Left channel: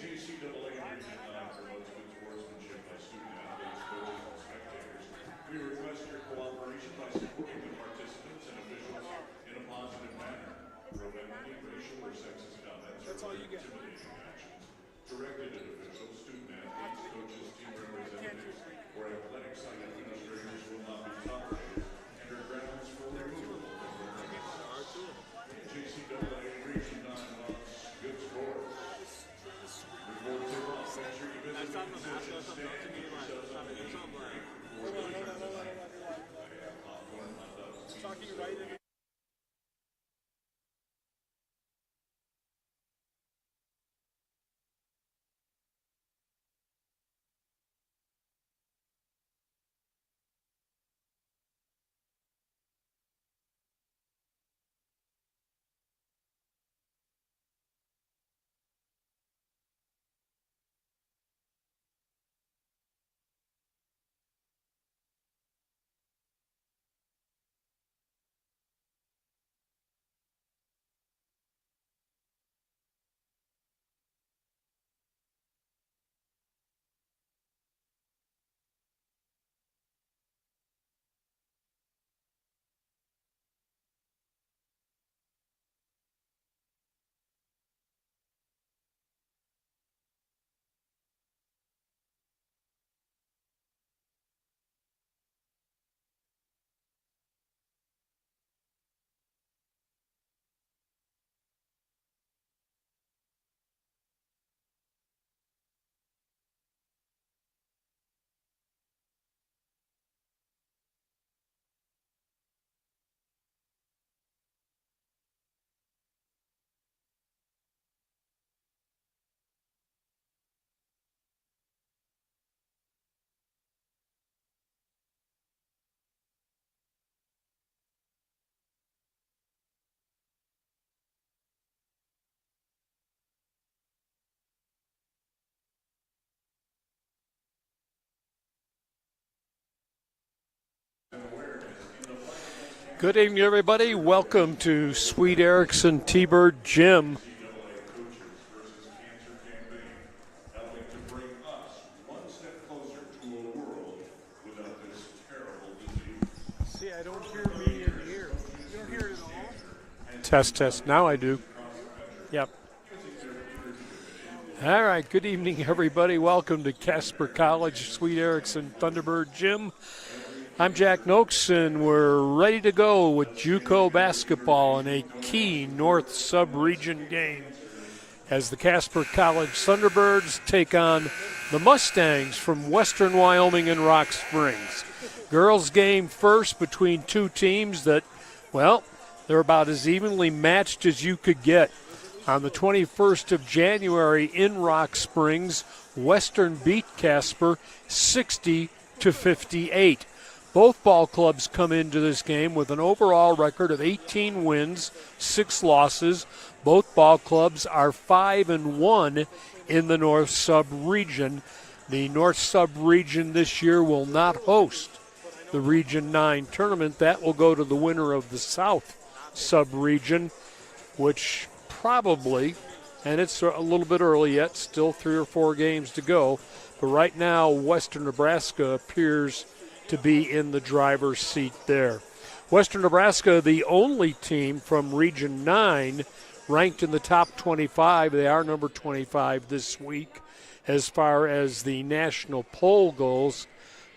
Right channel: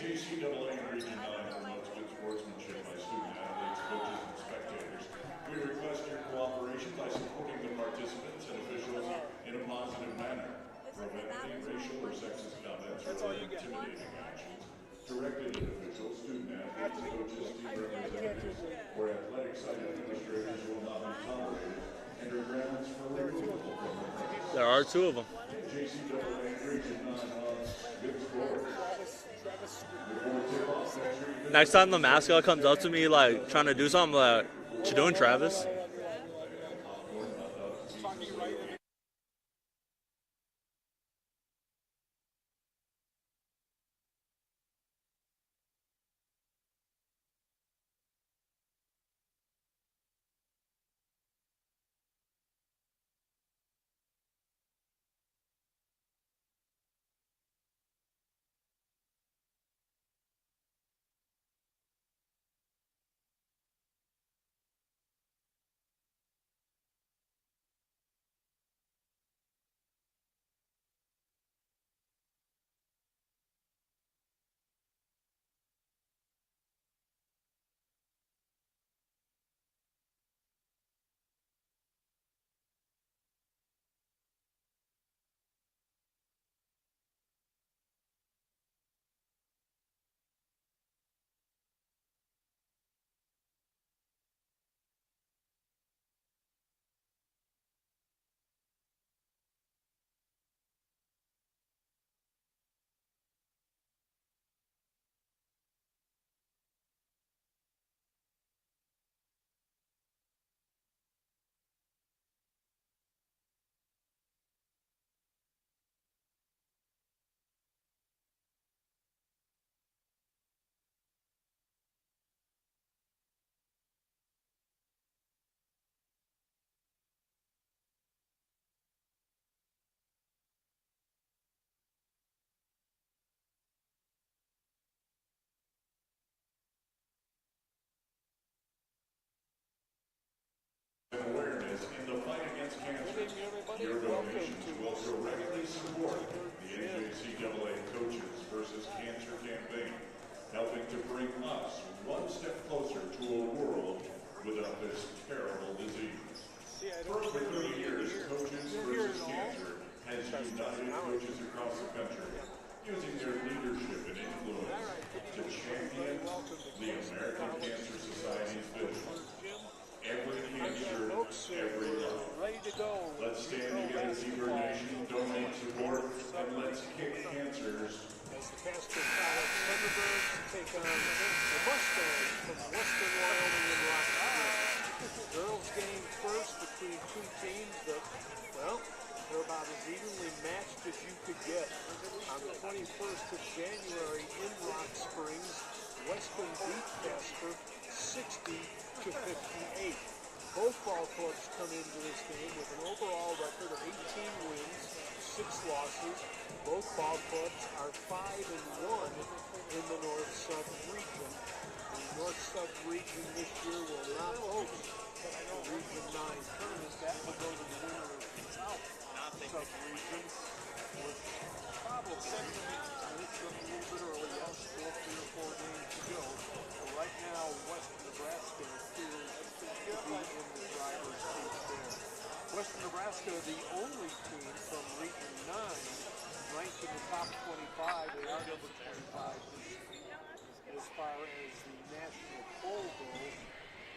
JCAA Region 9 promotes good sportsmanship by student athletes, coaches, and spectators. We request your cooperation by supporting the participants and officials in a positive manner. Prohibiting racial or sexist comments or intimidating actions directed at officials, student athletes, coaches, team representatives, or athletic site administrators will not be tolerated and are grounds for removal from the class. There are two of them. JCAA Region 9 wants good sports. Next time the mascot comes up to me, like, trying to do something, like, what you doing, Travis? Good evening, everybody. Welcome to Sweet Erickson T-Bird Gym. Helping to bring us one step closer to a world without this terrible disease. See, I don't hear it all. Test. Now I do. Yep. All right. Good evening, everybody. Welcome to Casper College Sweet Erickson Thunderbird Gym. I'm Jack Noakes, and we're ready to go with JUCO basketball in a key North Sub-Region game as the Casper College Thunderbirds take on the Mustangs from Western Wyoming and Rock Springs. Girls game first between two teams that, well, they're about as evenly matched as you could get. On the 21st of January in Rock Springs, Western beat Casper 60-58. Both ball clubs come into this game with an overall record of 18 wins, 6 losses. Both ball clubs are 5-1 in the North Sub-Region. The North Sub-Region this year will not host the Region 9 tournament. That will go to the winner of the South Sub-Region, which probably, and it's a little bit early yet, still 3 or 4 games to go, but right now Western Nebraska appears to be in the driver's seat there. Western Nebraska, the only team from Region 9 ranked in the top 25. They are number 25 this week as far as the national poll goes.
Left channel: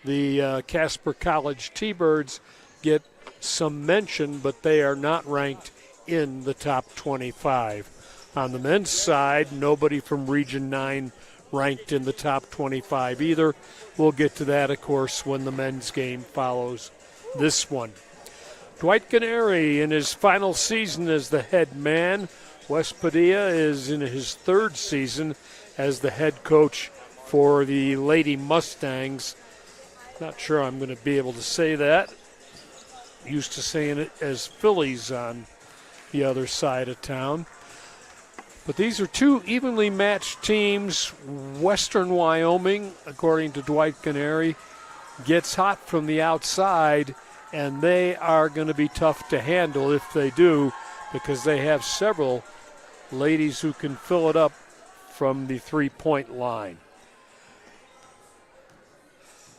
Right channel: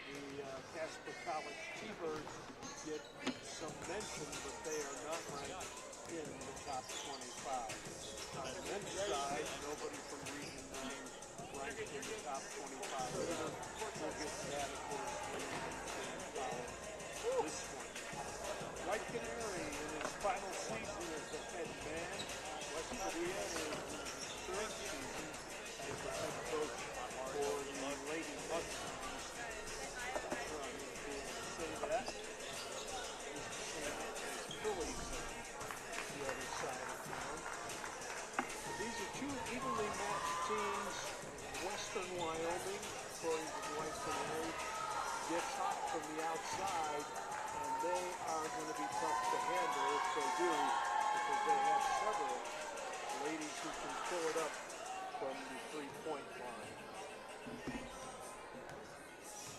The Casper College T-Birds get some mention, but they are not ranked in the top 25. On the men's side, nobody from Region 9 ranked in the top 25 either. We'll get to that, of course, when the men's game follows this one. Dwight Canary in his final season as the head man. Wes Padilla is in his 3rd season as the head coach for the Lady Mustangs. Not sure I'm going to be able to say that. Used to saying it as Phillies on the other side of town. But these are two evenly matched teams. Western Wyoming, according to Dwight Canary, gets hot from the outside, and they are going to be tough to handle if they do, because they have several ladies who can fill it up from the three-point line.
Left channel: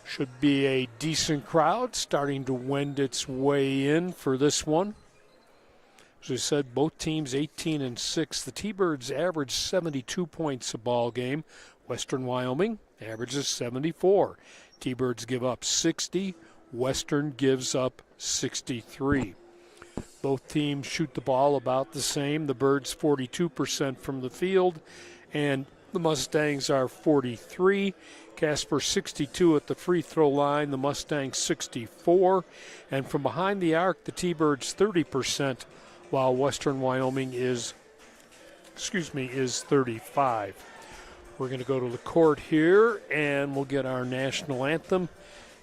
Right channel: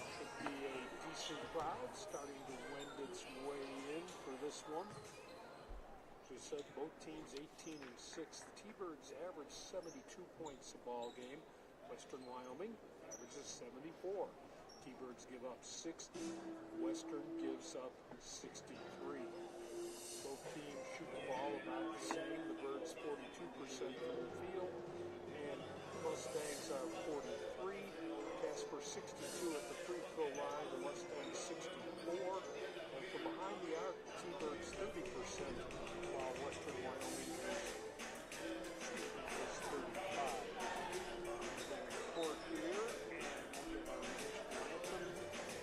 Should be a decent crowd starting to wend its way in for this one. As I said, both teams 18-6. The T-Birds average 72 points a ball game. Western Wyoming averages 74. T-Birds give up 60. Western gives up 63. Both teams shoot the ball about the same. The Birds 42% from the field, and the Mustangs are 43. Casper 62 at the free throw line, the Mustangs 64. And from behind the arc, the T-Birds 30%, while Western Wyoming is 35. We're going to go to the court here, and we'll get our national anthem.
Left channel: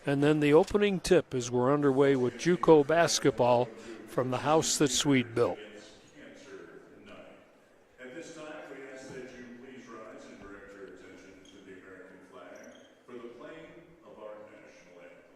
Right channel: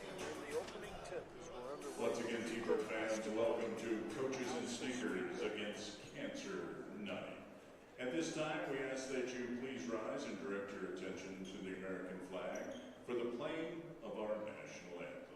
And then the opening tip as we're underway with JUCO basketball from the house that Swede built. At this time, we ask that you please rise and direct your attention to the American flag for the playing of our national anthem.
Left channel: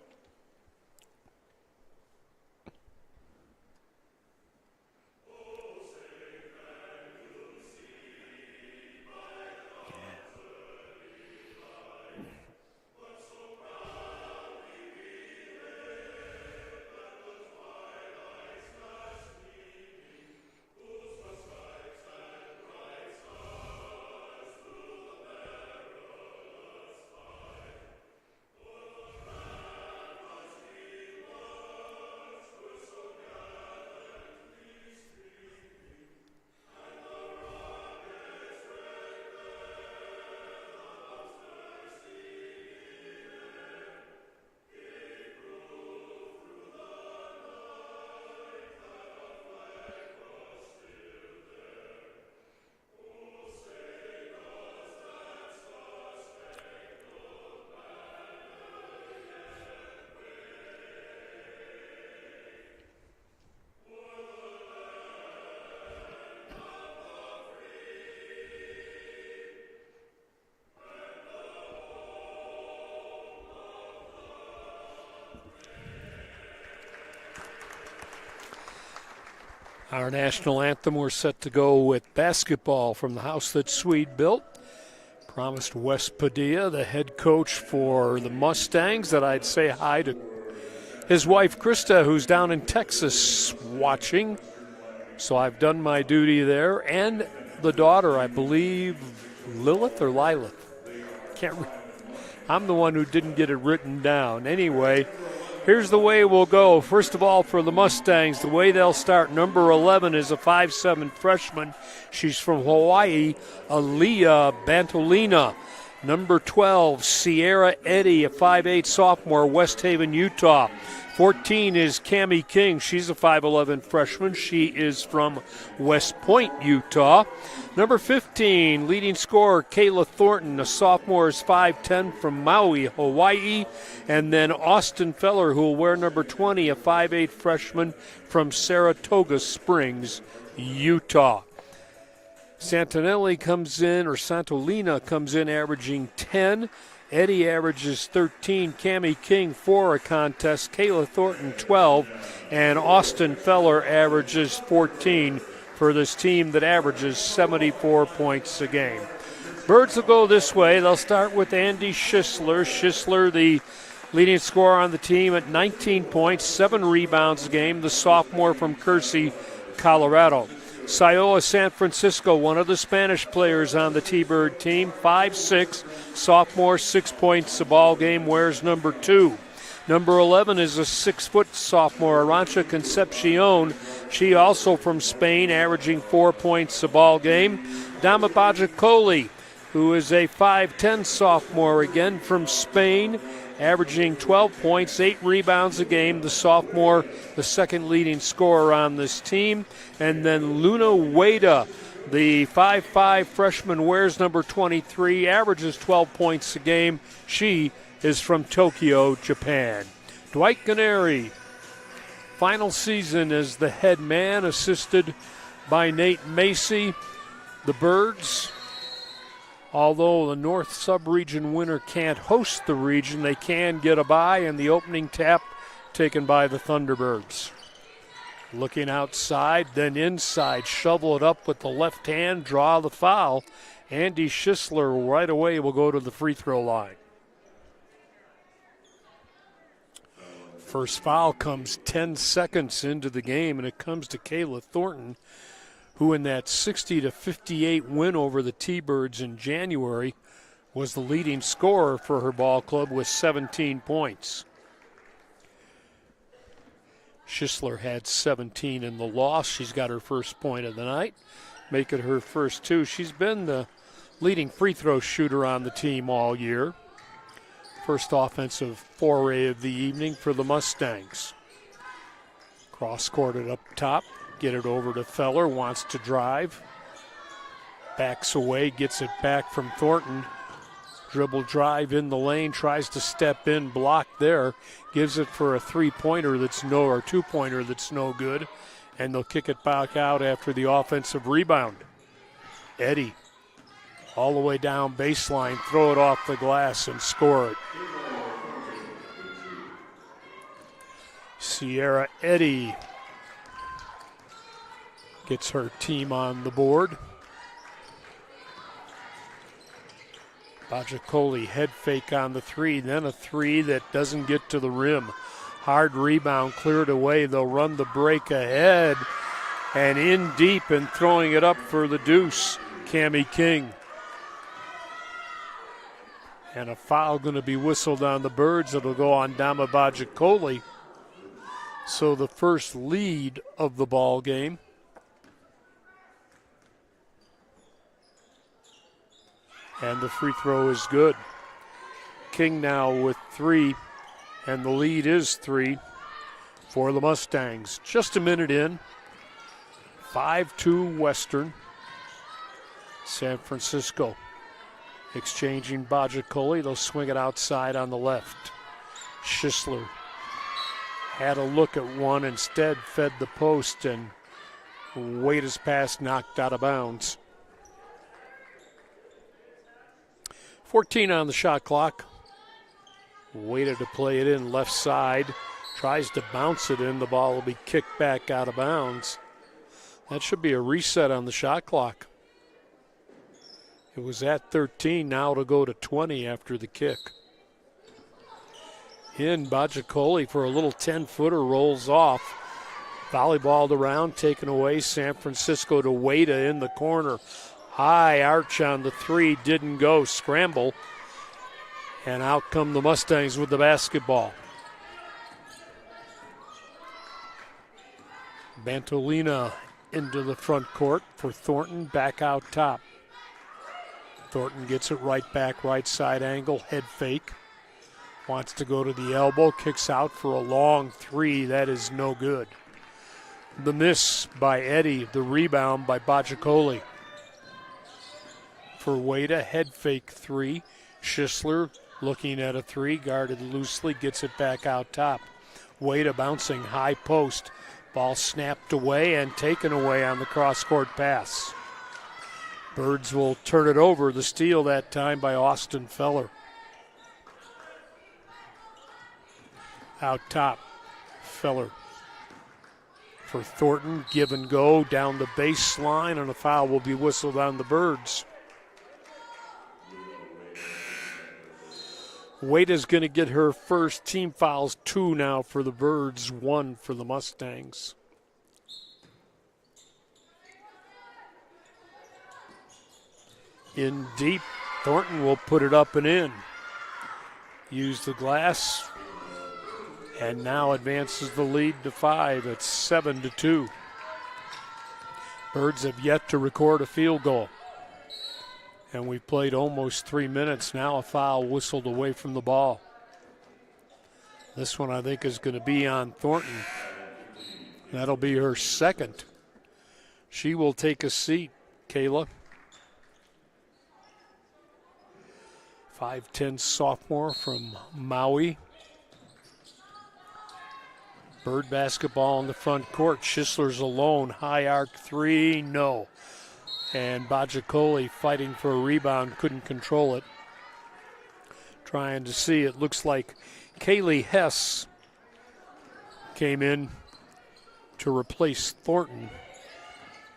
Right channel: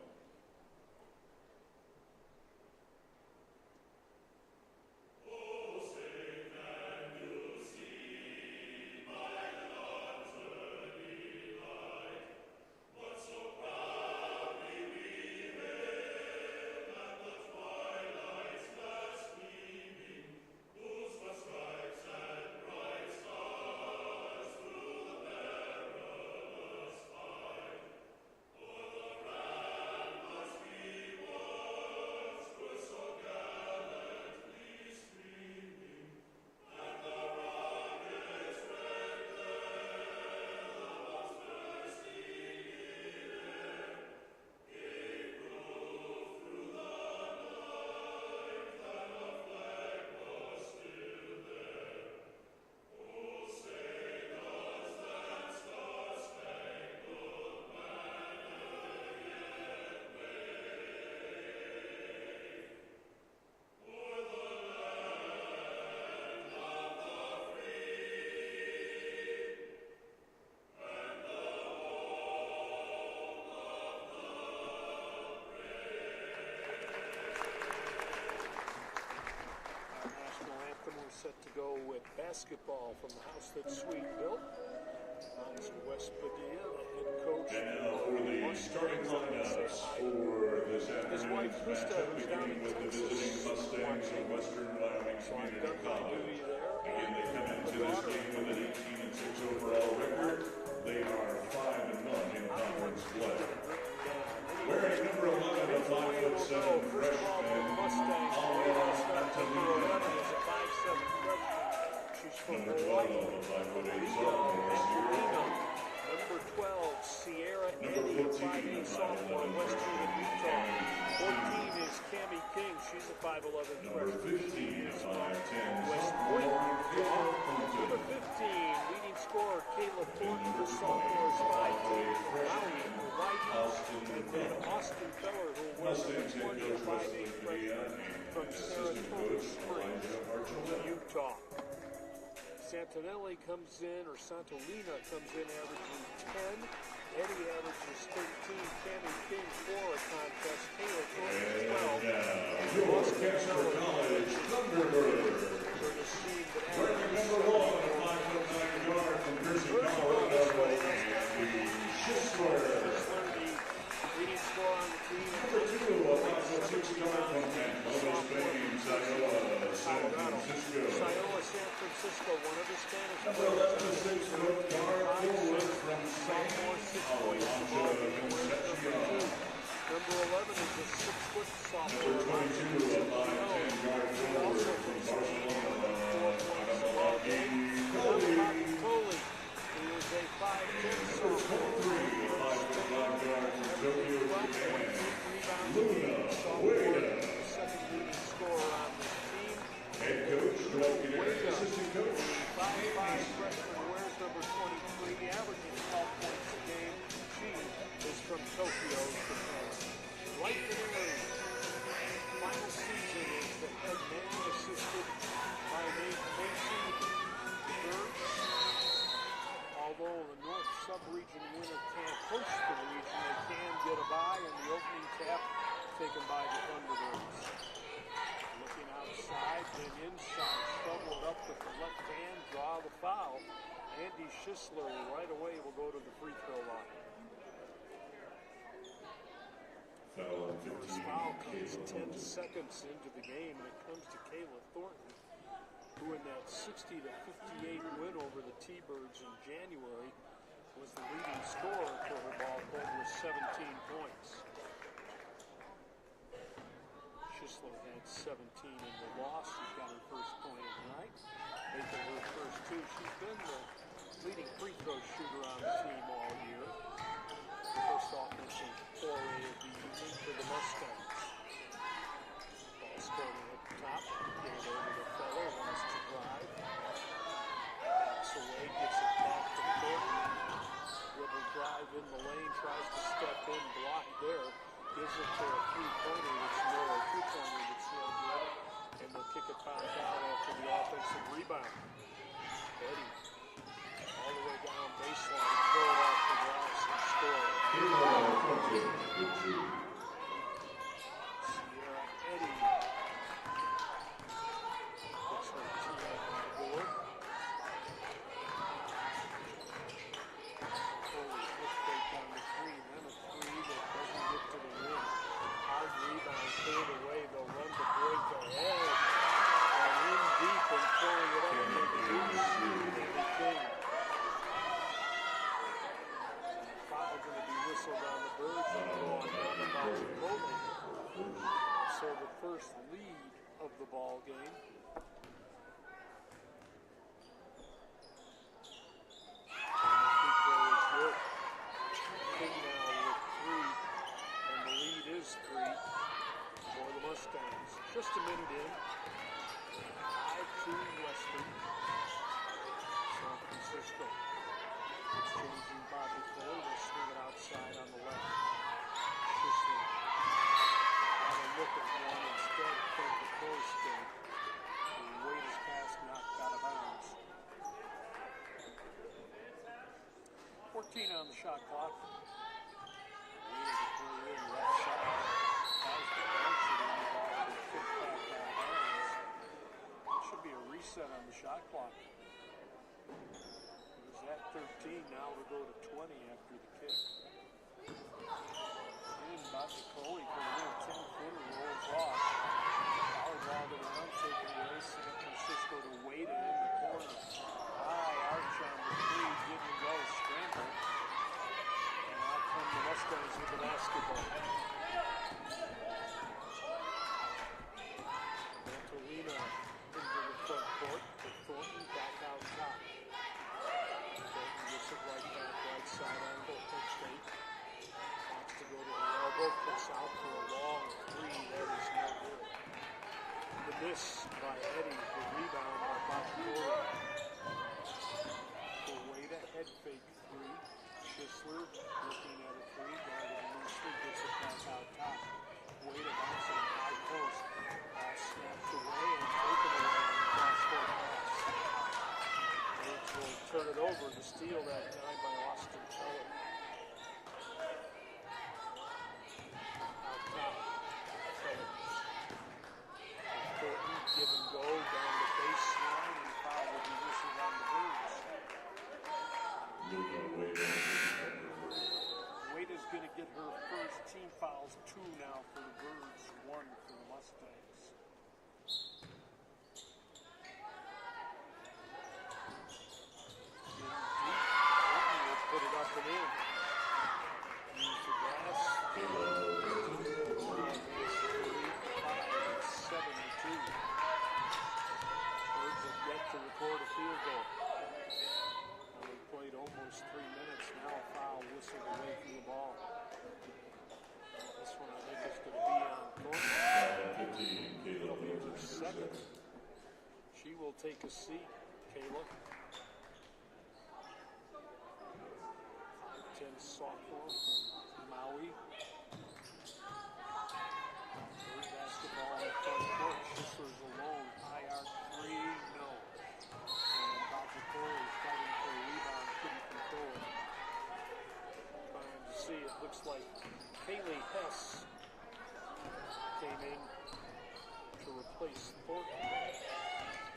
Our national anthem, we're set to go with basketball from the house that Swede built. Promised Wes Padilla, the head coach for the Mustangs, that I'd say hi to his wife Krista, who's down in Texas watching. So I've done my duty there. And the daughter, I believe, Lilith or Lilith. I'm the one who didn't get it written down. Anyway, here's the way we'll go. First of all, for the Mustangs, the way they'll start, number 11 is a 5'7" freshman. She's from Hawaii, Aaliyah Bantolina. Number 12, Sierra Eddy, a 5'8" sophomore, West Haven, Utah. 14 is Cammie King. She's a 5'11" freshman. She is from West Point, Utah. Number 15, leading scorer, Kayla Thornton, a sophomore, is 5'10", from Maui, Hawaii. And then Austin Feller, who will wear number 20, a 5'8" freshman from Saratoga Springs, Utah. Santolina comes in averaging 10. Eddie averages 13. Cammie King, 4 a contest. Kayla Thornton, 12. And Austin Feller averages 14 for this team that averages 74 points a game. Birds will go this way. They'll start with Andy Schisler. Schisler, the leading scorer on the team at 19 points, 7 rebounds a game, the sophomore from Kersey, Colorado. Sayoa San Francisco, one of the Spanish players on the T-Bird team, 5'6", sophomore, 6 points a ball game, wears number 2. Number 11 is a 6-foot sophomore, Arancha Concepcion. She also from Spain, averaging 4 points a ball game. Dama Bajacoli, who is a 5'10" sophomore, again from Spain, averaging 12 points, 8 rebounds a game. The sophomore, the second leading scorer on this team. And then Luna Ueda, the 5'5" freshman, wears number 23, averages 12 points a game. She is from Tokyo, Japan. Dwight Canary, final season as the head man, assisted by Nate Macy. The Birds, although the North Sub-Region winner can't host the region, they can get a bye, and the opening tap taken by the Thunderbirds. Looking outside, then inside, shovel it up with the left hand, draw the foul, Andy Schisler right away will go to the free throw line. First foul comes 10 seconds into the game, and it comes to Kayla Thornton, who in that 60-58 win over the T-Birds in January was the leading scorer for her ball club with 17 points. Schisler had 17 in the loss. She's got her first point of the night, make it her first two. She's been the leading free throw shooter on the team all year. First offensive foray of the evening for the Mustangs. Cross-courted up top, get it over to Feller, wants to drive. Backs away, gets it back from Thornton. Dribble drive in the lane, tries to step in, blocked there. Gives it for a three-pointer that's no, or two-pointer that's no good. And they'll kick it back out after the offensive rebound. Eddy all the way down baseline, throw it off the glass and score it. Sierra Eddy gets her team on the board. Bajacoli head fake on the three, then a three that doesn't get to the rim. Hard rebound, cleared away. They'll run the break ahead and in deep and throwing it up for the deuce, Cammie King. And a foul going to be whistled on the Birds. It'll go on Dama Bajacoli. So the first lead of the ball game. And the free throw is good. King now with three, and the lead is three for the Mustangs. Just a minute in. 5-2 Western. San Francisco exchanging Bajacoli. They'll swing it outside on the left. Schisler had a look at one, instead fed the post, and Wade's pass knocked out of bounds. 14 on the shot clock. Waited to play it in left side. Tries to bounce it in. The ball will be kicked back out of bounds. That should be a reset on the shot clock. It was at 13, now to go to 20 after the kick. In, Bajacoli for a little 10-footer, rolls off. Volleyballed around, taken away. San Francisco to Wada in the corner. High arch on the three, didn't go. Scramble. And out come the Mustangs with the basketball. Bantolina into the front court for Thornton, back out top. Thornton gets it right back, right side angle, head fake. Wants to go to the elbow, kicks out for a long three. That is no good. The miss by Eddy, the rebound by Bajacoli. For Wada, head fake three. Schisler looking at a three, guarded loosely, gets it back out top. Wada bouncing high post. Ball snapped away and taken away on the cross-court pass. Birds will turn it over. The steal that time by Austin Feller. Out top, Feller for Thornton. Give and go down the baseline, and a foul will be whistled on the Birds. Wade is going to get her first team fouls, 2 now for the Birds, 1 for the Mustangs. In deep, Thornton will put it up and in. Use the glass, and now advances the lead to 5. It's 7-2. Birds have yet to record a field goal. And we've played almost 3 minutes. Now a foul whistled away from the ball. This one I think is going to be on Thornton. That'll be her second. She will take a seat, Kayla. 5'10" sophomore from Maui. Bird basketball in the front court. Schisler's alone. High arc three, no. And Bajacoli fighting for a rebound, couldn't control it. Trying to see, it looks like Kaylee Hess came in to replace Thornton.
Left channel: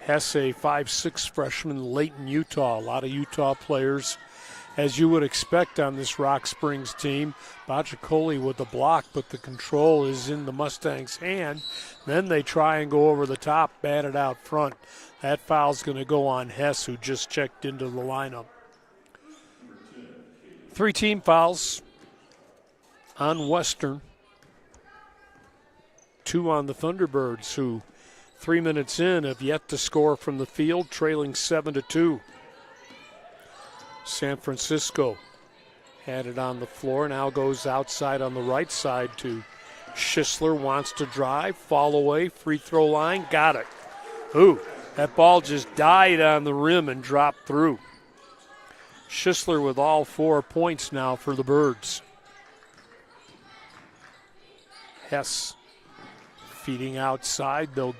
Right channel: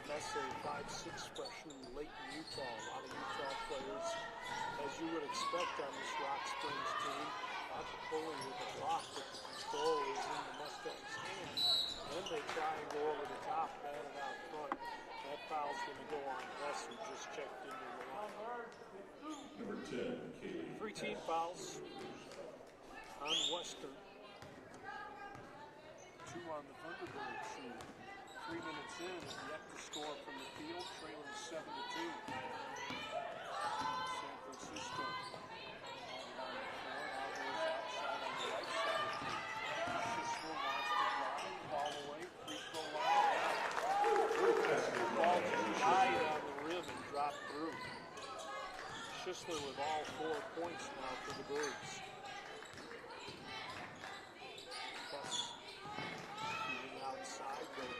Hess, a 5'6" freshman, Layton, Utah. A lot of Utah players, as you would expect on this Rock Springs team. Bajikoli with the block, but the control is in the Mustangs' hand. Then they try and go over the top, bat it out front. That foul's going to go on Hess, who just checked into the lineup. 3 team fouls on Western. 2 on the Thunderbirds, who 3 minutes in have yet to score from the field, trailing 7-2. San Francisco had it on the floor, now goes outside on the right side to Schisler, wants to drive, fall away, free throw line, got it. Ooh, that ball just died on the rim and dropped through. Schisler with all 4 points now for the Birds. Hess feeding outside, they'll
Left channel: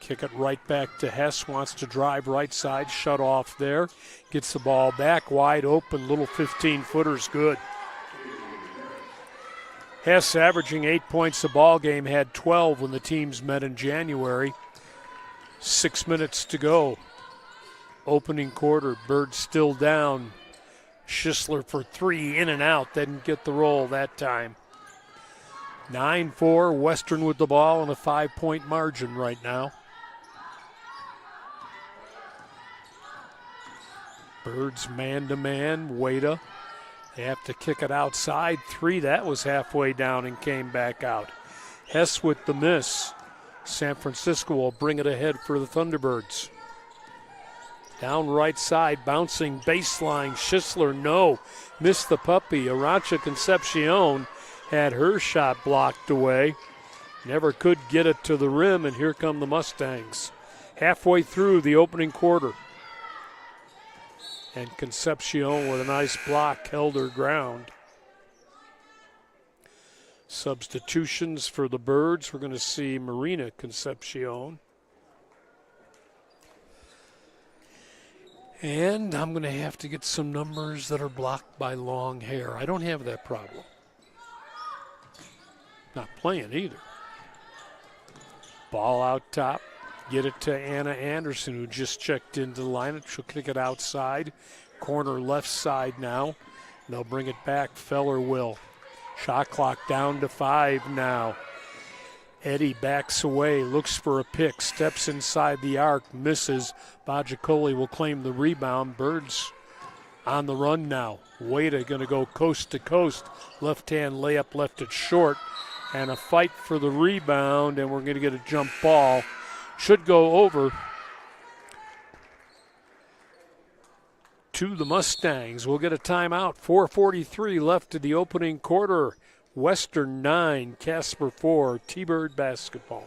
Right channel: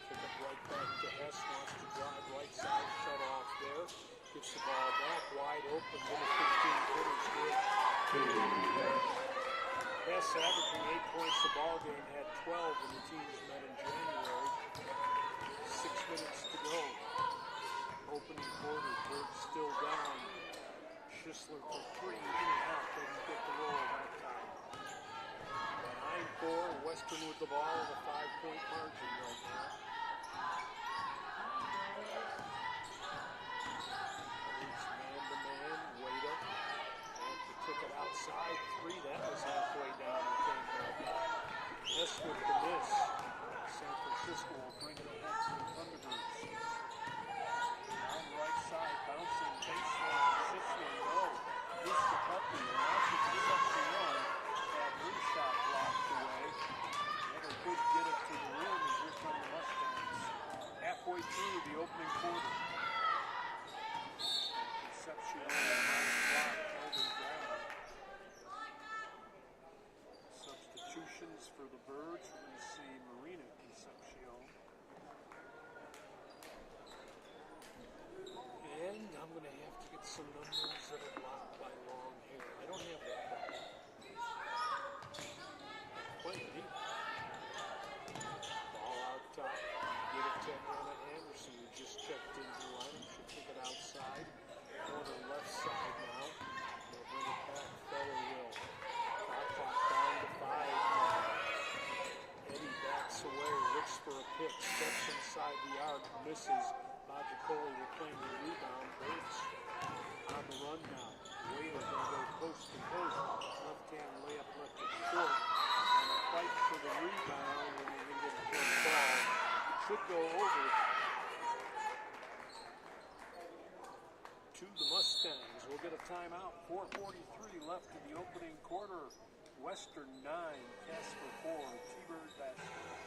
kick it right back to Hess, wants to drive right side, shut off there. Gets the ball back, wide open, little 15-footer's good. Hess averaging 8 points a ball game, had 12 when the teams met in January. 6 minutes to go. Opening quarter, Birds still down. Schisler for 3, in and out, didn't get the roll that time. 9-4, Western with the ball and a 5-point margin right now. Birds man-to-man, Wada. They have to kick it outside. 3, that was halfway down and came back out. Hess with the miss. San Francisco will bring it ahead for the Thunderbirds. Down right side, bouncing baseline. Schisler, no. Missed the puppy. Arancha Concepcion had her shot blocked away. Never could get it to the rim, and here come the Mustangs. Halfway through the opening quarter. And Concepcion with a nice block held her ground. Substitutions for the Birds. We're going to see Marina Concepcion. And I'm going to have to get some numbers that are blocked by long hair. I don't have that problem. Not playing either. Ball out top. Get it to Anna Anderson, who just checked into the lineup. She'll kick it outside. Corner left side now. They'll bring it back. Feller will. Shot clock down to 5 now. Eddie backs away, looks for a pick, steps inside the arc, misses. Bajikoli will claim the rebound. Birds on the run now. Wada going to go coast to coast. Left-hand layup left it short. And a fight for the rebound, and we're going to get a jump ball. Should go over to the Mustangs. We'll get a timeout. 4:43 left in the opening quarter. Western 9, Casper 4, T-Bird basketball.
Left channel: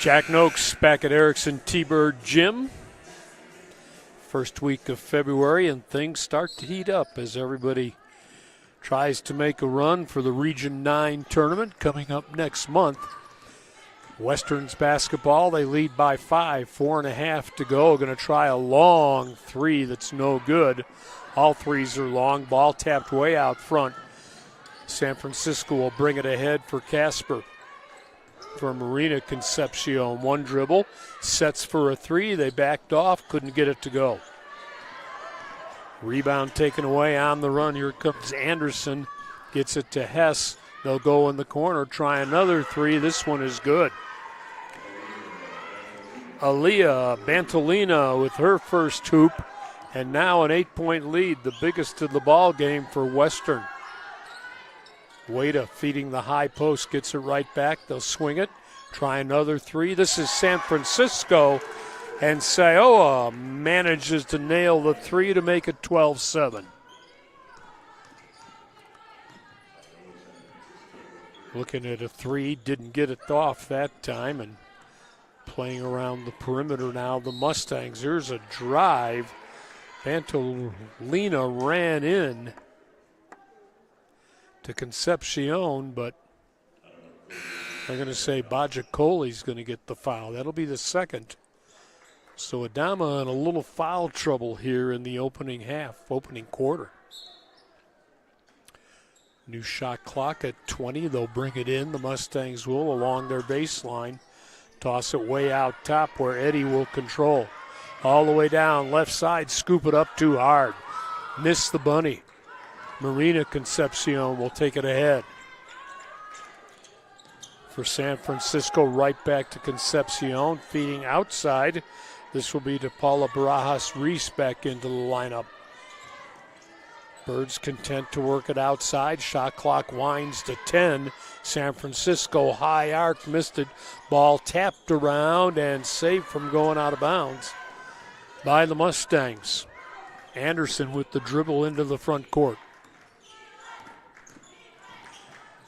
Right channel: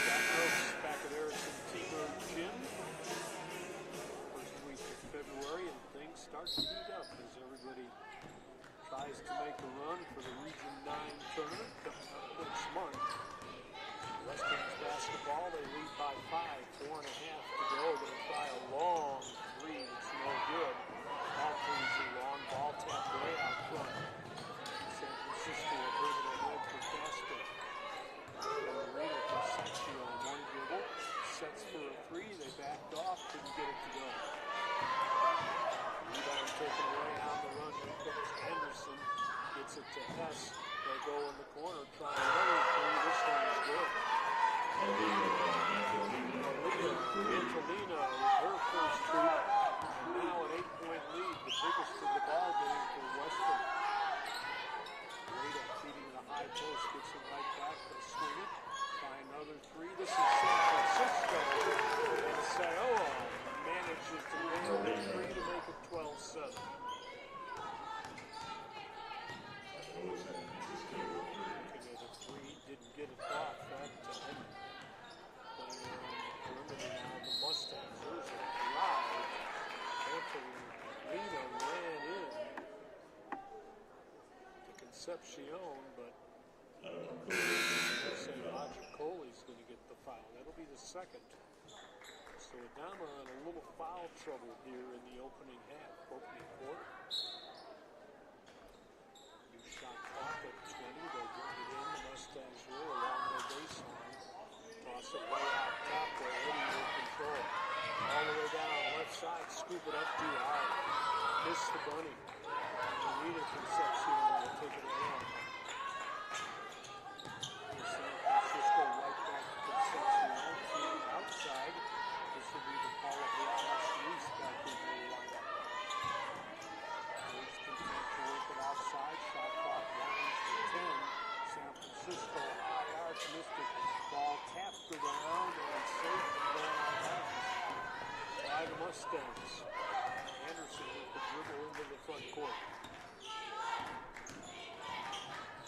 Jack Noakes back at Erickson T-Bird Gym. First week of February, and things start to heat up as everybody tries to make a run for the Region 9 tournament coming up next month. Western's basketball, they lead by 5, 4.5 to go. Going to try a long 3 that's no good. All 3s are long. Ball tapped way out front. San Francisco will bring it ahead for Casper. for Marina Concepcion. One dribble, sets for a three. They backed off, couldn't get it to go. Rebound taken away on the run. Here comes Anderson, gets it to Hess. They'll go in the corner, try another three. This one is good. Aaliyah Bantolina with her first hoop, and now an 8-point lead, the biggest of the ball game for Western. Wada feeding the high post, gets it right back. They'll swing it, try another three. This is San Francisco, and Sayoa manages to nail the three to make it 12-7. Looking at a three, didn't get it off that time, and playing around the perimeter now, the Mustangs. Here's a drive. Bantolina ran in to Concepcion, but I'm going to say Bajacoli's going to get the foul. That'll be the second. So Adama in a little foul trouble here in the opening quarter. New shot clock at 20. They'll bring it in. The Mustangs will along their baseline. Toss it way out top where Eddie will control. All the way down, left side, scoop it up too hard. Miss the bunny. Marina Concepcion will take it ahead. For San Francisco, right back to Concepcion, feeding outside. This will be to Paula Barajas-Reese back into the lineup. Birds content to work it outside. Shot clock winds to 10. San Francisco high arc, missed it. Ball tapped around and saved from going out of bounds by the Mustangs. Anderson with the dribble into the front court.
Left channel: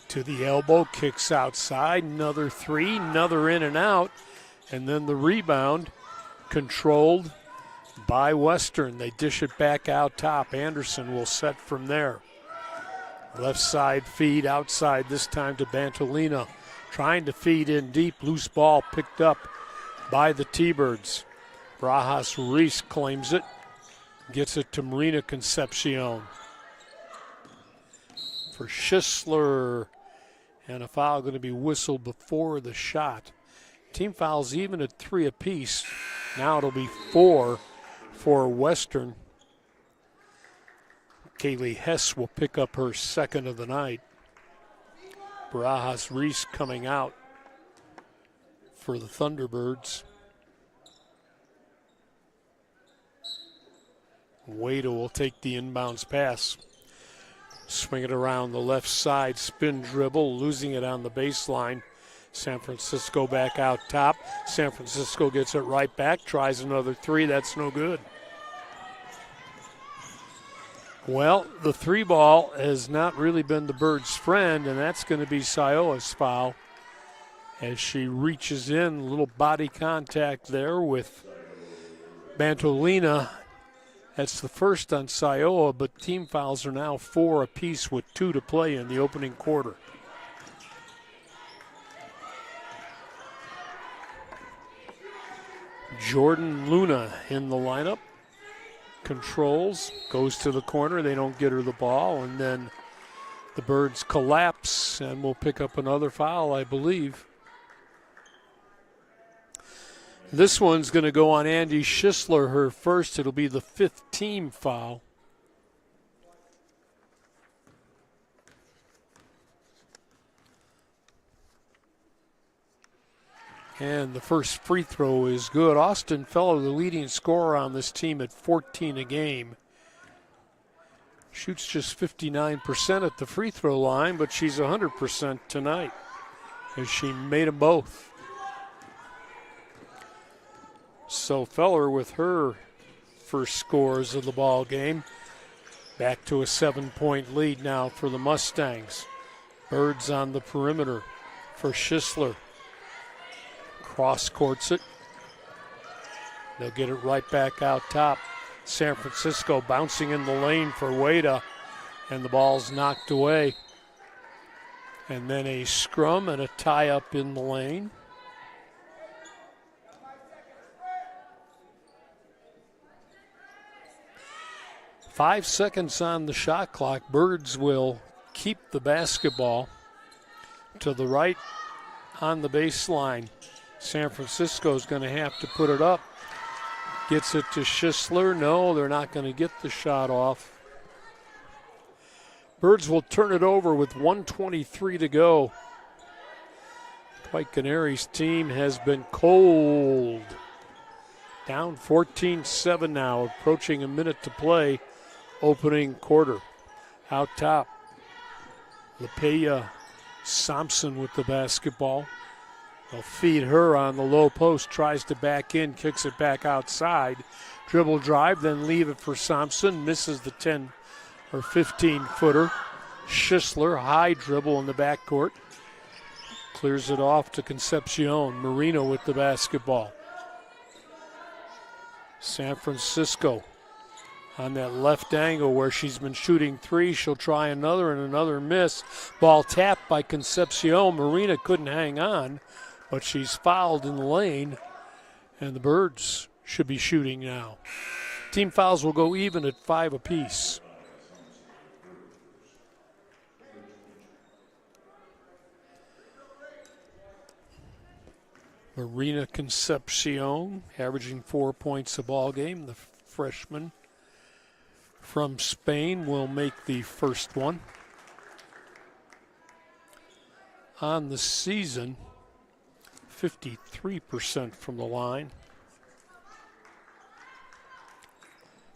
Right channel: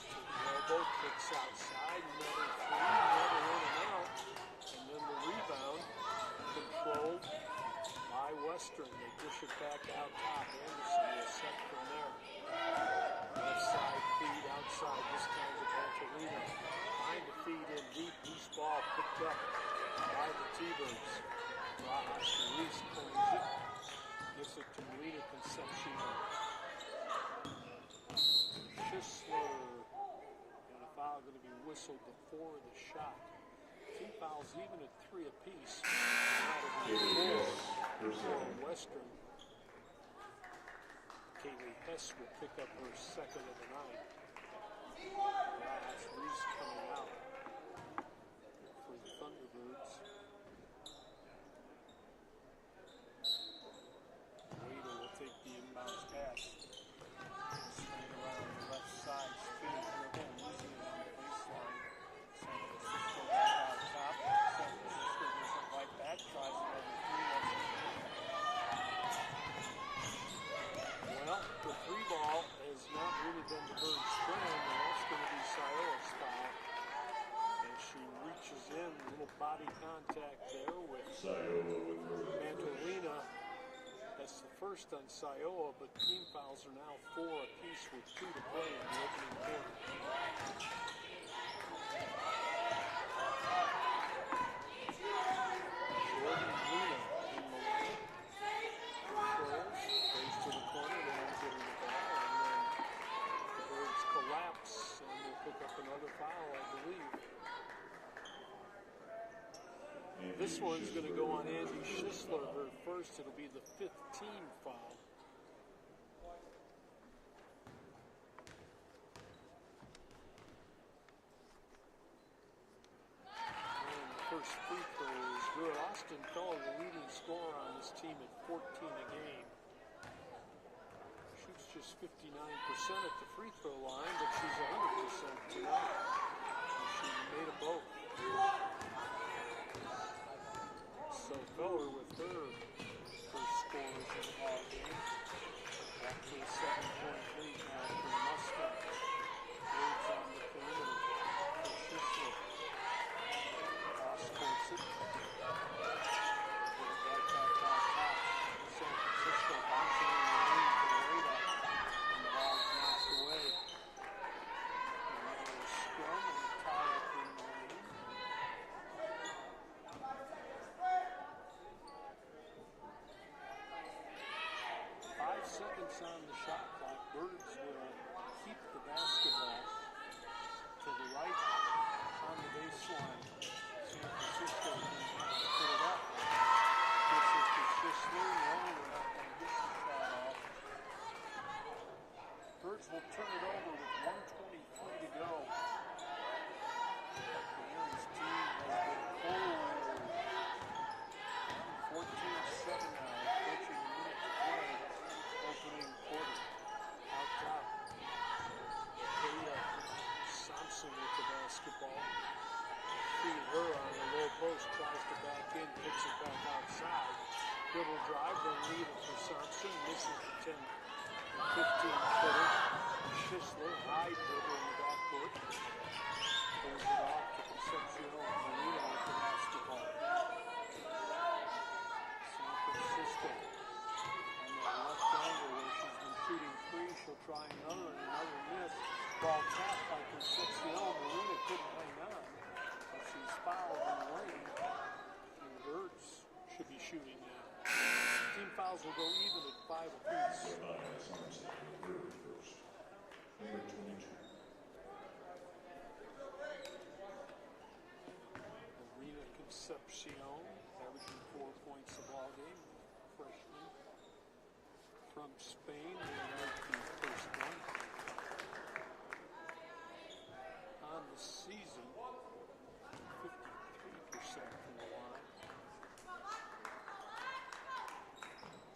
To the elbow, kicks outside, another three, another in and out, and then the rebound controlled by Western. They dish it back out top. Anderson will set from there. Left side feed outside, this time to Bantolina. Trying to feed in deep, loose ball picked up by the T-Birds. Barajas-Reese claims it, gets it to Marina Concepcion. For Schisler, and a foul going to be whistled before the shot. Team fouls even at 3 apiece. Now it'll be 4 for Western. Kaylee Hess will pick up her second of the night. Barajas-Reese coming out for the Thunderbirds. Wada will take the inbounds pass. Swing it around the left side, spin dribble, losing it on the baseline. San Francisco back out top. San Francisco gets it right back, tries another three, that's no good. Well, the three ball has not really been the Birds' friend, and that's going to be Sayoa's foul as she reaches in, a little body contact there with Bantolina. That's the first on Sayoa, but team fouls are now 4 apiece with 2 to play in the opening quarter. Jordan Luna in the lineup. Controls, goes to the corner. They don't get her the ball, and then the Birds collapse and will pick up another foul, I believe. This one's going to go on Andy Schisler, her first. It'll be the 5th team foul. And the first free throw is good. Austin Feller, the leading scorer on this team at 14 a game. Shoots just 59% at the free throw line, but she's 100% tonight as she made them both. So Feller with her first scores of the ball game. Back to a 7-point lead now for the Mustangs. Birds on the perimeter for Schisler. Cross courts it. They'll get it right back out top. San Francisco bouncing in the lane for Wada, and the ball's knocked away. And then a scrum and a tie up in the lane. Five seconds on the shot clock. Birds will keep the basketball to the right on the baseline. San Francisco's going to have to put it up. Gets it to Schisler. No, they're not going to get the shot off. Birds will turn it over with 1:23 to go. White Canaries team has been cold. Down 14-7 now, approaching a minute to play, opening quarter. Out top, LaPeya Sampson with the basketball. They'll feed her on the low post, tries to back in, kicks it back outside. Dribble drive, then leave it for Sampson, misses the 10 or 15-footer. Schisler, high dribble in the backcourt. Clears it off to Concepcion. Marino with the basketball. San Francisco on that left angle where she's been shooting three. She'll try another and another miss. Ball tapped by Concepcion. Marina couldn't hang on, but she's fouled in the lane, and the Birds should be shooting now. Team fouls will go even at 5 apiece. Marina Concepcion averaging 4 points a ball game. The freshman from Spain will make the first one. On the season, 53% from the line.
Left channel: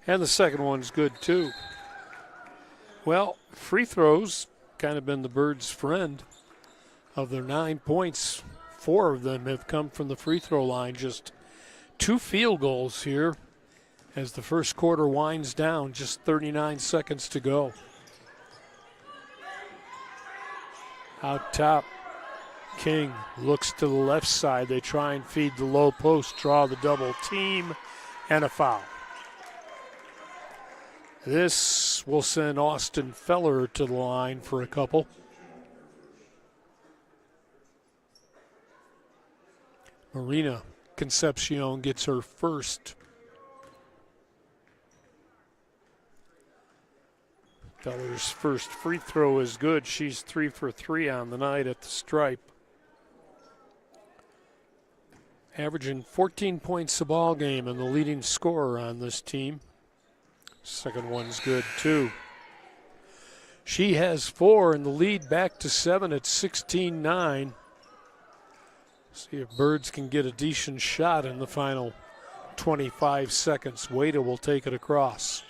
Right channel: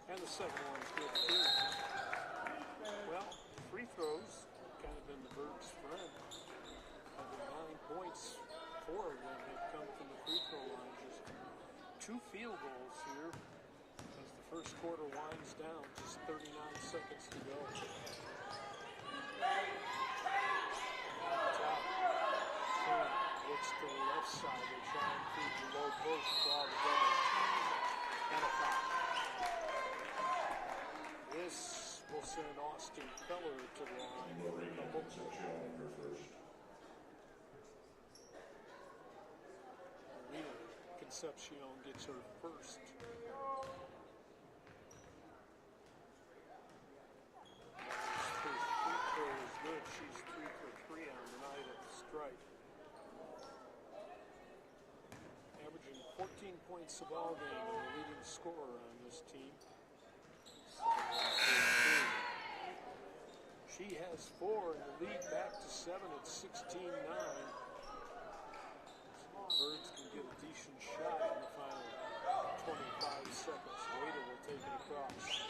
And the second one's good too. Well, free throws kind of been the Birds' friend. Of their 9 points, 4 of them have come from the free throw line. Just 2 field goals here as the first quarter winds down. Just 39 seconds to go. Out top, King looks to the left side. They try and feed the low post, draw the double team, and a foul. This will send Austin Feller to the line for a couple. Marina Concepcion gets her first. Feller's first free throw is good. She's 3 for 3 on the night at the stripe. Averaging 14 points a ball game and the leading scorer on this team. Second one's good too. She has 4 and the lead back to 7 at 16-9. See if Birds can get a decent shot in the final 25 seconds. Wada will take it across.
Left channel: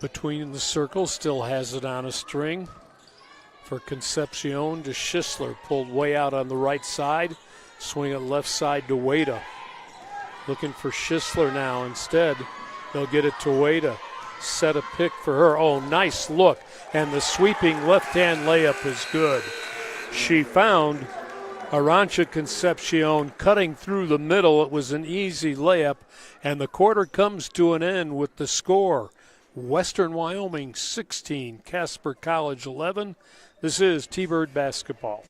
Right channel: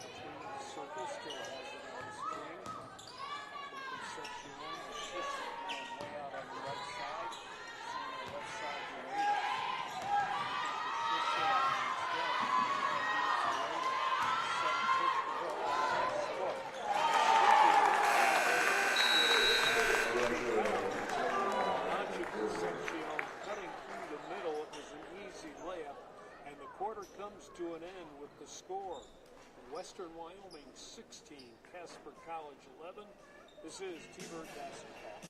Between the circles, still has it on a string. For Concepcion to Schisler, pulled way out on the right side. Swing it left side to Wada. Looking for Schisler now instead. They'll get it to Wada. Set a pick for her. Oh, nice look. And the sweeping left-hand layup is good. She found Arantxa Concepcion cutting through the middle. It was an easy layup. And the quarter comes to an end with the score. Western Wyoming 16, Casper College 11. This is T-Bird basketball.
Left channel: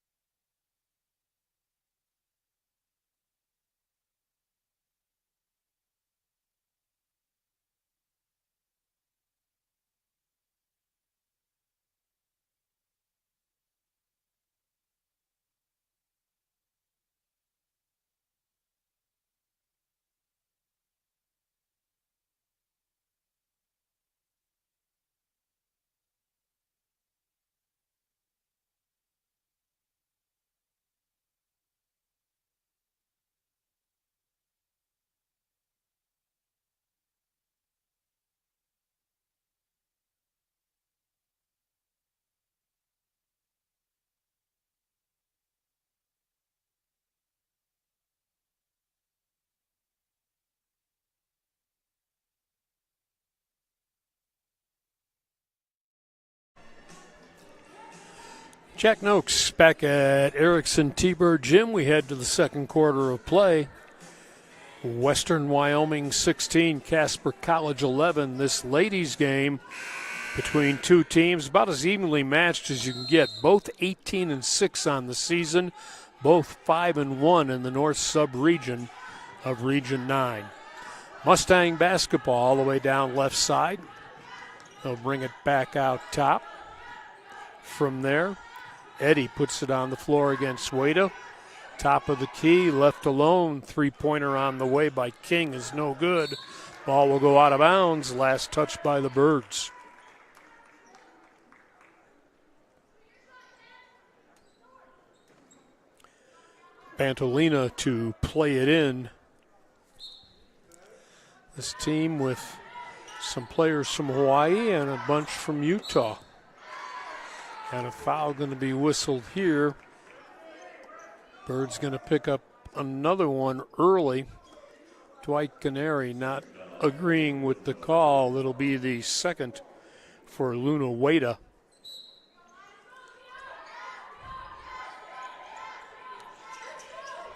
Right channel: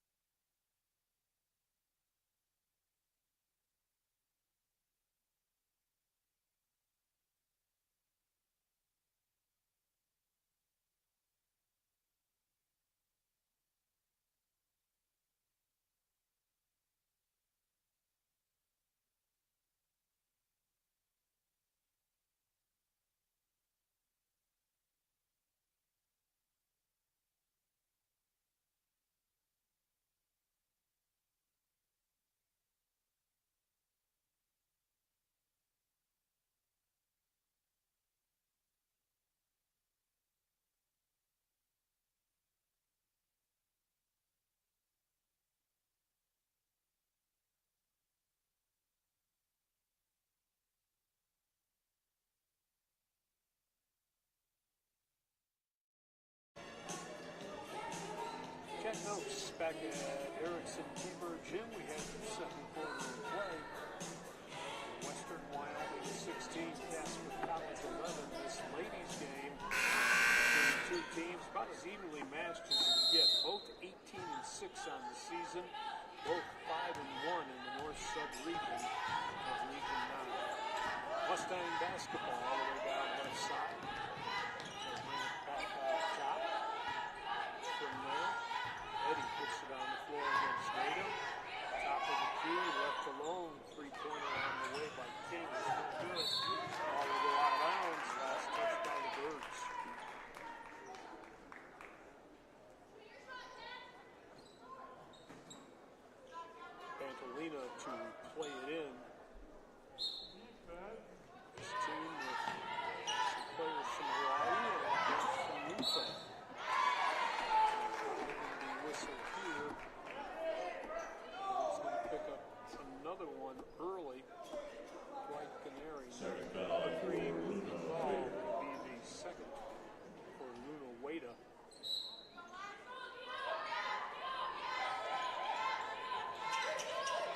Jack Noakes back at Erickson T-Bird Gym. We head to the second quarter of play. Western Wyoming 16, Casper College 11. This ladies game between two teams about as evenly matched as you can get. Both 18-6 on the season, both 5-1 in the north sub-region of Region 9. Mustang basketball all the way down left side. They'll bring it back out top. from there. Eddy puts it on the floor against Wada. Top of the key, left alone. Three-pointer on the way by King is no good. Ball will go out of bounds. Last touch by the Birds. Bantolina to play it in. This team with some players from Hawaii and a bunch from Utah. And a foul going to be whistled here. Bird's going to pick up another one early. Dwight Canary not agreeing with the call. It'll be the second for Luna Wada.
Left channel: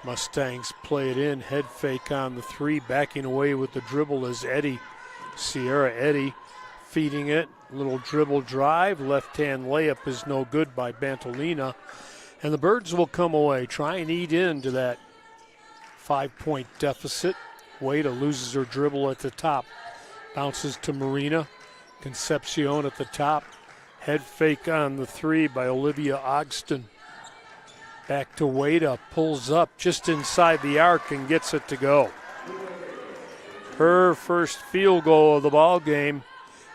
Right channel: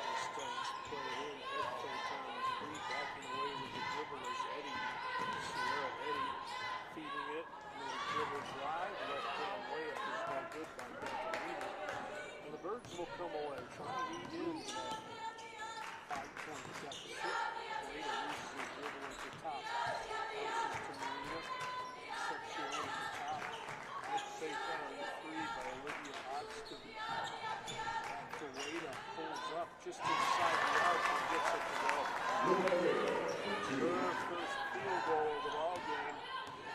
Mustangs play it in, head fake on the three, backing away with the dribble is Eddy. Sierra Eddy feeding it, little dribble drive, left-hand layup is no good by Bantolina. And the Birds will come away, try and eat into that 5-point deficit. Wada loses her dribble at the top, bounces to Marina. Concepcion at the top, head fake on the three by Olivia Ogston. Back to Wada, pulls up just inside the arc and gets it to go. Her first field goal of the ball game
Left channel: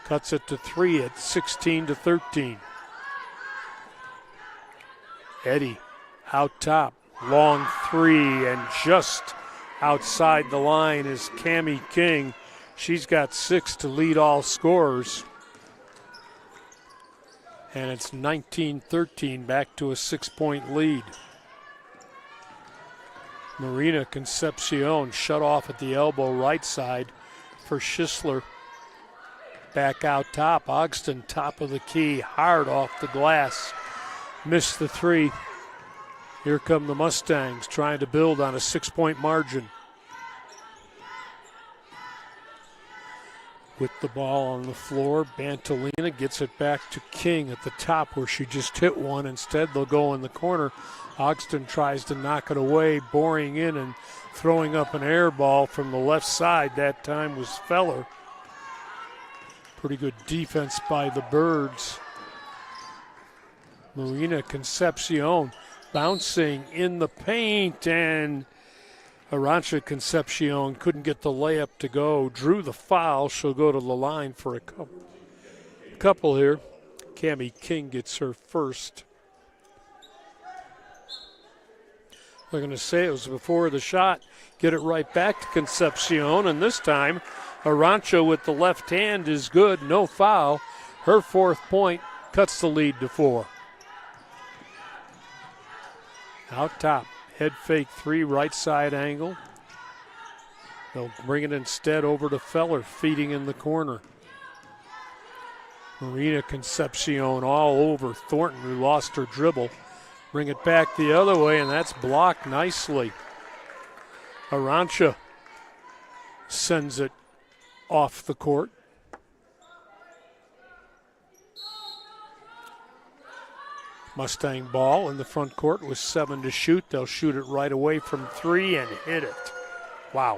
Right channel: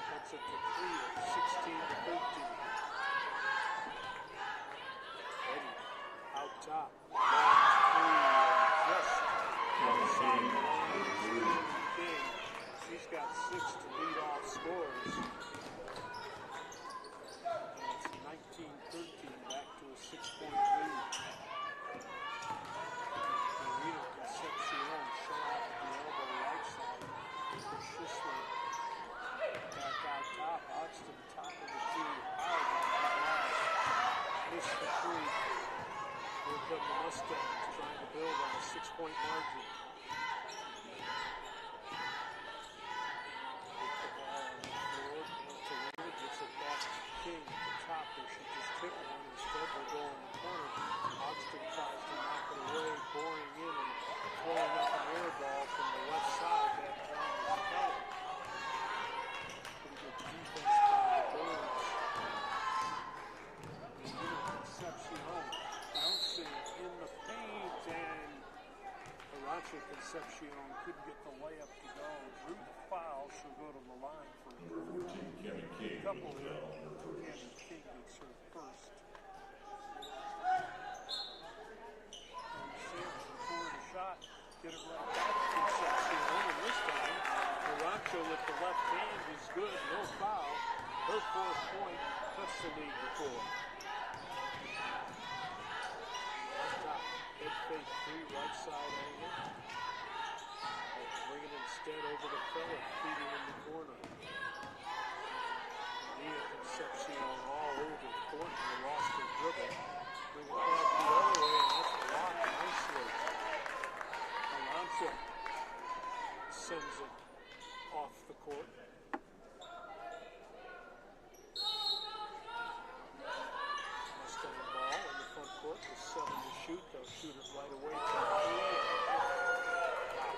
cuts it to 3 at 16-13. Eddy out top, long three, and just outside the line is Cammie King. She's got 6 to lead all scorers. And it's 19-13, back to a 6-point lead. Marina Concepcion shut off at the elbow right side for Schisler. Back out top, Ogston top of the key, hard off the glass. Missed the three. Here come the Mustangs trying to build on a 6-point margin. With the ball on the floor, Bantolina gets it back to King at the top where she just hit one. Instead, they'll go in the corner. Ogston tries to knock it away, boring in and throwing up an air ball from the left side. That time was Feller. Pretty good defense by the Birds. Marina Concepcion bouncing in the paint, and Arantxa Concepcion couldn't get the layup to go. Drew the foul. She'll go to the line for a couple here. Cammie King gets her first. They're going to say it was before the shot. Get it right back to Concepcion, and this time Arantxa with the left hand is good. No foul. Her 4th point cuts the lead to 4. Out top. Head fake three, right side angle. They'll bring it instead over to Feller, feeding in the corner. Marina Concepcion all over Thornton, who lost her dribble. Bring it back the other way, and that's blocked nicely. Arantxa sends it off the court. Mustang ball in the front court with 7 to shoot. They'll shoot it right away from 3 and hit it. Wow.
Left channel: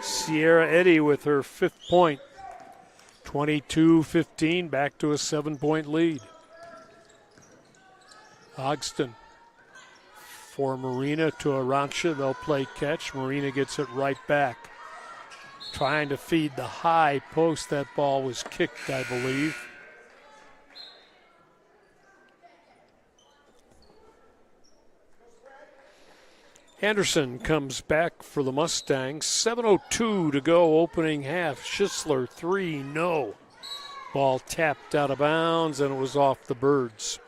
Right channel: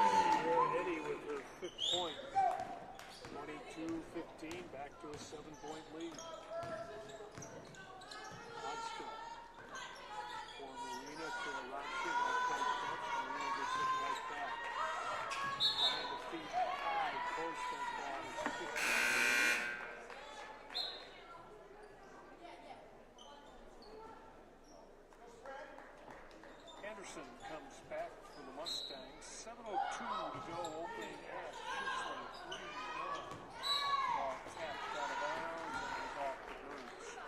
Sierra Eddy with her 5th point. 22-15, back to a 7-point lead. Ogston for Marina to Arantxa. They'll play catch. Marina gets it right back. Trying to feed the high post. That ball was kicked, I believe. Anderson comes back for the Mustangs. 7:02 to go, opening half. Schisler, 3, no. Ball tapped out of bounds, and it was off the Birds.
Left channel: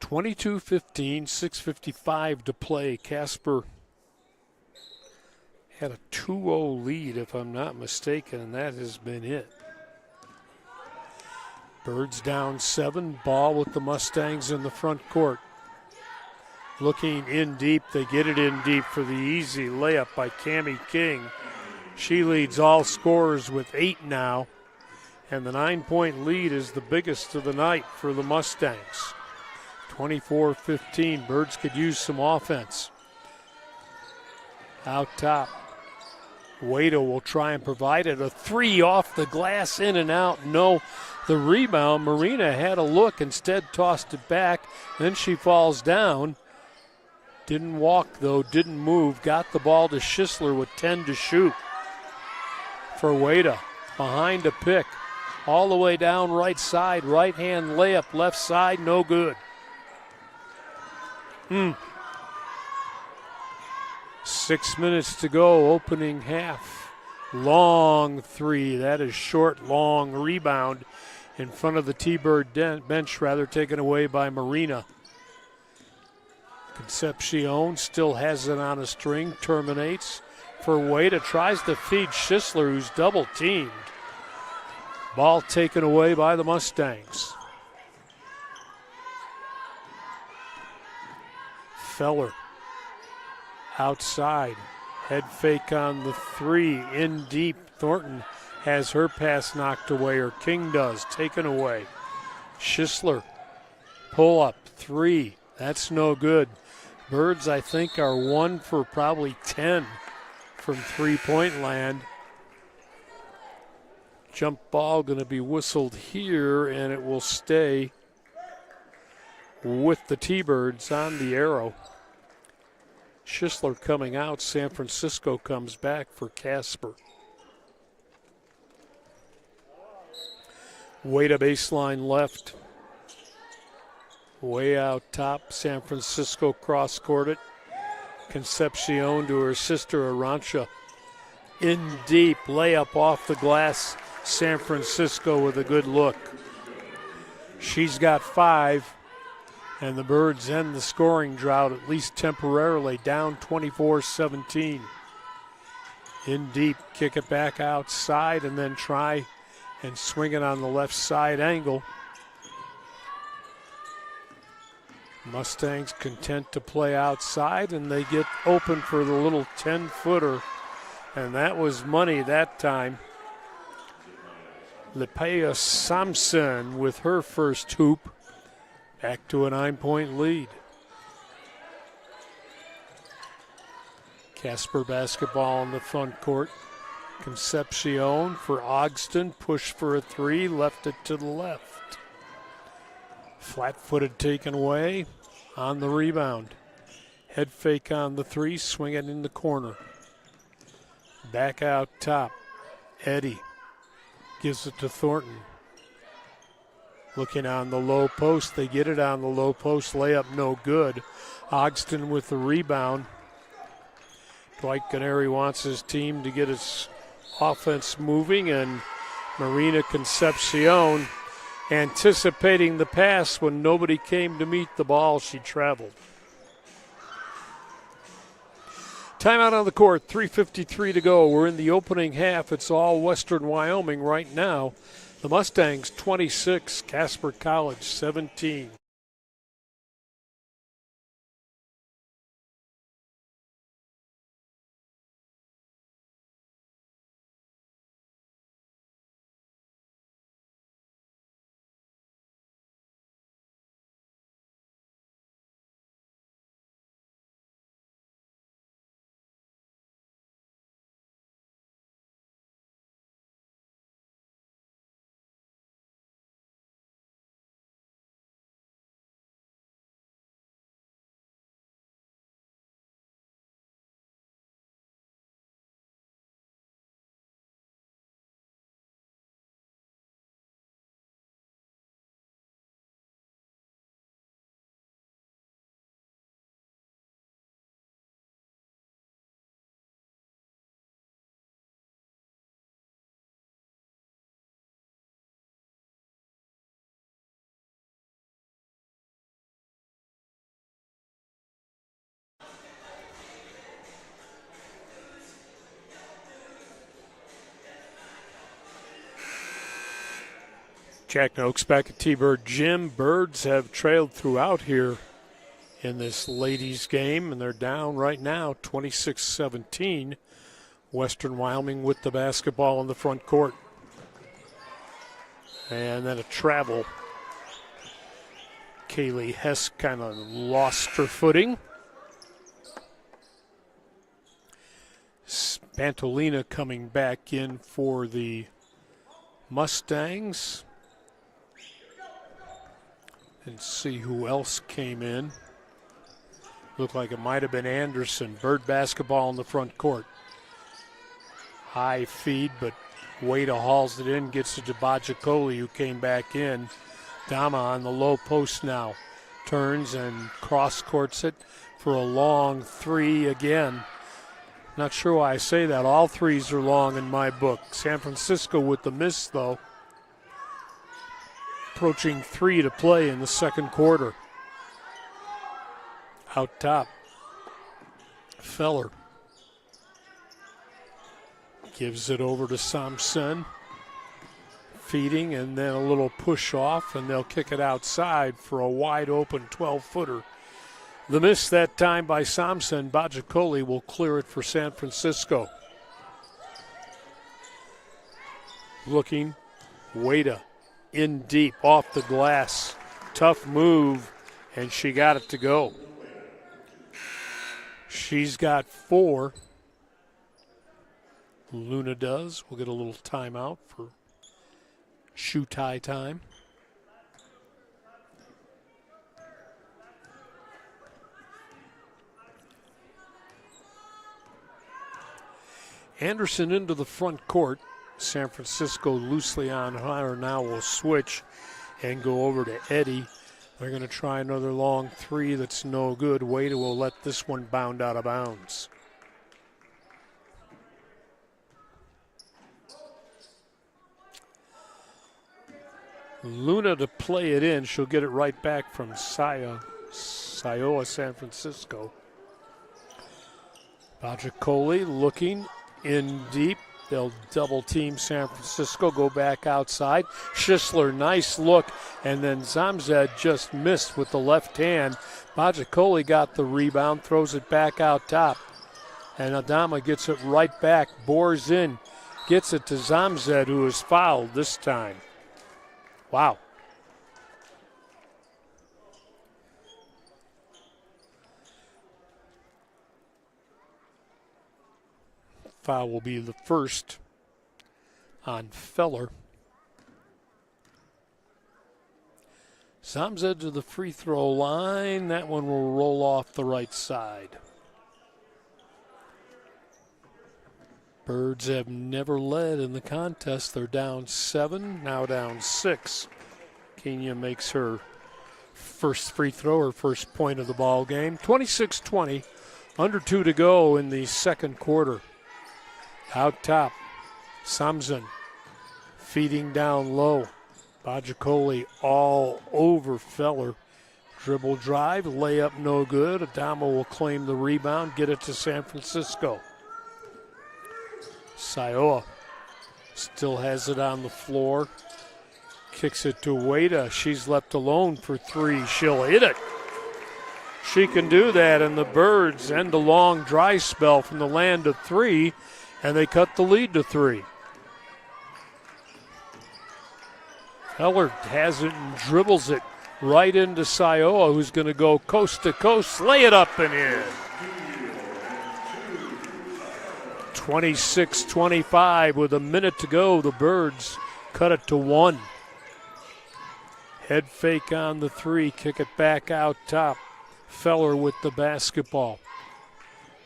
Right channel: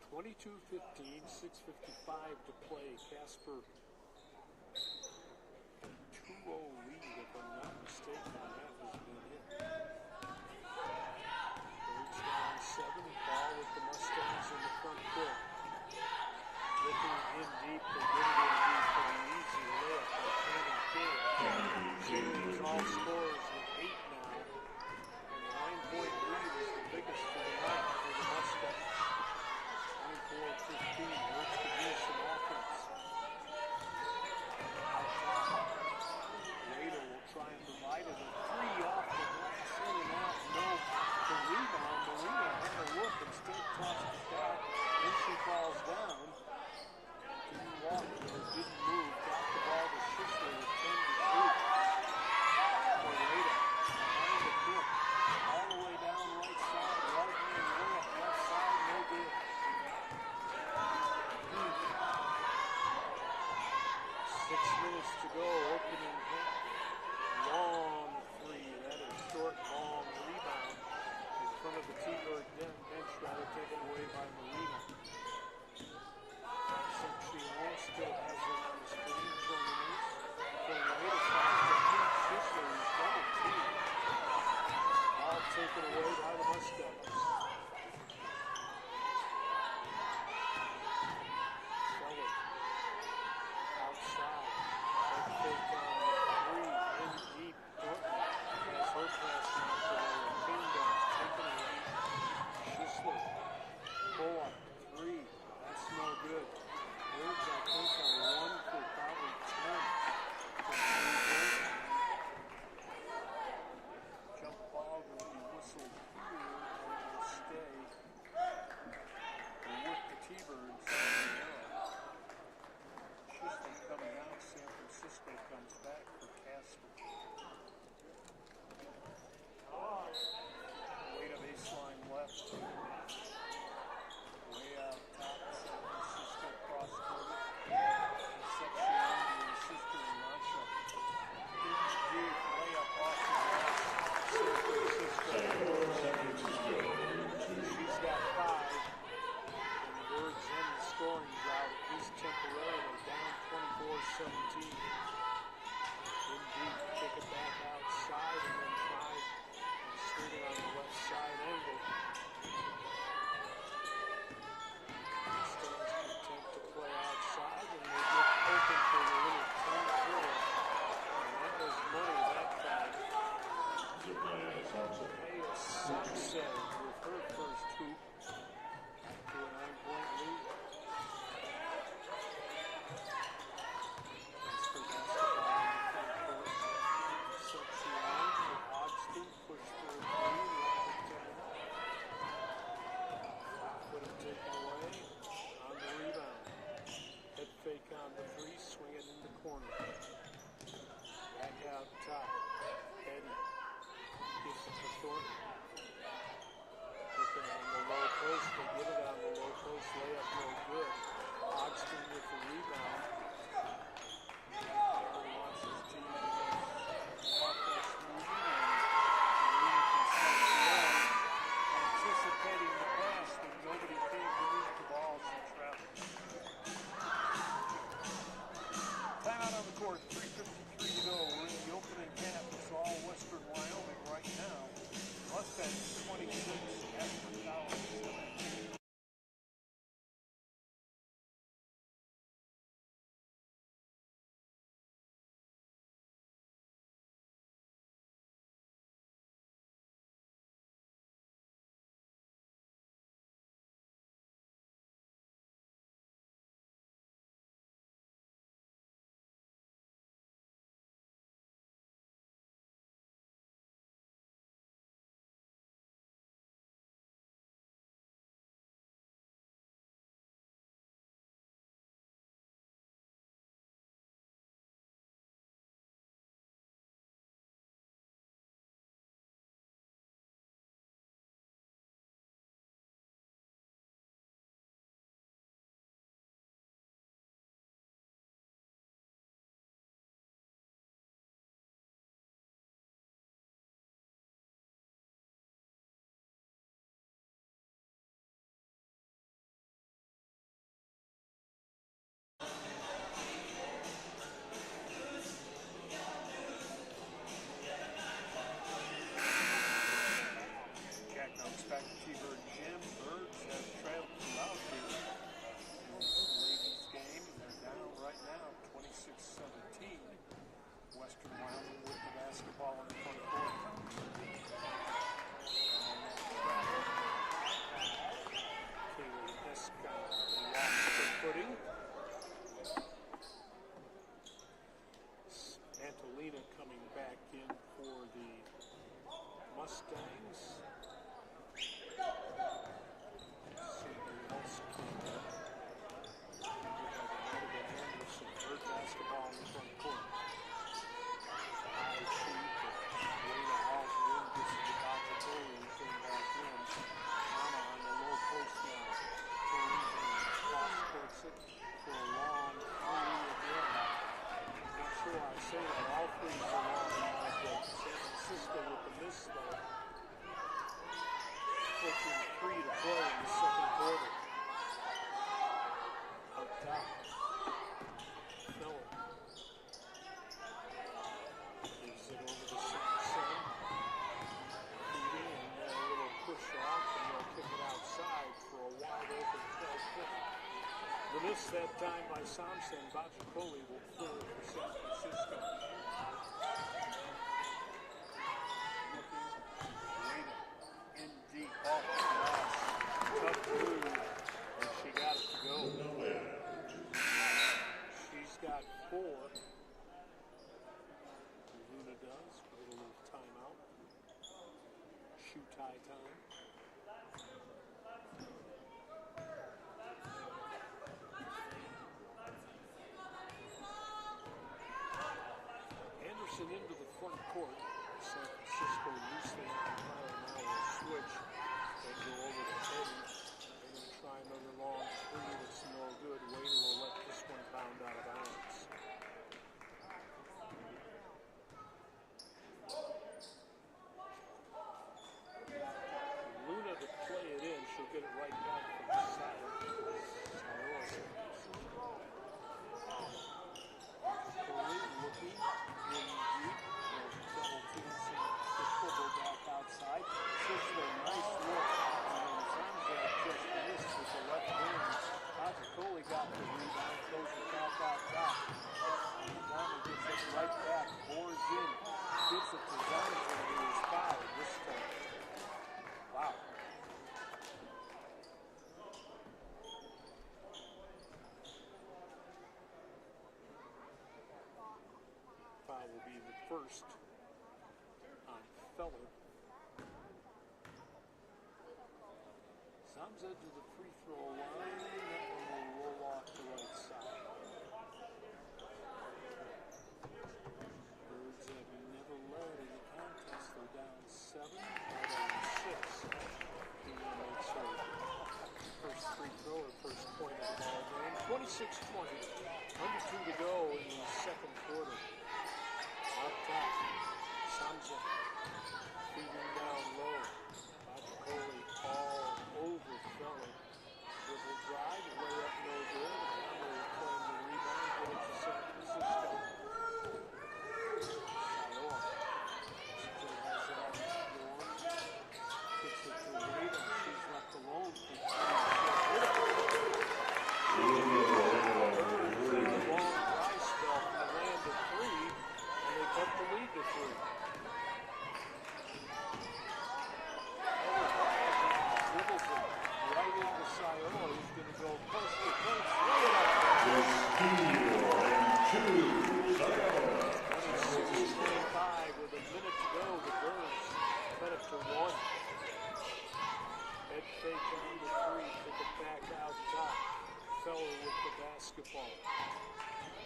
(22-15), 6:55 to play. Casper had a 2-0 lead, if I'm not mistaken, and that has been it. Birds down 7, ball with the Mustangs in the front court. Looking in deep, they get it in deep for the easy layup by Cammie King. She leads all scorers with 8 now, and the 9-point lead is the biggest of the night for the Mustangs. 24-15, Birds could use some offense. Out top, Wada will try and provide it. A three off the glass, in and out. No, the rebound. Marina had a look, instead tossed it back. Then she falls down. Didn't walk, though, didn't move. Got the ball to Schisler with 10 to shoot. For Wada, behind a pick. All the way down right side. Right hand layup, left side, no good. 6 minutes to go, opening half. Long three, that is short, long rebound in front of the T-Bird bench, taken away by Marina. Concepcion still has it on a string, terminates for Wada, tries to feed Schisler, who's double teamed. Ball taken away by the Mustangs. Feller outside, head fake on the three, in deep. Thornton has her pass knocked away, or King does, taken away. Schisler, pull up, three, that's no good. Birds, I think, are 1 for probably 10 from three-point land. Jump ball going to be whistled here, and it will stay with the T-Birds on the arrow. Schisler coming out. San Francisco comes back for Casper. Wada baseline left. Way out top. San Francisco cross-court it. Concepcion to her sister Arancha. In deep, layup off the glass. San Francisco with a good look. She's got 5. And the Birds end the scoring drought, at least temporarily, down 24-17. In deep, kick it back outside, and then try and swing it on the left side angle. Mustangs content to play outside, and they get open for the little 10-footer. And that was money that time. Lepea Samson with her first hoop. Back to a 9-point lead. Casper basketball in the front court. Concepcion for Ogston, push for a three, left it to the left. Flat-footed taken away on the rebound. Head fake on the three, swing it in the corner. Back out top. Eddie gives it to Thornton. Looking on the low post, they get it on the low post, layup no good. Ogston with the rebound. Dwight Canary wants his team to get his offense moving, and Marina Concepcion anticipating the pass when nobody came to meet the ball, she traveled. Timeout on the court, 3:53 to go. We're in the opening half. It's all Western Wyoming right now. The Mustangs 26, Casper College 17. Jack Noakes back at T-Bird Gym. Birds have trailed throughout here in this ladies game, and they're down right now 26-17. Western Wyoming with the basketball in the front court. And then a travel. Kaylee Hess kind of lost her footing. Bantolina coming back in for the Mustangs. And see who else came in. Looked like it might have been Anderson. Bird basketball in the front court. High feed, but Wada hauls it in, gets it to Bajikoli, who came back in. Dama on the low post now. Turns and cross-courts it for a long three again. Not sure why I say that. All threes are long in my book. San Francisco with the miss, though. Approaching 3 to play in the second quarter. Out top. Feller gives it over to Samson. Feeding and then a little push off, and they'll kick it outside for a wide open 12-footer. The miss that time by Samson. Bajikoli will clear it for San Francisco. Looking, Wada in deep off the glass. Tough move, and she got it to go. She's got 4. Luna does. We'll get a little timeout for shoe tie time. Anderson into the front court. San Francisco loosely on her now will switch and go over to Eddie. They're going to try another long three that's no good. Wada will let this one bound out of bounds. Luna to play it in. She'll get it right back from Sayoa, San Francisco. Bajikoli looking in deep. They'll double team San Francisco, go back outside. Schisler, nice look, and then Zamzed just missed with the left hand. Bajikoli got the rebound, throws it back out top. And Adama gets it right back, bores in, gets it to Zamzed, who is fouled this time. Wow. Foul will be the first on Feller. Zamzed to the free throw line. That one will roll off the right side. Birds have never led in the contest. They're down 7, now down 6. Kenya makes her first free throw, her first point of the ball game. 26-20, under 2 to go in the second quarter. Out top, Samson feeding down low. Bajikoli all over Feller. Dribble drive, layup no good. Adama will claim the rebound, get it to San Francisco. Sayoa still has it on the floor. Kicks it to Wada. She's left alone for 3. She'll hit it. She can do that, and the Birds end a long dry spell from the land of 3, and they cut the lead to 3. Feller has it and dribbles it right into Sayoa, who's going to go coast to coast, lay it up and in. 26-25 with a minute to go. The Birds cut it to 1. Head fake on the 3, kick it back out top. Feller with the basketball.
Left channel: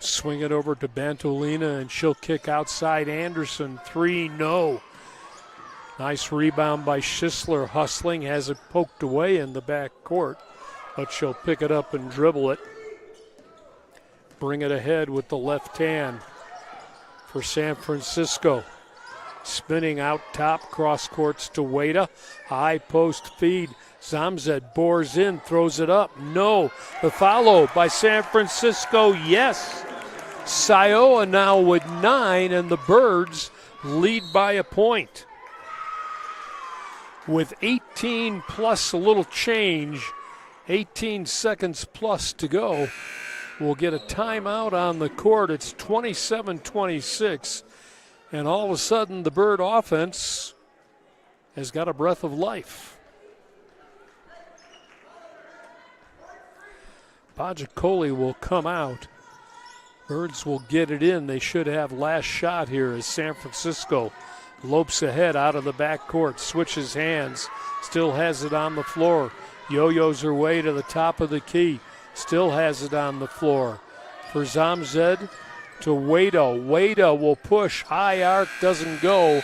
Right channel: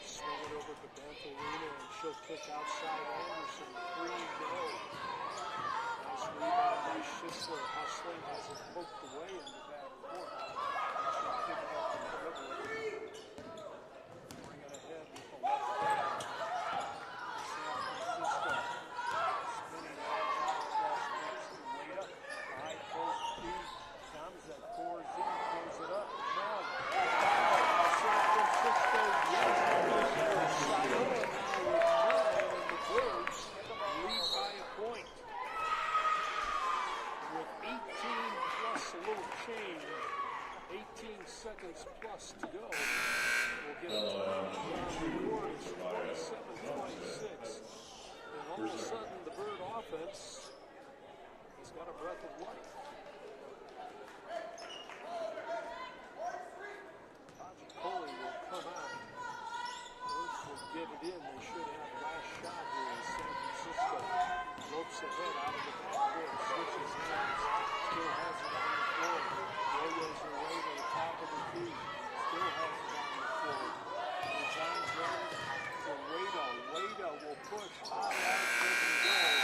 Swing it over to Bantolina, and she'll kick outside Anderson. 3, no. Nice rebound by Schisler, hustling, has it poked away in the back court, but she'll pick it up and dribble it. Bring it ahead with the left hand for San Francisco. Spinning out top, cross courts to Wada. High post feed. Zamzed bores in, throws it up. No. The follow by San Francisco, yes. Sayoa now with 9, and the Birds lead by a point. With 18 plus a little change, 18 seconds plus to go, we'll get a timeout on the court. It's 27-26, and all of a sudden the Bird offense has got a breath of life. Bajikoli will come out. Birds will get it in. They should have last shot here as San Francisco lopes ahead out of the backcourt, switches hands, still has it on the floor. Yo-yos her way to the top of the key, still has it on the floor. For Zamzed to Wada. Wada will push, high arc doesn't go,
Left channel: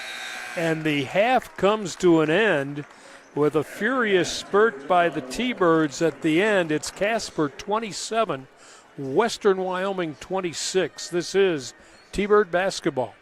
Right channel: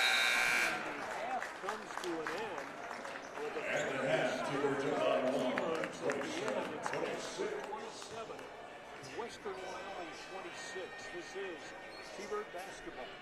and the half comes to an end with a furious spurt by the T-Birds at the end. It's Casper 27, Western Wyoming 26. This is T-Bird basketball.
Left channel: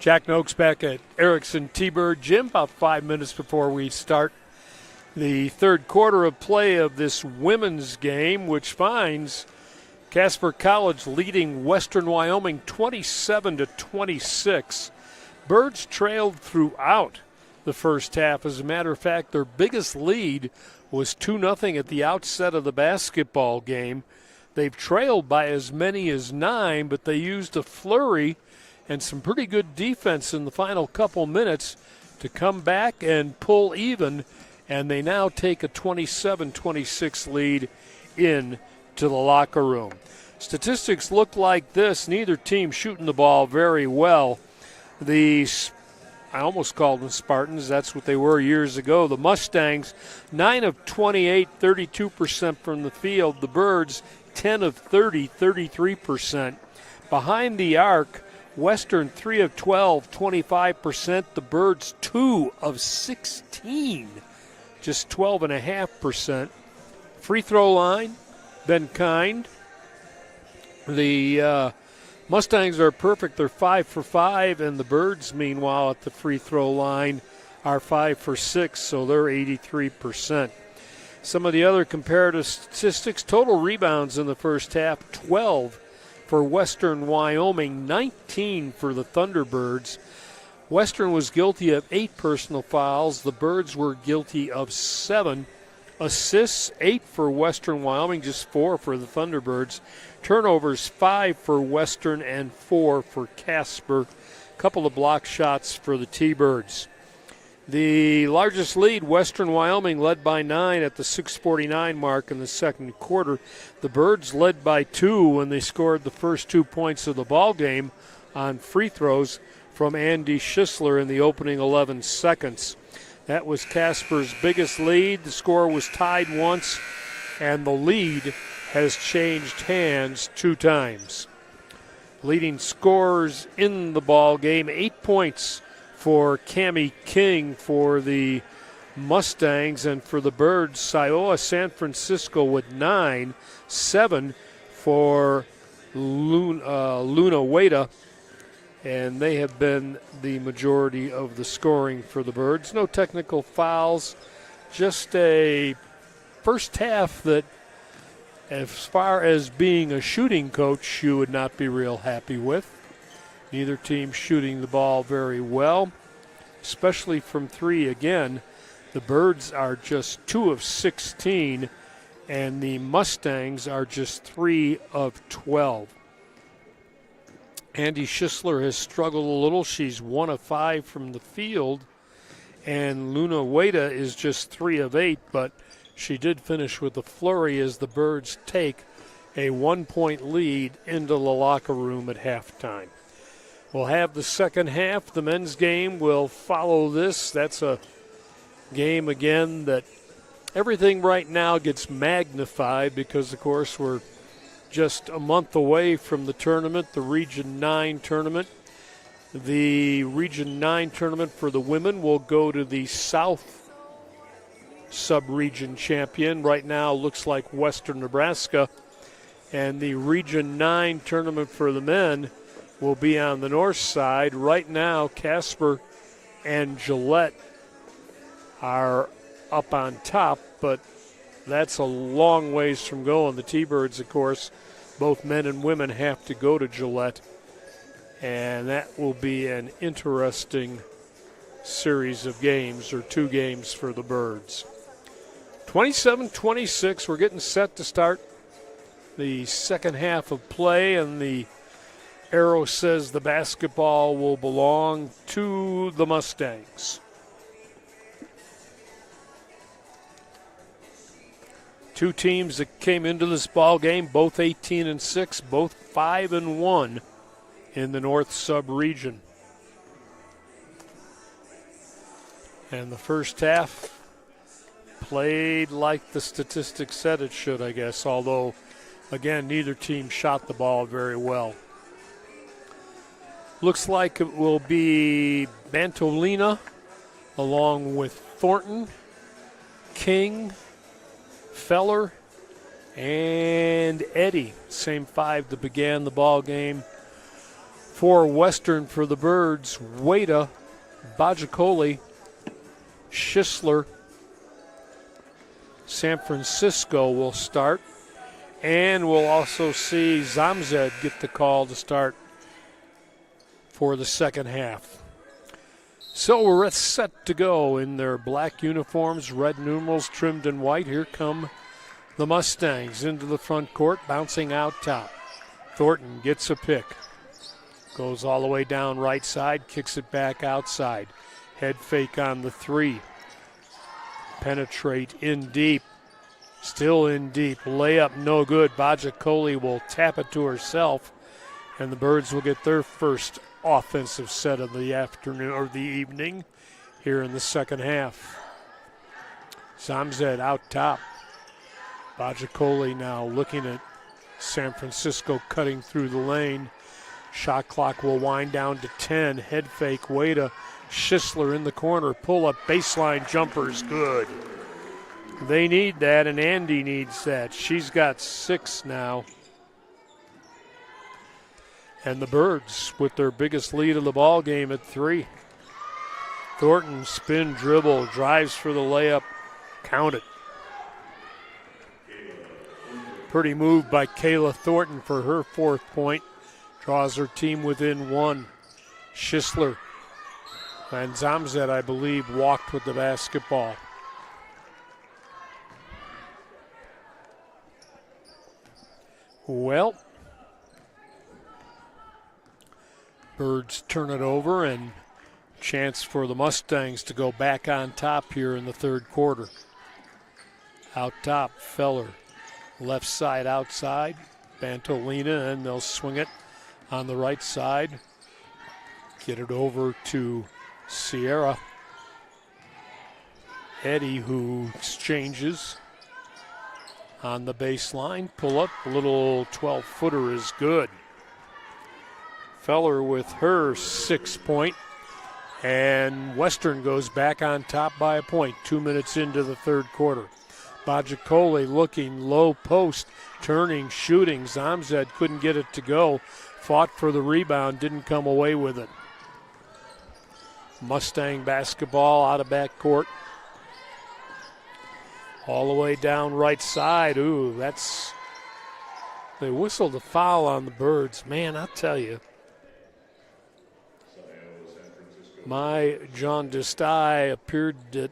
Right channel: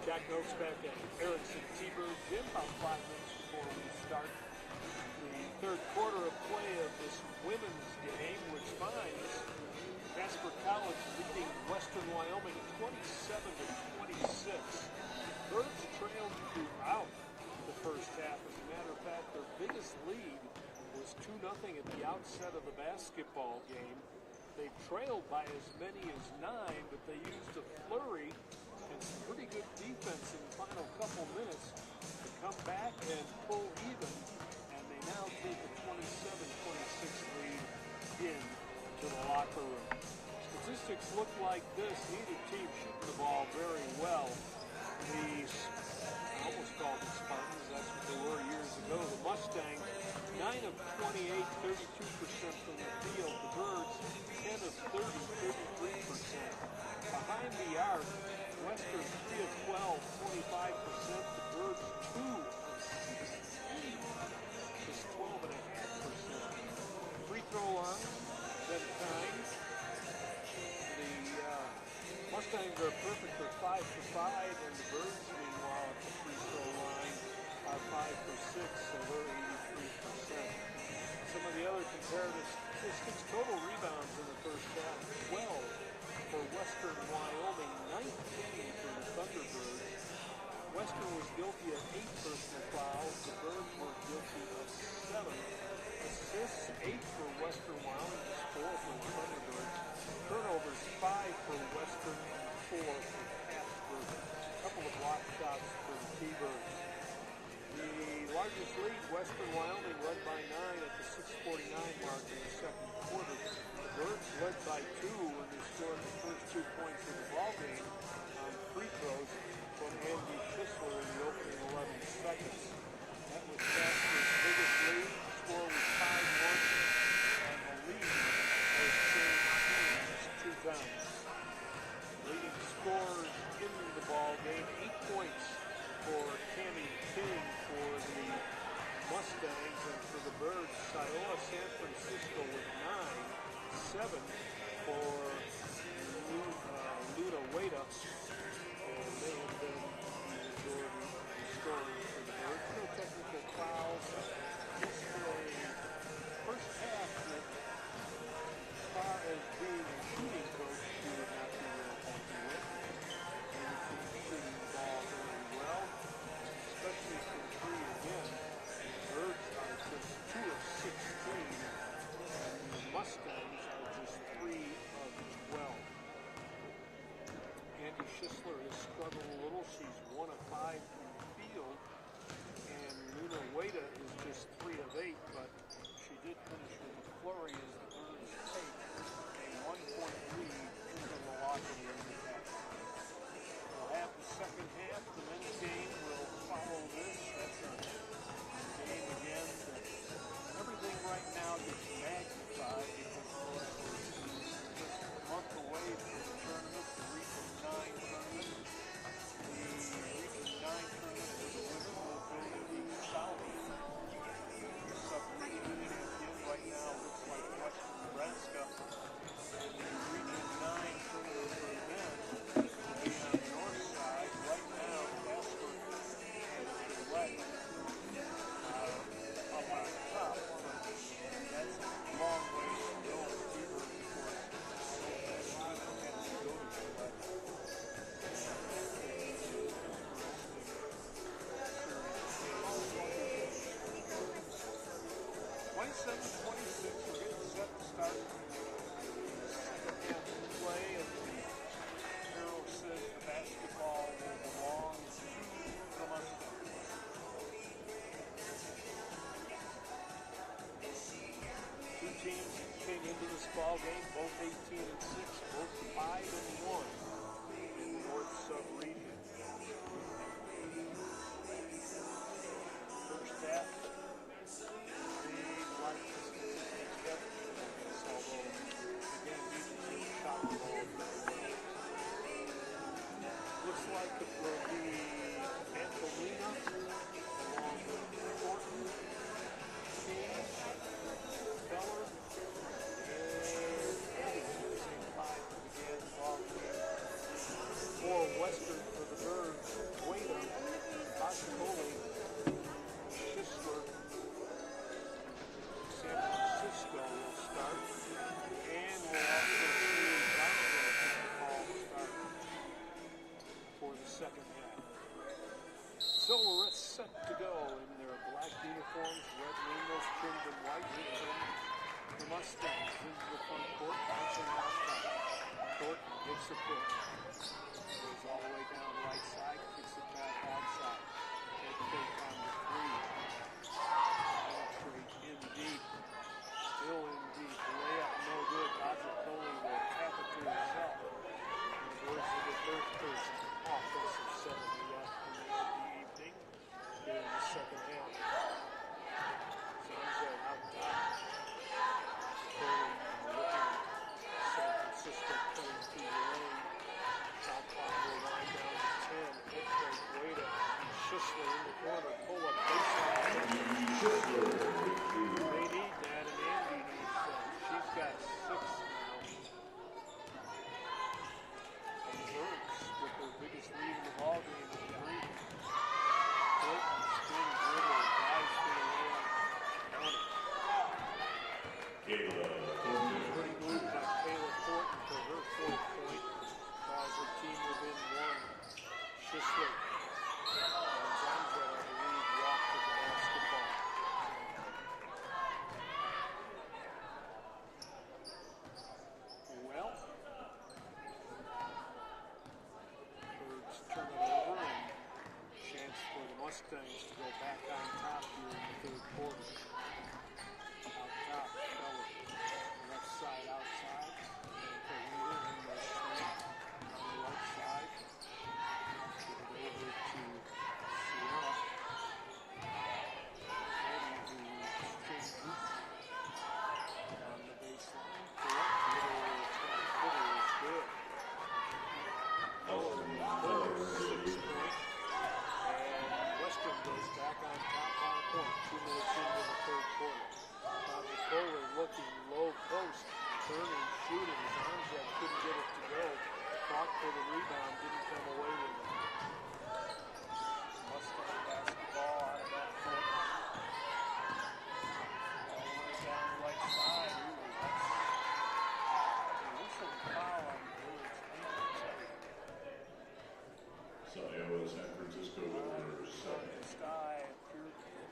Jack Noakes back at Erickson T-Bird Gym about 5 minutes before we start the third quarter of play of this women's game, which finds Casper College leading Western Wyoming 27-26. Birds trailed throughout the first half. As a matter of fact, their biggest lead was 2-0 at the outset of the basketball game. They've trailed by as many as 9, but they used a flurry and some pretty good defense in the final couple minutes to come back and pull even, and they now take a 27-26 lead into the locker room. Statistics look like this. Neither team shooting the ball very well. I almost called them Spartans. That's what they were years ago. The Mustangs, 9 of 28, 32% from the field. The Birds, 10 of 30, 33%. Behind the arc, Western 3 of 12, 25%. The Birds 2 of 16, just 12.5%. Free throw line, been kind. The Mustangs are perfect. They're 5 for 5, and the Birds, meanwhile, at the free throw line are 5 for 6, so they're 83%. Some of the other comparative statistics: total rebounds in the first half, 12 for Western Wyoming, 19 for the Thunderbirds. Western was guilty of 8 personal fouls. The Birds were guilty of 7. Assists, 8 for Western Wyoming, just 4 for the Thunderbirds. Turnovers, 5 for Western and 4 for Casper. Couple of block shots for the T-Birds. The largest lead, Western Wyoming, led by 9 at the 6:49 mark in the second quarter. The Birds led by 2 when they scored the first 2 points of the ball game on free throws from Andy Schisler in the opening 11 seconds. That was Casper's biggest lead. The score was tied once, and the lead has changed hands 2 times. Leading scorers in the ball game, 8 points for Cammie King for the Mustangs, and for the Birds, Siowa San Francisco with 9, 7 for Luna Weda, and they have been the majority of the scoring for the Birds. No technical fouls, just a first half that, as far as being a shooting coach, you would not be real happy with. Neither team shooting the ball very well, especially from 3 again. The Birds are just 2 of 16, and the Mustangs are just 3 of 12. Andy Schisler has struggled a little. She's 1 of 5 from the field, and Luna Weda is just 3 of 8, but she did finish with a flurry as the Birds take a 1-point lead into the locker room at halftime. We'll have the second half. The men's game will follow this. That's a game, again, that everything right now gets magnified because, of course, we're just a month away from the tournament, the Region 9 tournament. The Region 9 tournament for the women will go to the South sub-region champion. Right now looks like Western Nebraska. And the Region 9 tournament for the men will be on the north side. Right now, Casper and Gillette are up on top, but that's a long ways from going. The T-Birds, of course, both men and women have to go to Gillette, and that will be an interesting series of games, or 2 games for the Birds. 27-26, we're getting set to start the second half of play, and the arrow says the basketball will belong to the Mustangs. Two teams that came into this ball game, both 18-6, both 5-1 in the North sub-region. And the first half played like the statistics said it should, I guess, although, again, neither team shot the ball very well. Looks like it will be Bantolina along with Thornton, King, Feller, and Eddy. Same 5 that began the ball game For Western, for the Birds, Wada, Bajacoli, Schisler, San Francisco will start. And we'll also see Zamzed get the call to start for the second half. So we're set to go in their black uniforms, red numerals trimmed in white. Here come the Mustangs into the front court, bouncing out top. Thornton gets a pick. Goes all the way down right side, kicks it back outside. Head fake on the three. Penetrate in deep. Still in deep. Layup no good. Bajacoli will tap it to herself. And the Birds will get their first offensive set of the afternoon or the evening here in the second half. Zamzed out top. Bajacoli now looking at San Francisco cutting through the lane. Shot clock will wind down to 10. Head fake, Wada. Schisler in the corner. Pull up baseline jumpers. Good. They need that, and Andy needs that. She's got 6 now. And the Birds with their biggest lead of the ball game at 3. Thornton spin dribble, drives for the layup. Count it. Pretty move by Kayla Thornton for her 4th point. Draws her team within 1. Schisler. And Zamzed, I believe, walked with the basketball. Well, Birds turn it over, and chance for the Mustangs to go back on top here in the third quarter. Out top, Feller. Left side outside. Bantolina, and they'll swing it on the right side. Get it over to Sierra. Eddie, who exchanges on the baseline. Pull up, a little 12-footer is good. Feller with her 6th point. And Western goes back on top by a point, 2 minutes into the third quarter. Bajacoli looking low post, turning, shooting. Zamzed couldn't get it to go. Fought for the rebound, didn't come away with it. Mustang basketball out of backcourt. All the way down right side. Ooh, they whistled a foul on the Birds. Man, I'll tell you. My jaundiced eye appeared that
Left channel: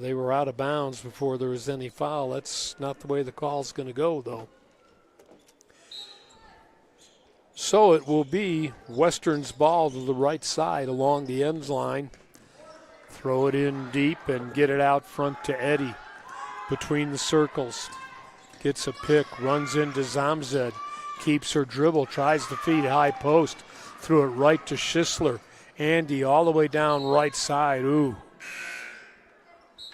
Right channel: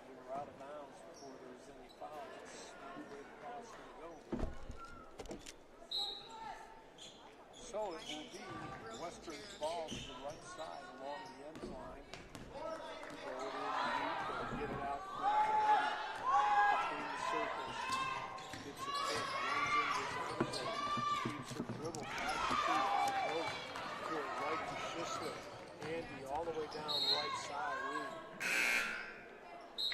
they were out of bounds before there was any foul. That's not the way the call's going to go, though. So it will be Western's ball to the right side along the ends line. Throw it in deep and get it out front to Eddie between the circles. Gets a pick, runs into Zamzed, keeps her dribble, tries to feed high post, threw it right to Schisler. Andy all the way down right side. Ooh.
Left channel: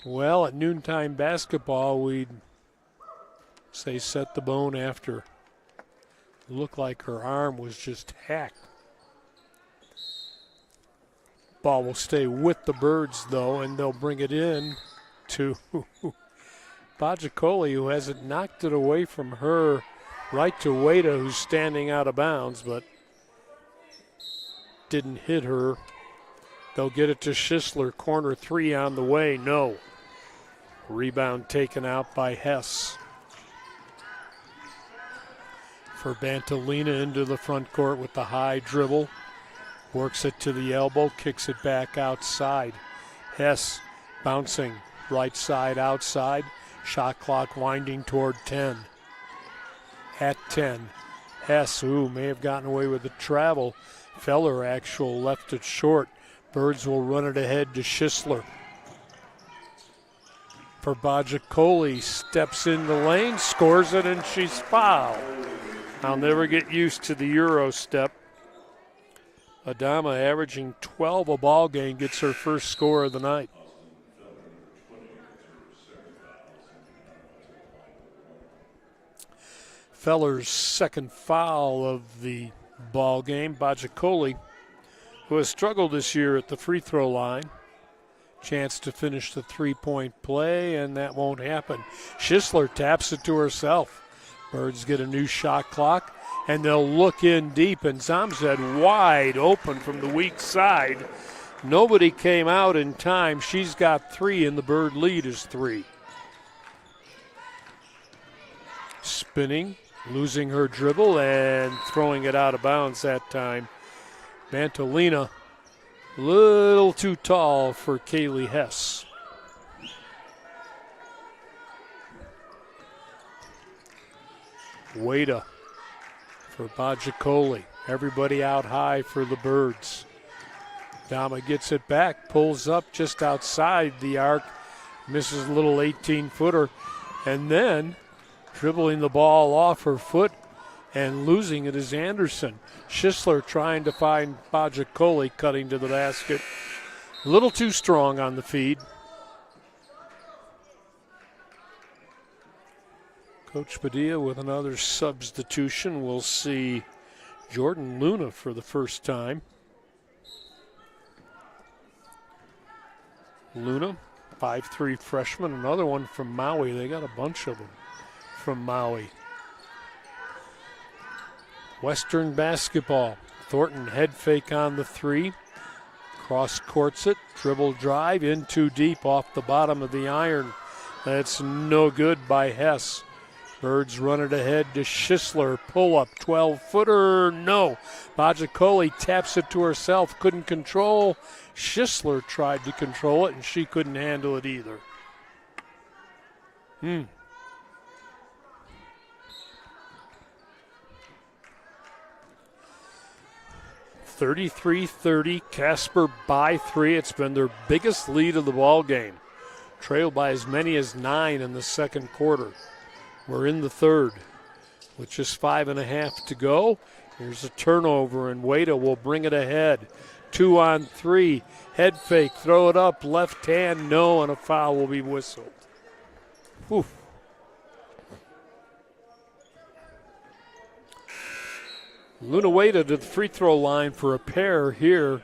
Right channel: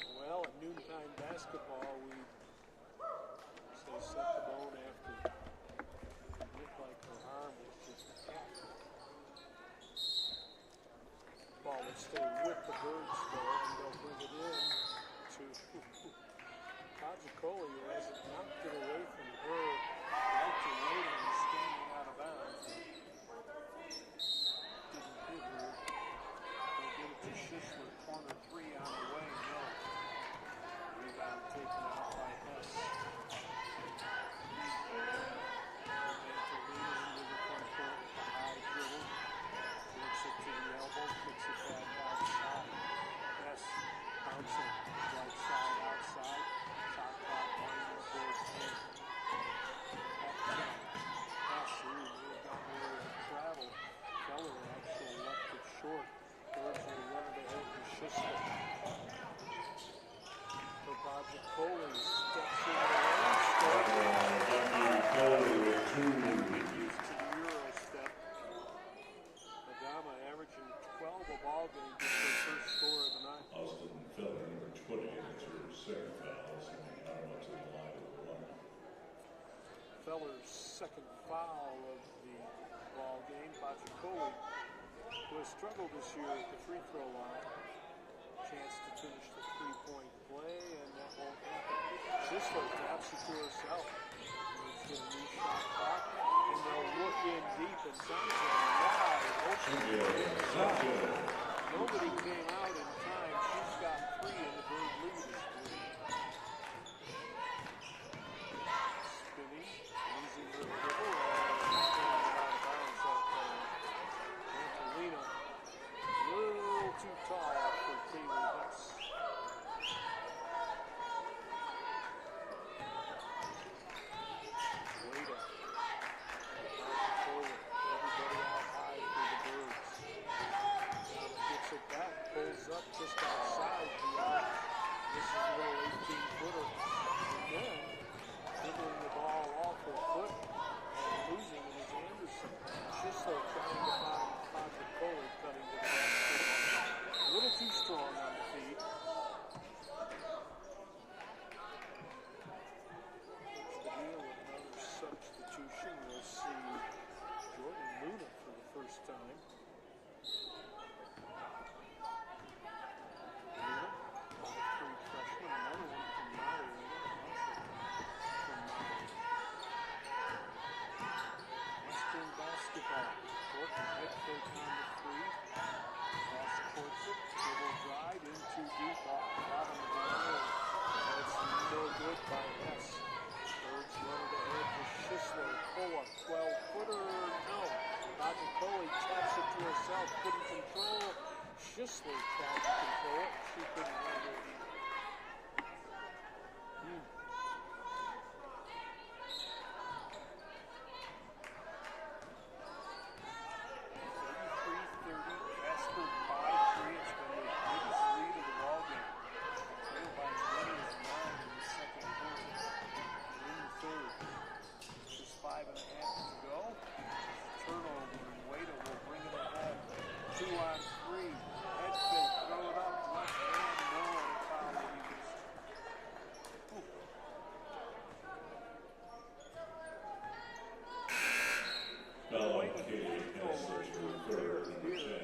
Well, at noontime basketball, we'd say set the bone after. Looked like her arm was just hacked. Ball will stay with the Birds, though, and they'll bring it in to Bajacoli, who hasn't knocked it away from her, right to Wada, who's standing out of bounds, but didn't hit her. They'll get it to Schisler, corner 3 on the way, no. Rebound taken out by Hess. For Bantolina into the front court with the high dribble. Works it to the elbow, kicks it back outside. Hess bouncing right side outside. Shot clock winding toward 10. At 10. Hess, may have gotten away with the travel. Feller actual left it short. Birds will run it ahead to Schisler. For Bajacoli, steps in the lane, scores it, and she's fouled. I'll never get used to the Euro step. Adama, averaging 12 a ball game, gets her first score of the night. Feller's second foul of the ball game. Bajacoli, who has struggled this year at the free throw line. Chance to finish the three-point play, and that won't happen. Schisler taps it to herself. Birds get a new shot clock. and they'll look in deep, and Zamzed wide open from the weak side. Nobody came out in time. She's got 3, and the Bird lead is 3. Spinning, losing her dribble, and throwing it out of bounds that time. Bantolina, a little too tall for Kaylee Hess. Wada for Bajikoli. Everybody out high for the Birds. Dama gets it back, pulls up just outside the arc, misses a little 18-footer, and then dribbling the ball off her foot and losing it is Anderson. Schisler trying to find Bajikoli, cutting to the basket. A little too strong on the feed. Coach Padilla with another substitution. We'll see Jordan Luna for the first time. Luna, 5'3" freshman, another one from Maui. They got a bunch of them from Maui. Western basketball. Thornton head fake on the 3. Cross courts it, dribble drive, in too deep off the bottom of the iron. That's no good by Hess. Birds run it ahead to Schisler. Pull up, 12-footer, no. Bajikoli taps it to herself, couldn't control. Schisler tried to control it, and she couldn't handle it either. 33-30, Casper by 3. It's been their biggest lead of the ball game. Trailed by as many as 9 in the second quarter. We're in the third with just 5.5 to go. There's a turnover, and Wada will bring it ahead. 2 on 3, head fake, throw it up, left hand, no, and a foul will be whistled. Oof. Luna Wada to the free throw line for a pair here.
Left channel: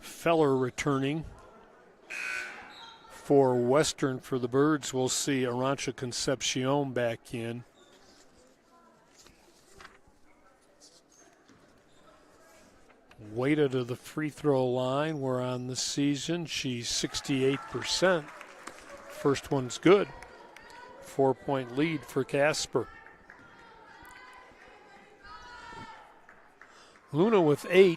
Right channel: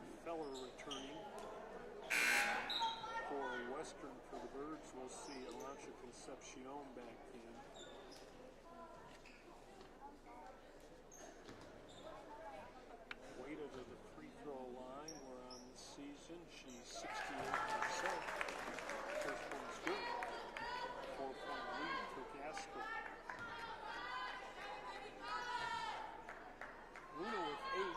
Feller returning for Western. For the Birds, we'll see Arancha Concepcion back in. Wada to the free throw line. We're on the season. She's 68%. First one's good. 4-point lead for Casper. Luna with 8,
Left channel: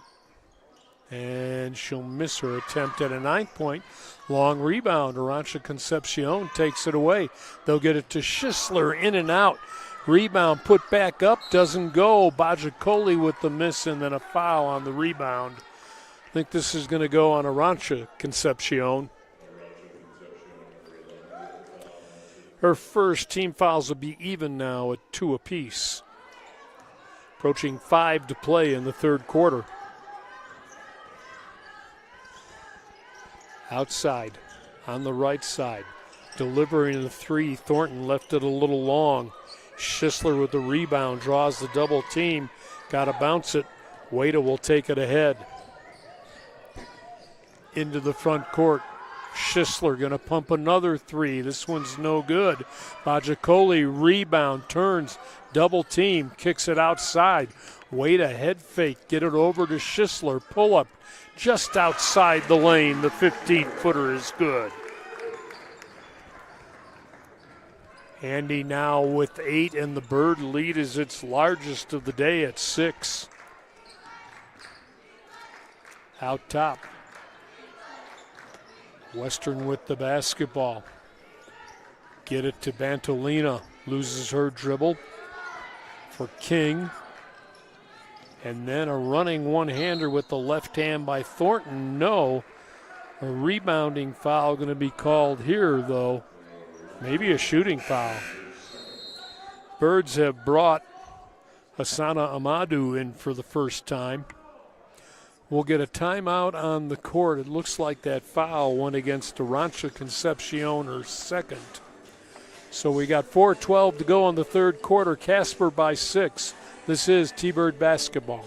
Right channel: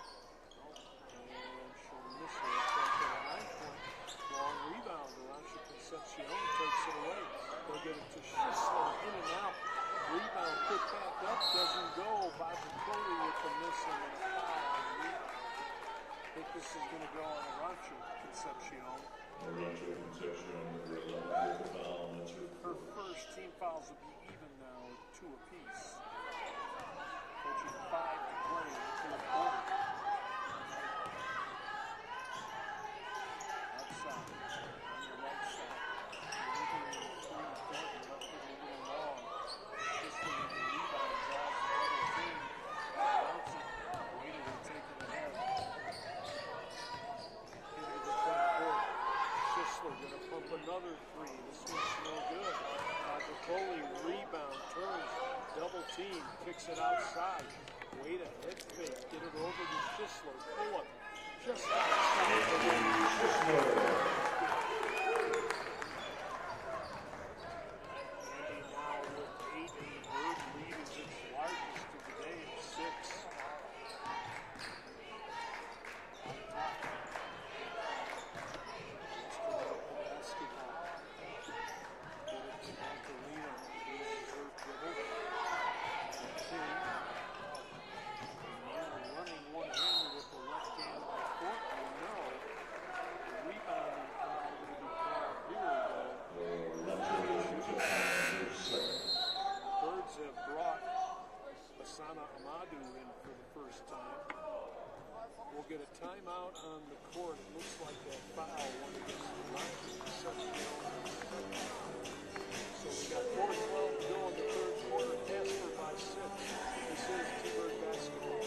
and she'll miss her attempt at a 9-point. Long rebound. Arancha Concepcion takes it away. They'll get it to Schisler, in and out. Rebound put back up, doesn't go. Bajikoli with the miss, and then a foul on the rebound. I think this is going to go on Arancha Concepcion. Her first. Team fouls will be even now at 2 apiece. Approaching 5 to play in the third quarter. Outside, on the right side, delivering the 3. Thornton left it a little long. Schisler with the rebound, draws the double team. Got to bounce it. Wada will take it ahead. Into the front court. Schisler going to pump another 3. This one's no good. Bajikoli rebound, turns, double team, kicks it outside. Wada head fake, get it over to Schisler. Pull up just outside the lane. The 15-footer is good. Andy now with 8, and the Bird lead is its largest of the day at 6. Out top. Western with the basketball. Get it to Bantolina. Loses her dribble for King. And then a running one-hander with the left hand by Thornton. No. A rebounding foul going to be called here, though. Maybe a shooting foul. Birds have brought Hassana Amadou in for the first time. We'll get a timeout on the court. It looks like that foul went against Arancha Concepcion, her second. So we got 4:12 to go on the third quarter. Casper by 6. This is T-Bird basketball.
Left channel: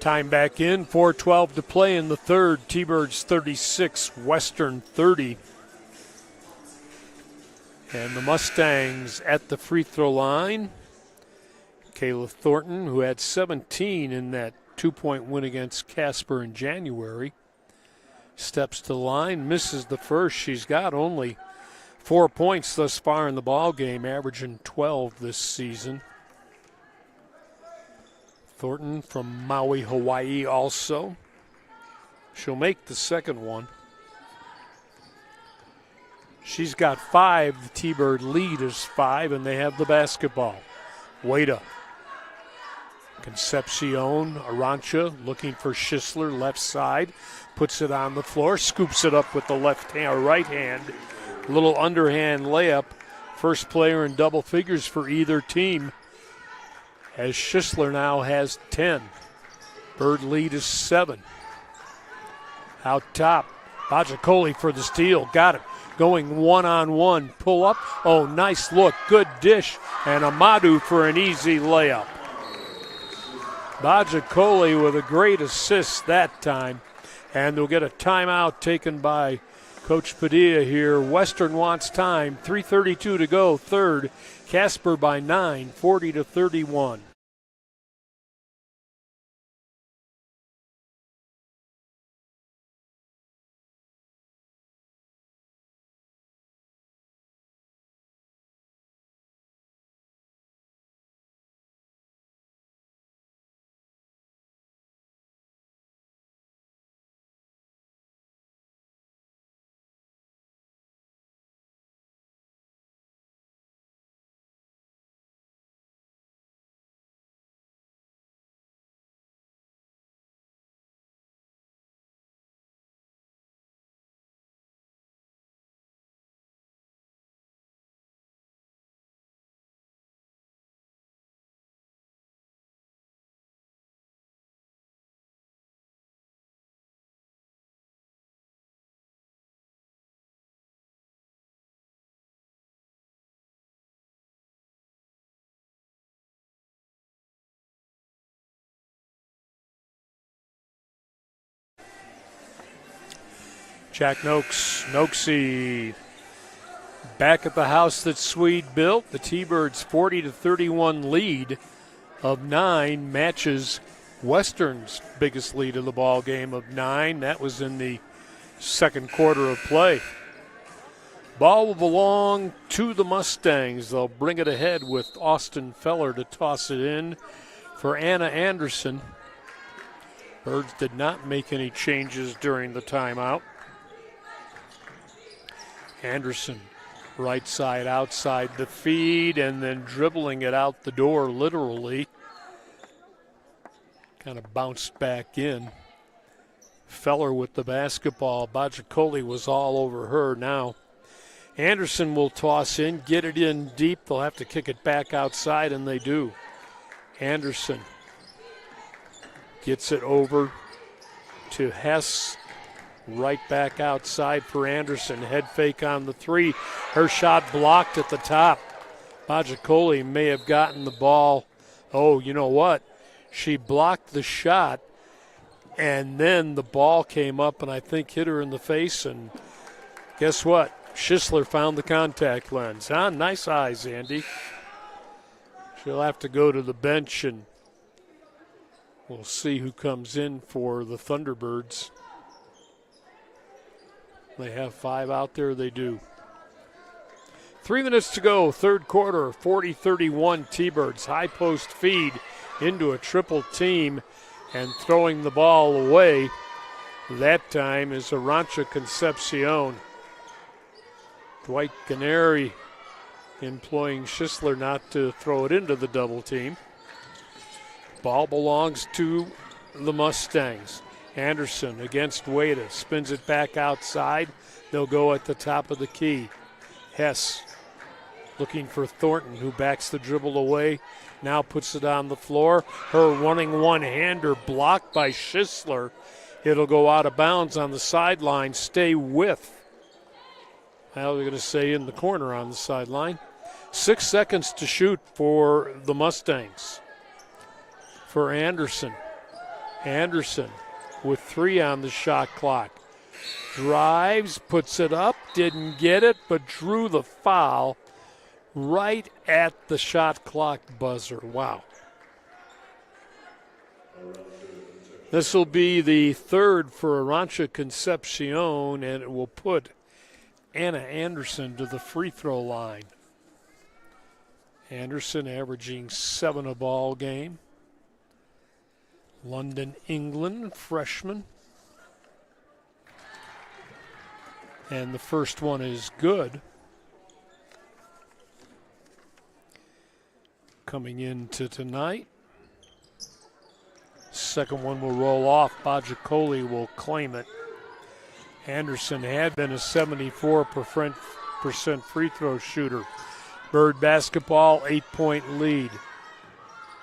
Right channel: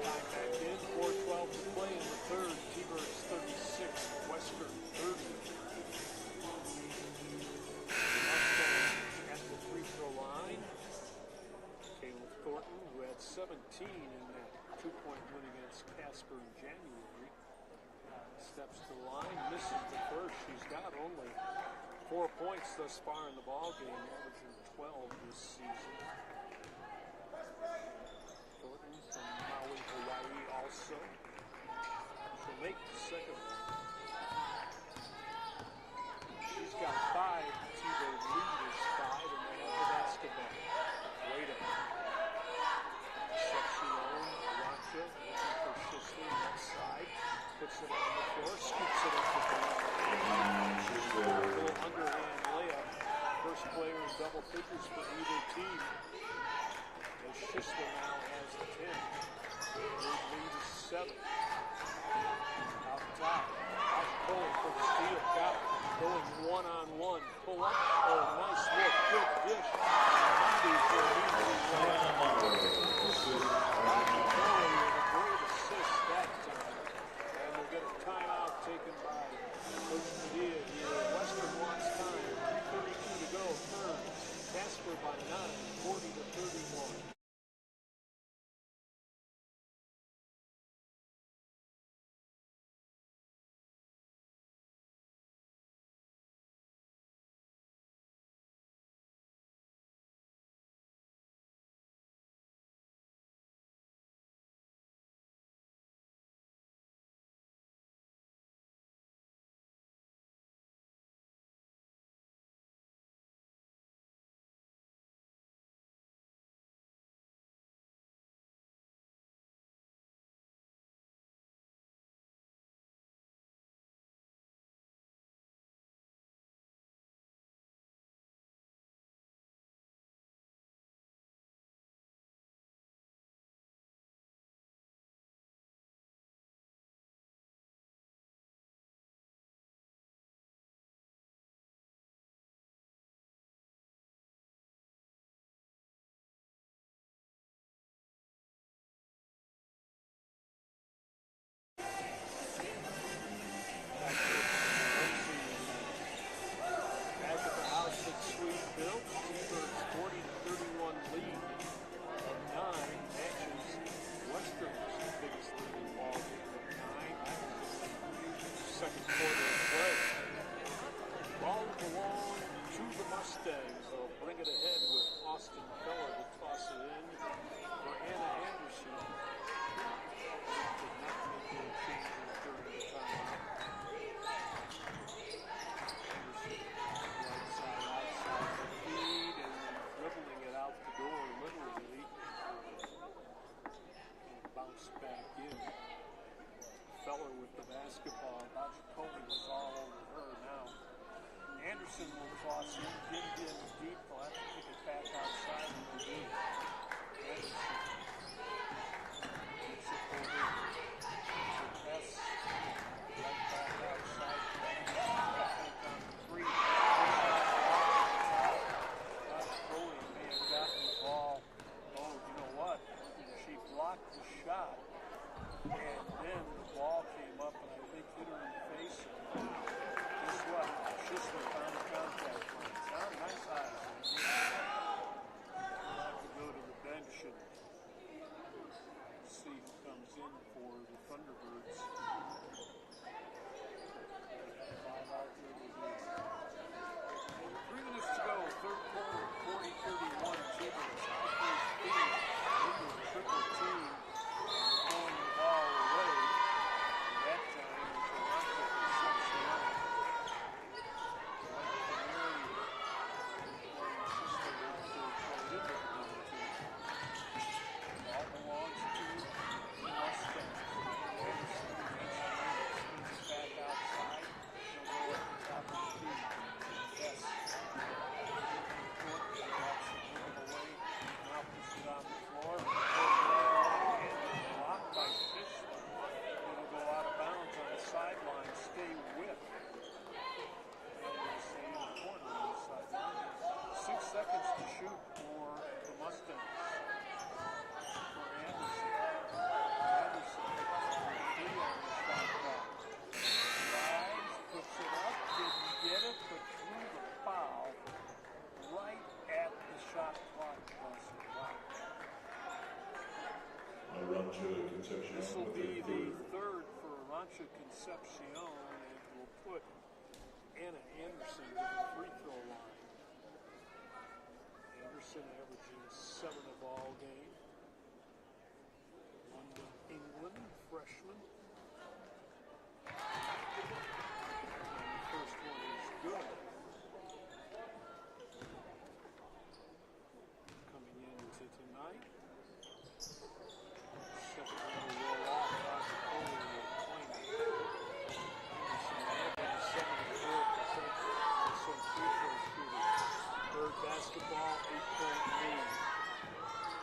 Time back in, 4:12 to play in the third. T-Birds 36, Western 30. And the Mustangs at the free throw line. Kayla Thornton, who had 17 in that 2-point win against Casper in January, steps to the line, misses the first. She's got only 4 points thus far in the ball game, averaging 12 this season. Thornton from Maui, Hawaii also. She'll make the second one. She's got 5. The T-Bird lead is 5, and they have the basketball. Wada. Concepcion, Arancha looking for Schisler, left side. Puts it on the floor, scoops it up with the left hand, or right hand. A little underhand layup. First player in double figures for either team, as Schisler now has 10. Bird lead is 7. Out top, Bajacoli for the steal, got it. Going one-on-one, pull up. Oh, nice look, good dish, and Amadou for an easy layup. Bajacoli with a great assist that time, and they'll get a timeout taken by Coach Padilla here. Western wants time, 3:32 to go, third. Casper by 9, 40-31. Jack Noakesy back at the house that Swede built. The T-Birds 40-31 lead of 9 matches Western's biggest lead of the ball game of 9. That was in the second quarter of play. Ball will belong to the Mustangs. They'll bring it ahead with Austin Feller to toss it in for Anna Anderson. Birds did not make any changes during the timeout. Anderson, right side, outside the feed, and then dribbling it out the door literally. Kind of bounced back in. Feller with the basketball. Bajacoli was all over her now. Anderson will toss in, get it in deep. They'll have to kick it back outside, and they do. Anderson gets it over to Hess. Right back outside for Anderson. Head fake on the 3. Her shot blocked at the top. Bajacoli may have gotten the ball. Oh, you know what? She blocked the shot, and then the ball came up and I think hit her in the face. And guess what? Schisler found the contact lens. Huh? Nice eyes, Andy. She'll have to go to the bench, and we'll see who comes in for the Thunderbirds. They have 5 out there, they do. 3 minutes to go, third quarter, 40-31 T-Birds. High post feed into a triple team and throwing the ball away. That time is Arancha Concepcion. Dwight Canary employing Schisler not to throw it into the double team. Ball belongs to the Mustangs. Anderson against Wada, spins it back outside. They'll go at the top of the key. Hess looking for Thornton, who backs the dribble away, now puts it on the floor. Her running one-hander blocked by Schisler. It'll go out of bounds on the sideline, stay with. Now they're going to say in the corner on the sideline. 6 seconds to shoot for the Mustangs. for Anderson. Anderson with 3 on the shot clock. Drives, puts it up, didn't get it, but drew the foul right at the shot clock buzzer. Wow. This will be the third for Arancha Concepcion, and it will put Anna Anderson to the free throw line. Anderson averaging 7 a ball game. London, England, freshman. And the first one is good. Coming into tonight. Second one will roll off. Bajacoli will claim it. Anderson had been a 74% free throw shooter. Bird basketball, 8-point lead.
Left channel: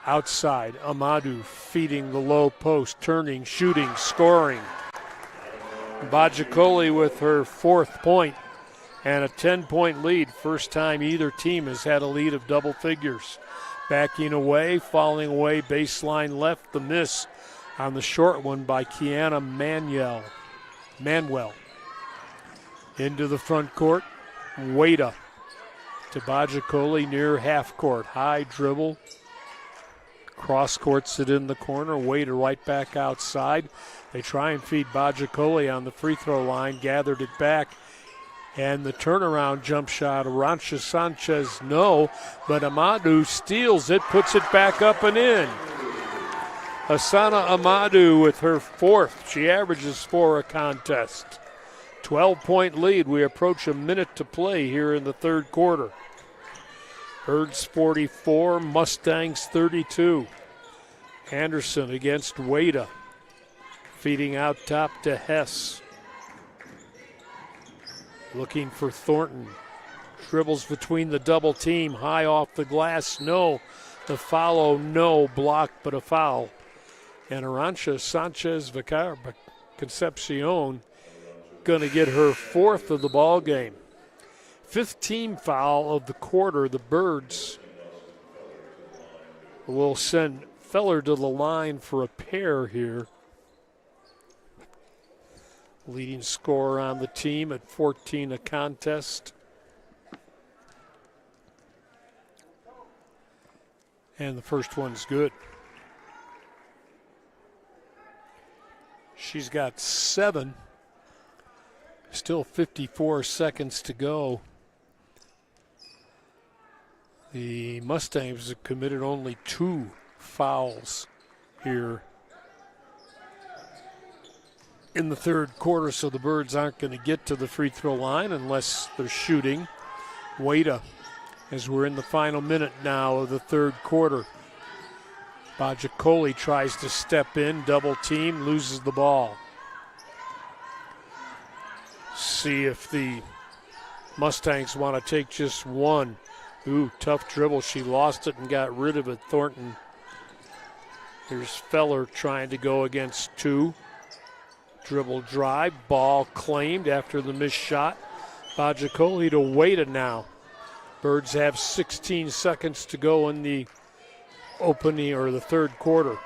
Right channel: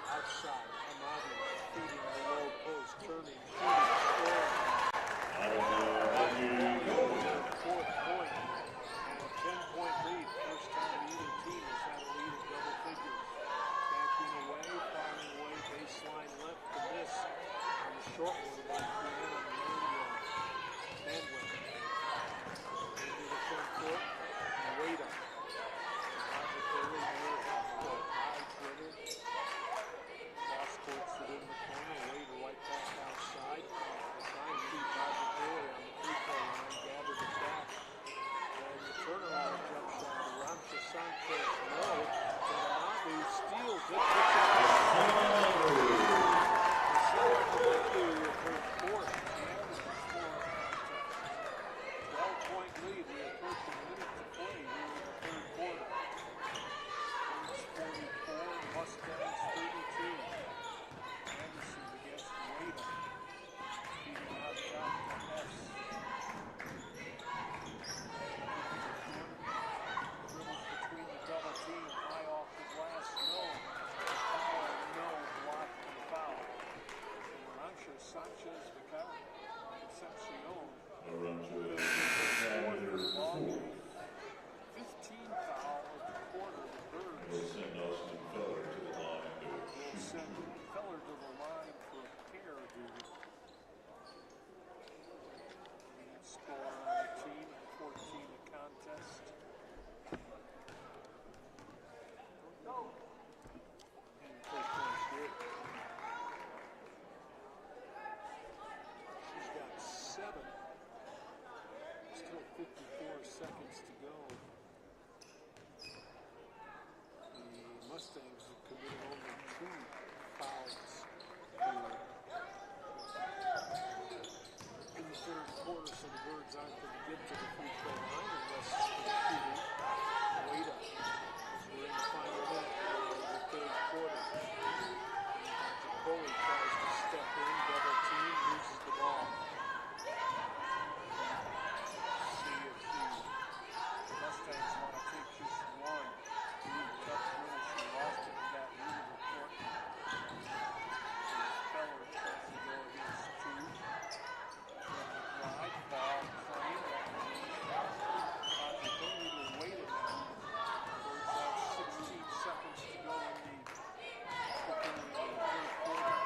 Outside, Amadou feeding the low post, turning, shooting, scoring. Bajacoli with her 4th point and a 10-point lead. First time either team has had a lead of double figures. Backing away, falling away, baseline left, the miss on the short one by Kiana Manuel. Into the front court, Wada to Bajacoli near half court. High dribble, cross courts it in the corner, Wada right back outside. They try and feed Bajacoli on the free throw line, gathered it back. And the turnaround jump shot, Arancha Sanchez, no, but Amadou steals it, puts it back up and in. Asana Amadou with her 4th. She averages 4 a contest. 12-point lead. We approach a minute to play here in the third quarter. Birds 44, Mustangs 32. Anderson against Wada. Feeding out top to Hess. Looking for Thornton. Dribbles between the double team. High off the glass. No. The follow. No. Block, but a foul. And Arancha Sanchez Concepcion going to get her 4th of the ball game. 5th team foul of the quarter. The Birds will send Feller to the line for a pair here. Leading scorer on the team at 14 a contest. And the first one's good. She's got 7. Still 54 seconds to go. The Mustangs have committed only 2 fouls here in the third quarter, so the Birds aren't going to get to the free throw line unless they're shooting. Wada, as we're in the final minute now of the third quarter. Bajacoli tries to step in, double team, loses the ball. See if the Mustangs want to take just one. Ooh, tough dribble. She lost it and got rid of it. Thornton. Here's Feller trying to go against 2. Dribble drive, ball claimed after the missed shot. Bajacoli to Wada now. Birds have 16 seconds to go in the opening or the third quarter.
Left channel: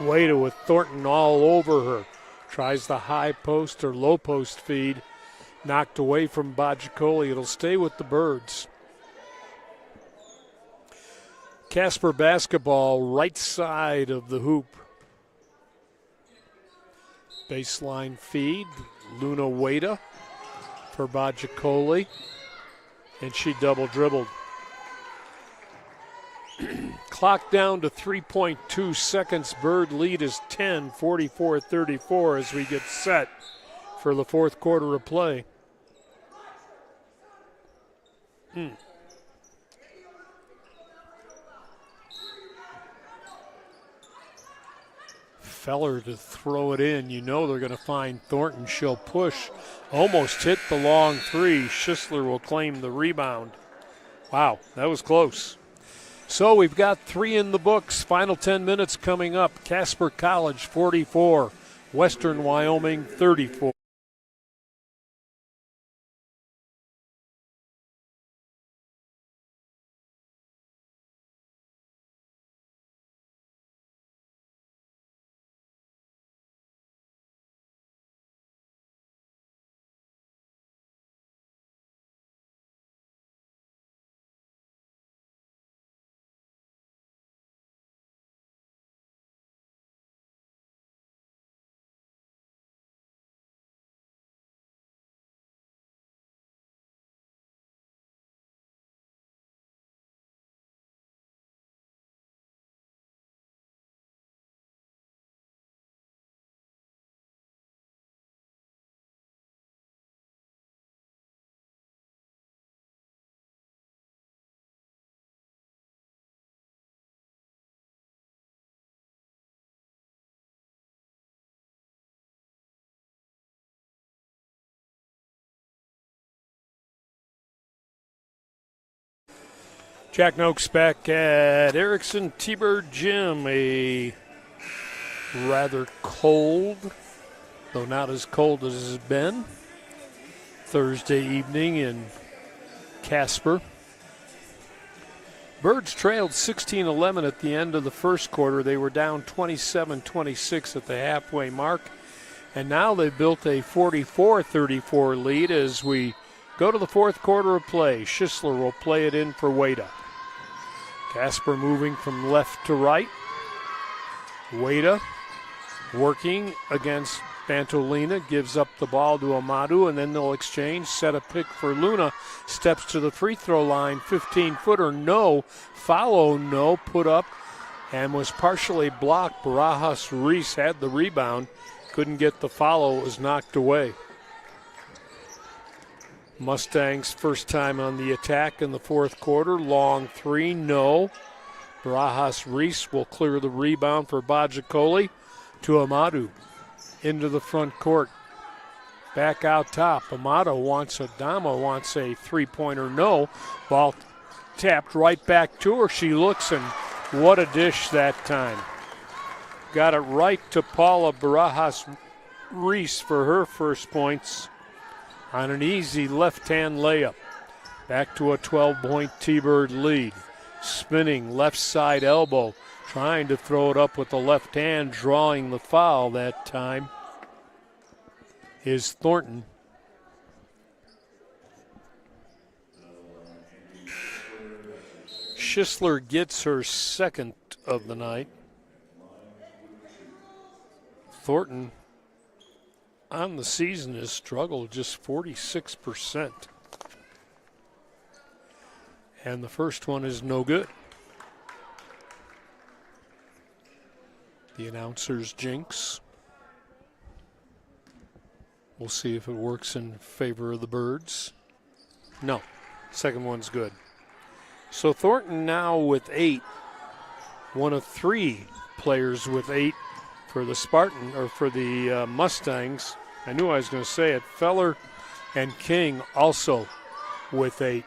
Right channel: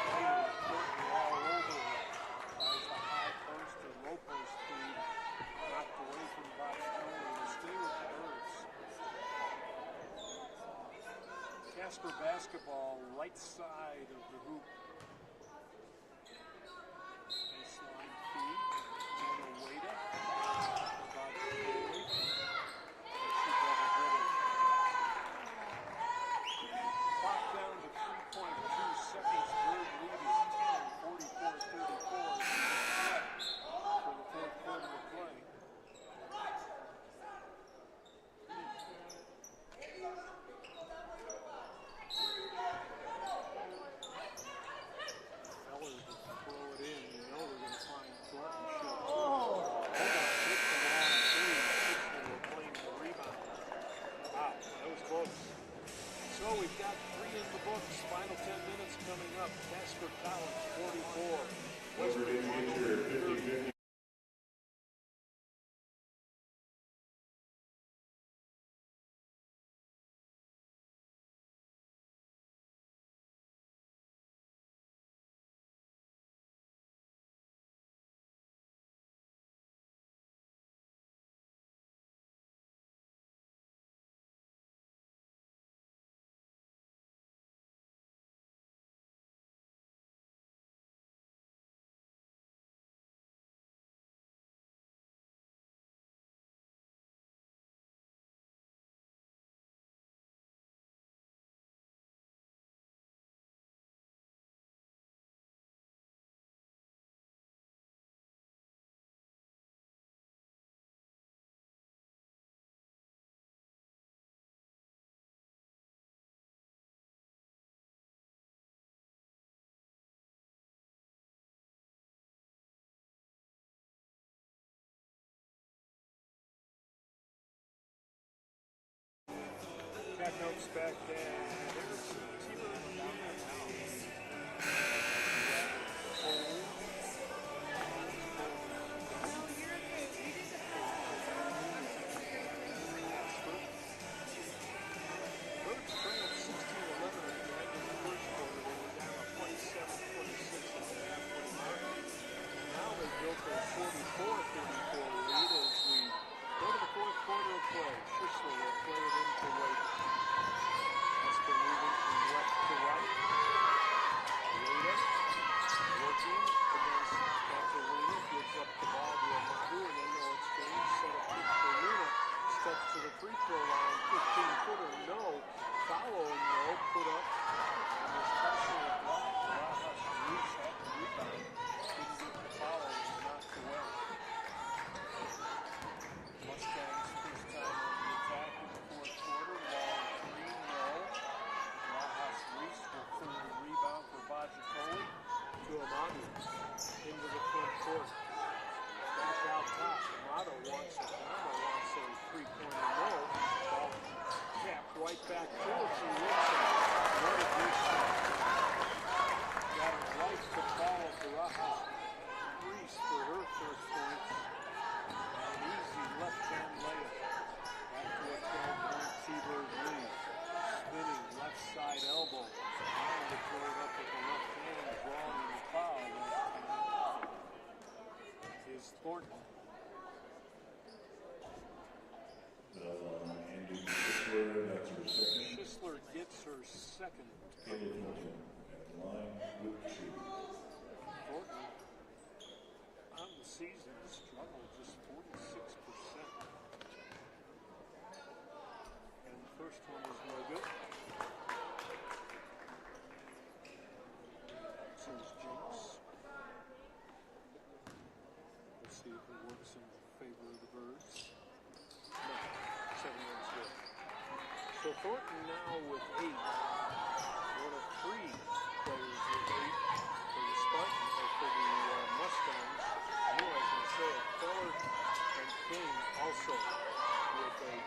Wada with Thornton all over her. Tries the high post or low post feed. Knocked away from Bajacoli. It'll stay with the Birds. Casper basketball, right side of the hoop. Baseline feed, Luna Wada for Bajacoli, and she double dribbled. Clock down to 3.2 seconds. Bird lead is 10, 44-34 as we get set for the fourth quarter of play. Feller to throw it in. You know they're going to find Thornton. She'll push. Almost hit the long 3. Schisler will claim the rebound. Wow, that was close. So we've got 3 in the books. Final 10 minutes coming up. Casper College 44, Western Wyoming 34. Jack Noakes back at Erickson T-Bird Gym. A rather cold, though not as cold as it's been, Thursday evening in Casper. Birds trailed 16-11 at the end of the first quarter. They were down 27-26 at the halfway mark. And now they've built a 44-34 lead as we go to the fourth quarter of play. Schisler will play it in for Wada. Casper moving from left to right. Wada working against Bantolina, gives up the ball to Amadou, and then they'll exchange, set a pick for Luna, steps to the free throw line, 15-footer, no, follow, no, put up, and was partially blocked. Barajas Reese had the rebound, couldn't get the follow, it was knocked away. Mustangs first time on the attack in the fourth quarter, long three, no. Barajas Reese will clear the rebound for Bajacoli to Amadou. Into the front court. Back out top. Adama wants a three-pointer, no. Ball tapped right back to her. She looks, and what a dish that time. Got it right to Paula Barajas Reese for her first points on an easy left-hand layup. Back to a 12-point T-Bird lead. Spinning left side elbow. Trying to throw it up with the left hand, drawing the foul that time is Thornton. Schisler gets her second of the night. Thornton on the season has struggled just 46%. And the first one is no good. The announcer's jinx. We'll see if it works in favor of the Birds. No, second one's good. So Thornton now with 8, one of 3 players with 8 for the Mustangs. I knew I was going to say it. Feller and King also with 8.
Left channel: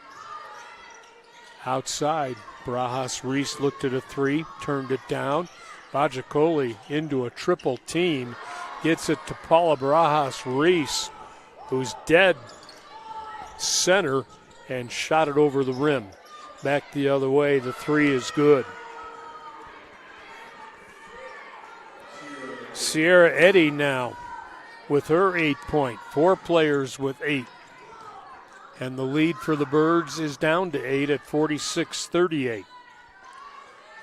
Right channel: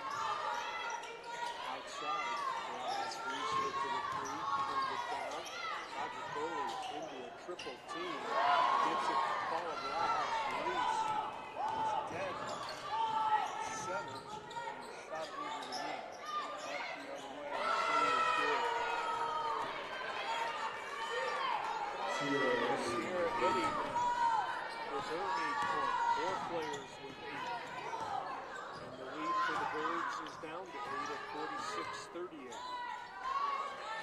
Outside, Barajas Reese looked at a 3, turned it down. Bajacoli into a triple team, gets it to Paula Barajas Reese, who's dead center, and shot it over the rim. Back the other way, the 3 is good. Sierra Eddy now with her 8-point, 4 players with 8. And the lead for the Birds is down to 8 at 46-38.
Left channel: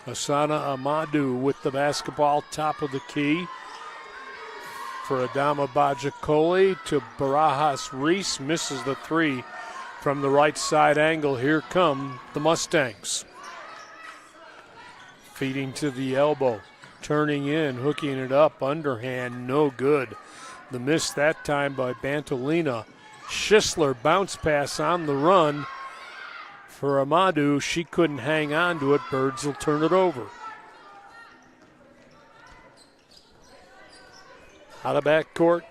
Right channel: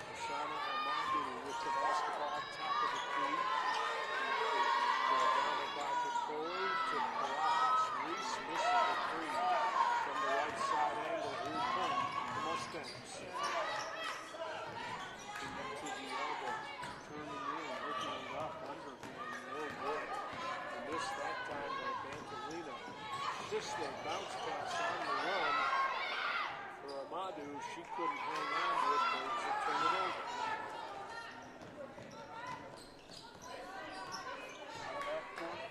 Asana Amadou with the basketball, top of the key for Adama Bajacoli to Barajas Reese, misses the 3 from the right side angle. Here come the Mustangs. Feeding to the elbow, turning in, hooking it up, underhand, no good. The miss that time by Bantolina. Schisler bounce pass on the run. For Amadou, she couldn't hang on to it. Birds will turn it over. Out of backcourt,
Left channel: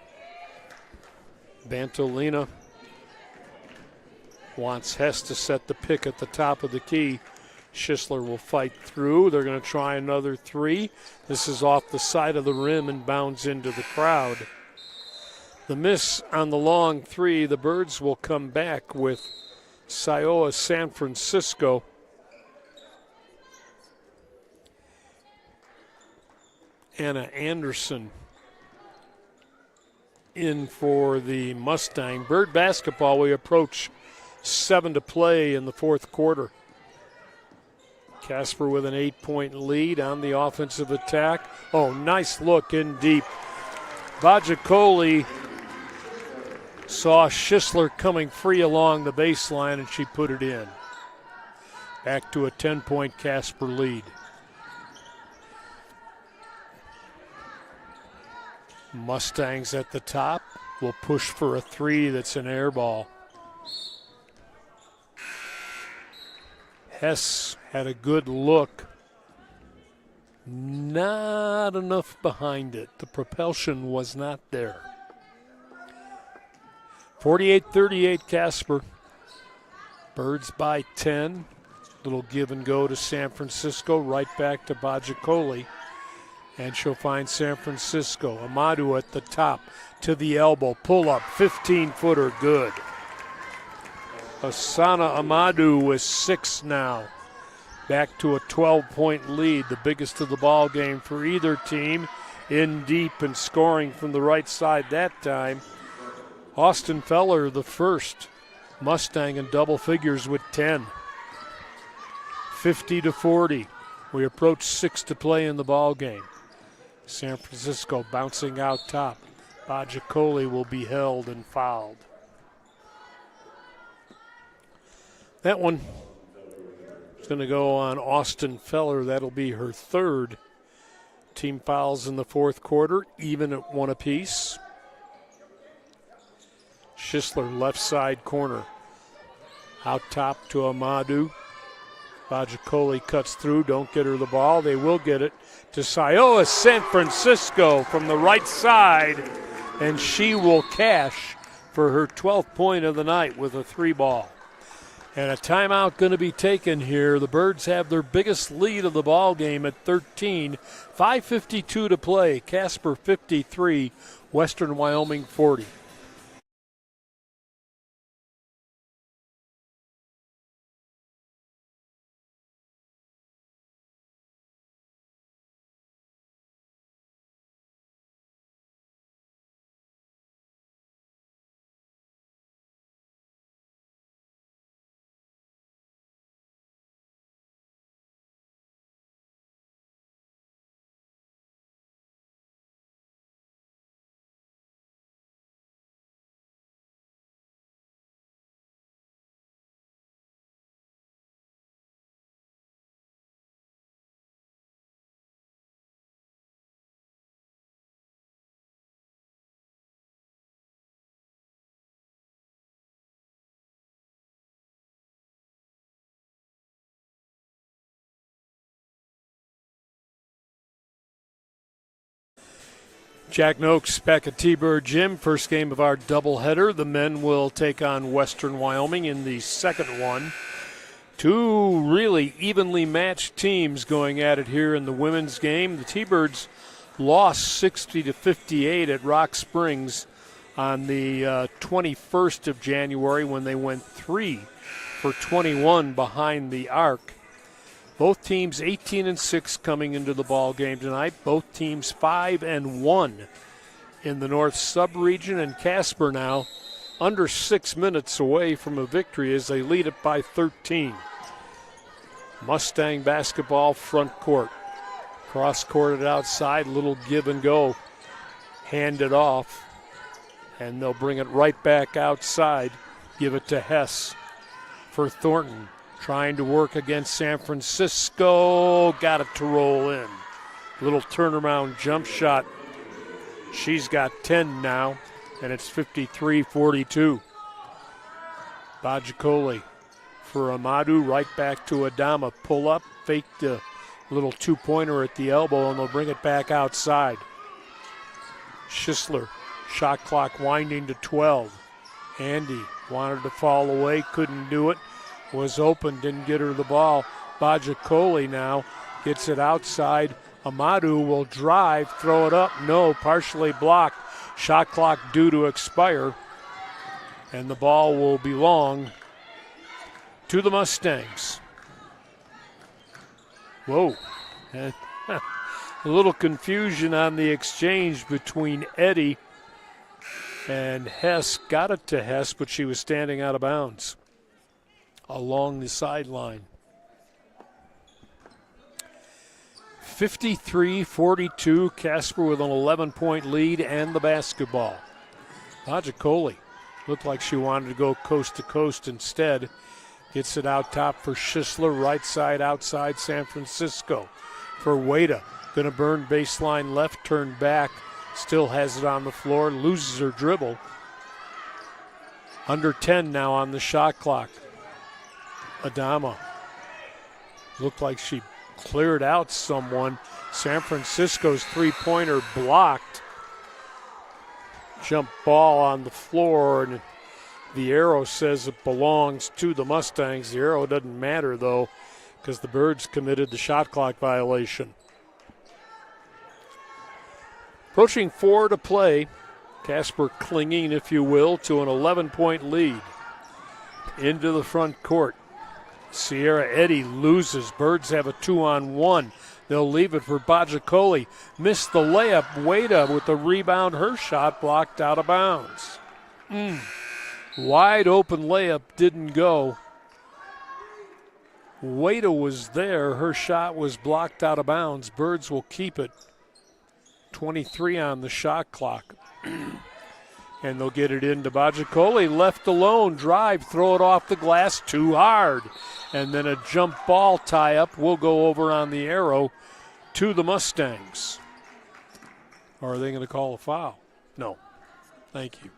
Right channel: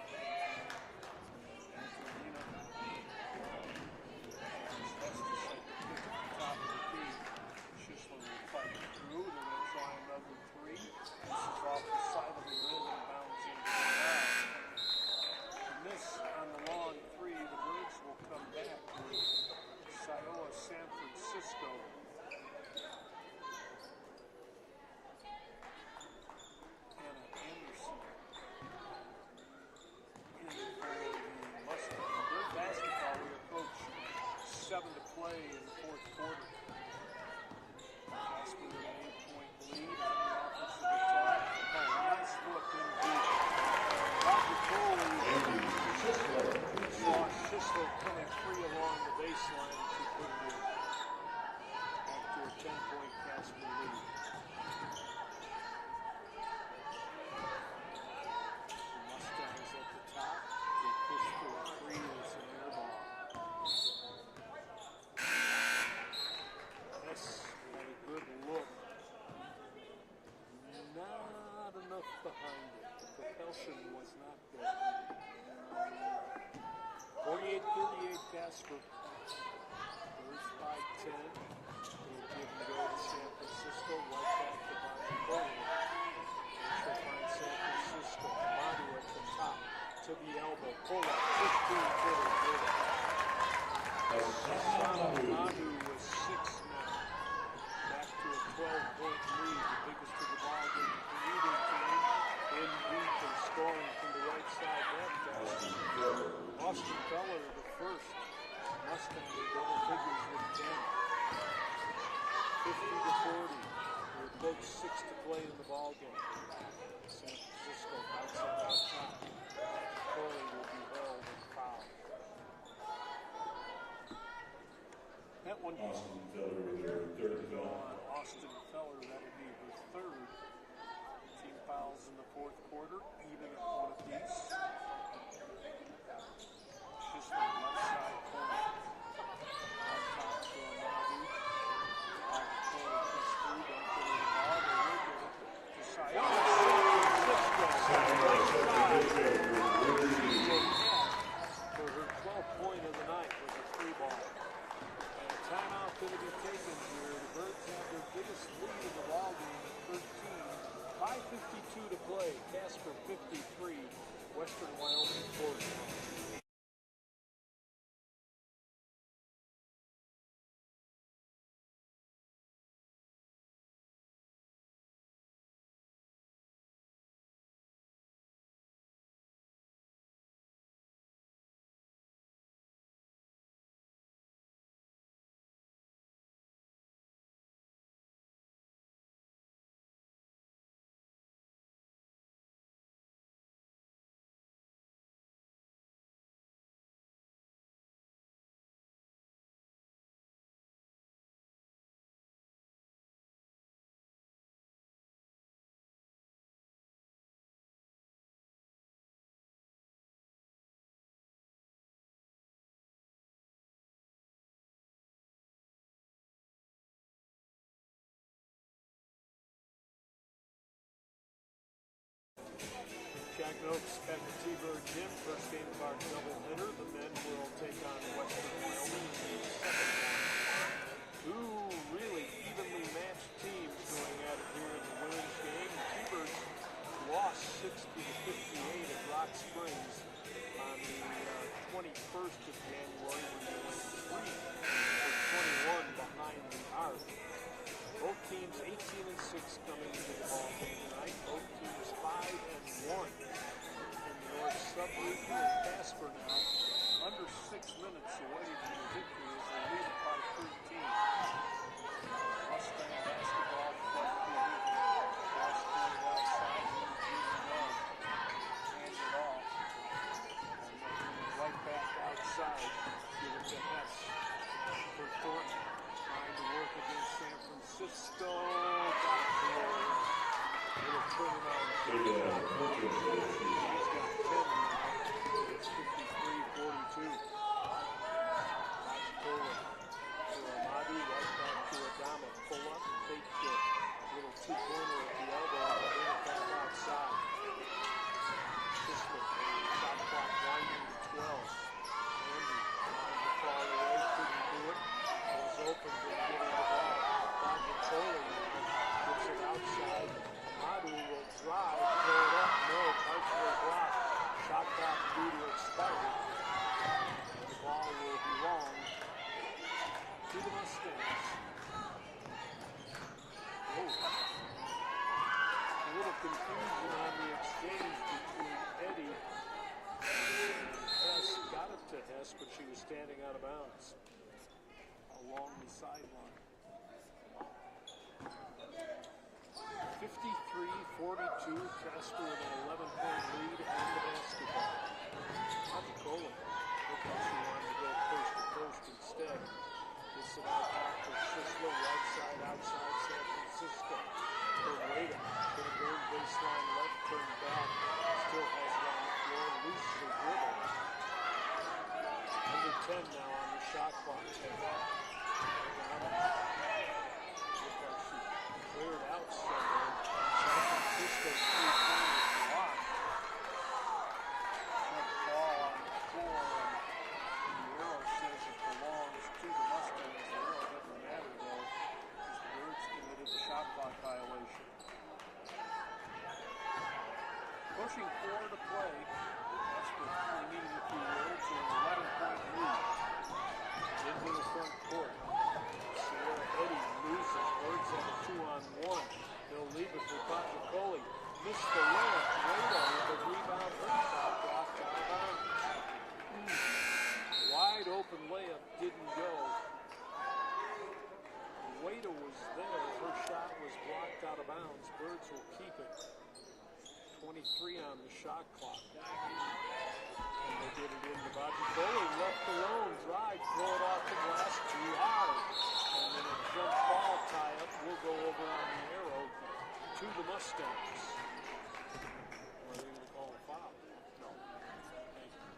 Bantolina wants Hess to set the pick at the top of the key. Schisler will fight through. They're going to try another 3. This is off the side of the rim and bounds into the crowd. The miss on the long 3. The Birds will come back with Siowa San Francisco. Anna Anderson in for the Mustang. Bird basketball, we approach 7 to play in the fourth quarter. Casper with an 8-point lead on the offensive attack. Oh, nice look in deep. Bajacoli saw Schisler coming free along the baseline, and she put it in. Back to a 10-point Casper lead. Mustangs at the top will push for a 3 that's an air ball. Hess had a good look. Not enough behind it. The propulsion was not there. 48-38 Casper. Birds by 10. Little give and go to San Francisco, right back to Bajikoli. And she'll find San Francisco. Amadou at the top to the elbow. Pull up, 15-footer, good. Asana Amadou with 6 now. Back to a 12-point lead, the biggest of the ball game for either team. In deep and scoring from the right side that time. Austin Feller, the first Mustang in double figures with 10. 50-40. We approach 6 to play in the ball game. San Francisco bouncing out top. Bajikoli will be held and fouled. That one is going to go on Austin Feller. That'll be her 3rd. Team fouls in the 4th quarter, even at 1 apiece. Schisler, left side corner. Out top to Amadou. Bajikoli cuts through, don't get her the ball. They will get it to Sioa San Francisco from the right side, and she will cash for her 12th point of the night with a 3-ball. And a timeout going to be taken here. The Birds have their biggest lead of the ball game at 13. 5:52 to play. Casper 53, Western Wyoming 40. Jack Noakes back at T-Bird Gym. First game of our doubleheader. The men will take on Western Wyoming in the second one. 2 really evenly matched teams going at it here in the women's game. The T-Birds lost 60-58 at Rock Springs on the 21st of January when they went 3 for 21 behind the arc. Both teams 18-6 coming into the ball game tonight. Both teams 5-1 in the North Sub-region, and Casper now under 6 minutes away from a victory as they lead it by 13. Mustang basketball front court. Cross-courted outside, little give and go. Hand it off, and they'll bring it right back outside. Give it to Hess for Thornton. Trying to work against San Francisco. Got it to roll in. Little turnaround jump shot. She's got 10 now, and it's 53-42. Bajikoli for Amadou, right back to Adama. Pull up, fake the little 2-pointer at the elbow, and they'll bring it back outside. Schisler, shot clock winding to 12. Andy wanted to fall away, couldn't do it. Was open, didn't get her the ball. Bajikoli now gets it outside. Amadou will drive, throw it up. No, partially blocked. Shot clock due to expire. And the ball will belong to the Mustangs. Whoa. A little confusion on the exchange between Eddy and Hess. Got it to Hess, but she was standing out of bounds along the sideline. 53-42, Casper with an 11-point lead and the basketball. Bajikoli looked like she wanted to go coast to coast instead. Gets it out top for Schisler, right side outside San Francisco. For Wada, gonna burn baseline left, turn back, still has it on the floor, loses her dribble. Under 10 now on the shot clock. Adama looked like she cleared out someone. San Francisco's 3-pointer blocked. Jump ball on the floor, and the arrow says it belongs to the Mustangs. The arrow doesn't matter, though. because the Birds committed the shot clock violation. Approaching 4 to play. Casper clinging, if you will, to an 11-point lead. Into the front court. Sierra Eddy loses. Birds have a 2-on-1. They'll leave it for Bajacoli. Missed the layup. Wada with the rebound. Her shot blocked out of bounds. Wide open layup didn't go. Wada was there. Her shot was blocked out of bounds. Birds will keep it. 23 on the shot clock. And they'll get it into Bajacoli. Left alone. Drive. Throw it off the glass. Too hard. And then a jump ball tie-up will go over on the arrow to the Mustangs. Or are they going to call a foul? No. Thank you.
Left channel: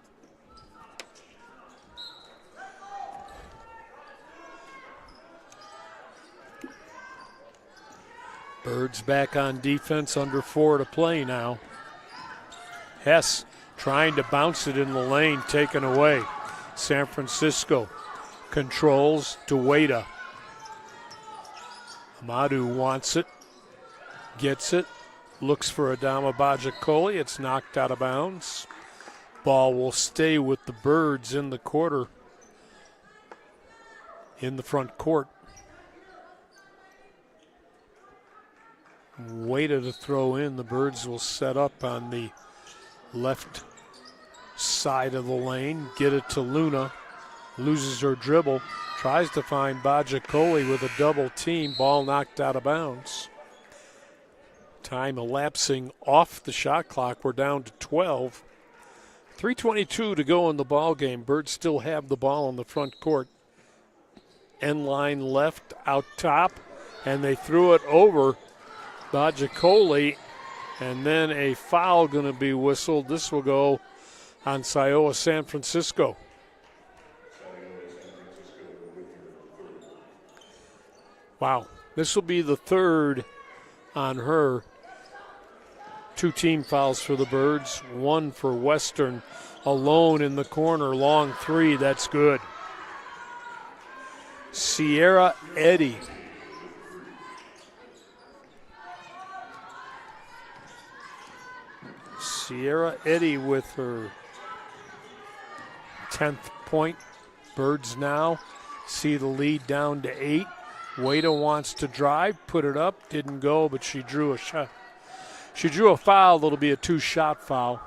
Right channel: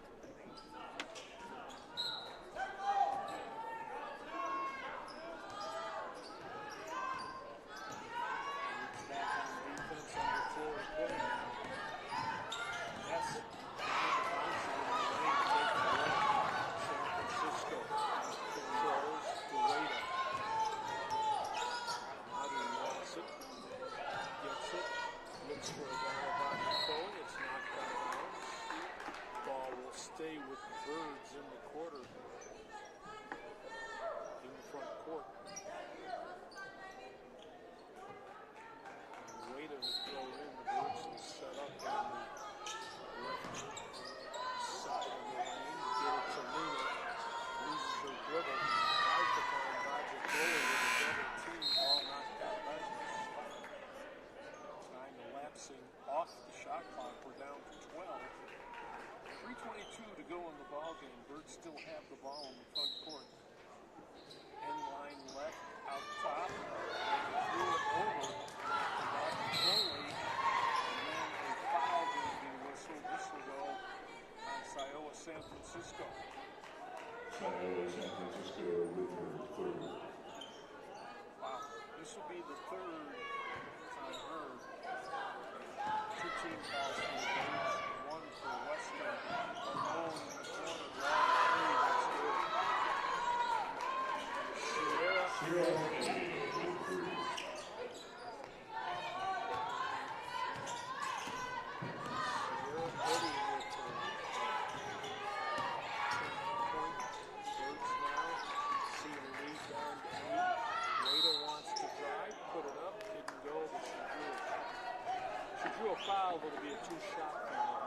Birds back on defense, under 4 to play now. Hess trying to bounce it in the lane, taken away. San Francisco controls to Wada. Amadou wants it, gets it, looks for Adama Bajacoli. It's knocked out of bounds. Ball will stay with the Birds in the quarter, in the front court. Wada to throw in. The Birds will set up on the left side of the lane. Get it to Luna. Loses her dribble. Tries to find Bajacoli with a double team. Ball knocked out of bounds. Time elapsing off the shot clock. We're down to 12. 3:22 to go in the ball game. Birds still have the ball in the front court. End line left out top. And they threw it over Bajacoli, and then a foul going to be whistled. This will go on Siowa San Francisco. Wow, this will be the third on her. 2 team fouls for the Birds, 1 for Western. Alone in the corner, long 3, that's good. Sierra Eddy. Sierra Eddy with her 10th point. Birds now see the lead down to 8. Wada wants to drive, put it up, didn't go, but she drew a shot. She drew a foul that'll be a 2-shot foul.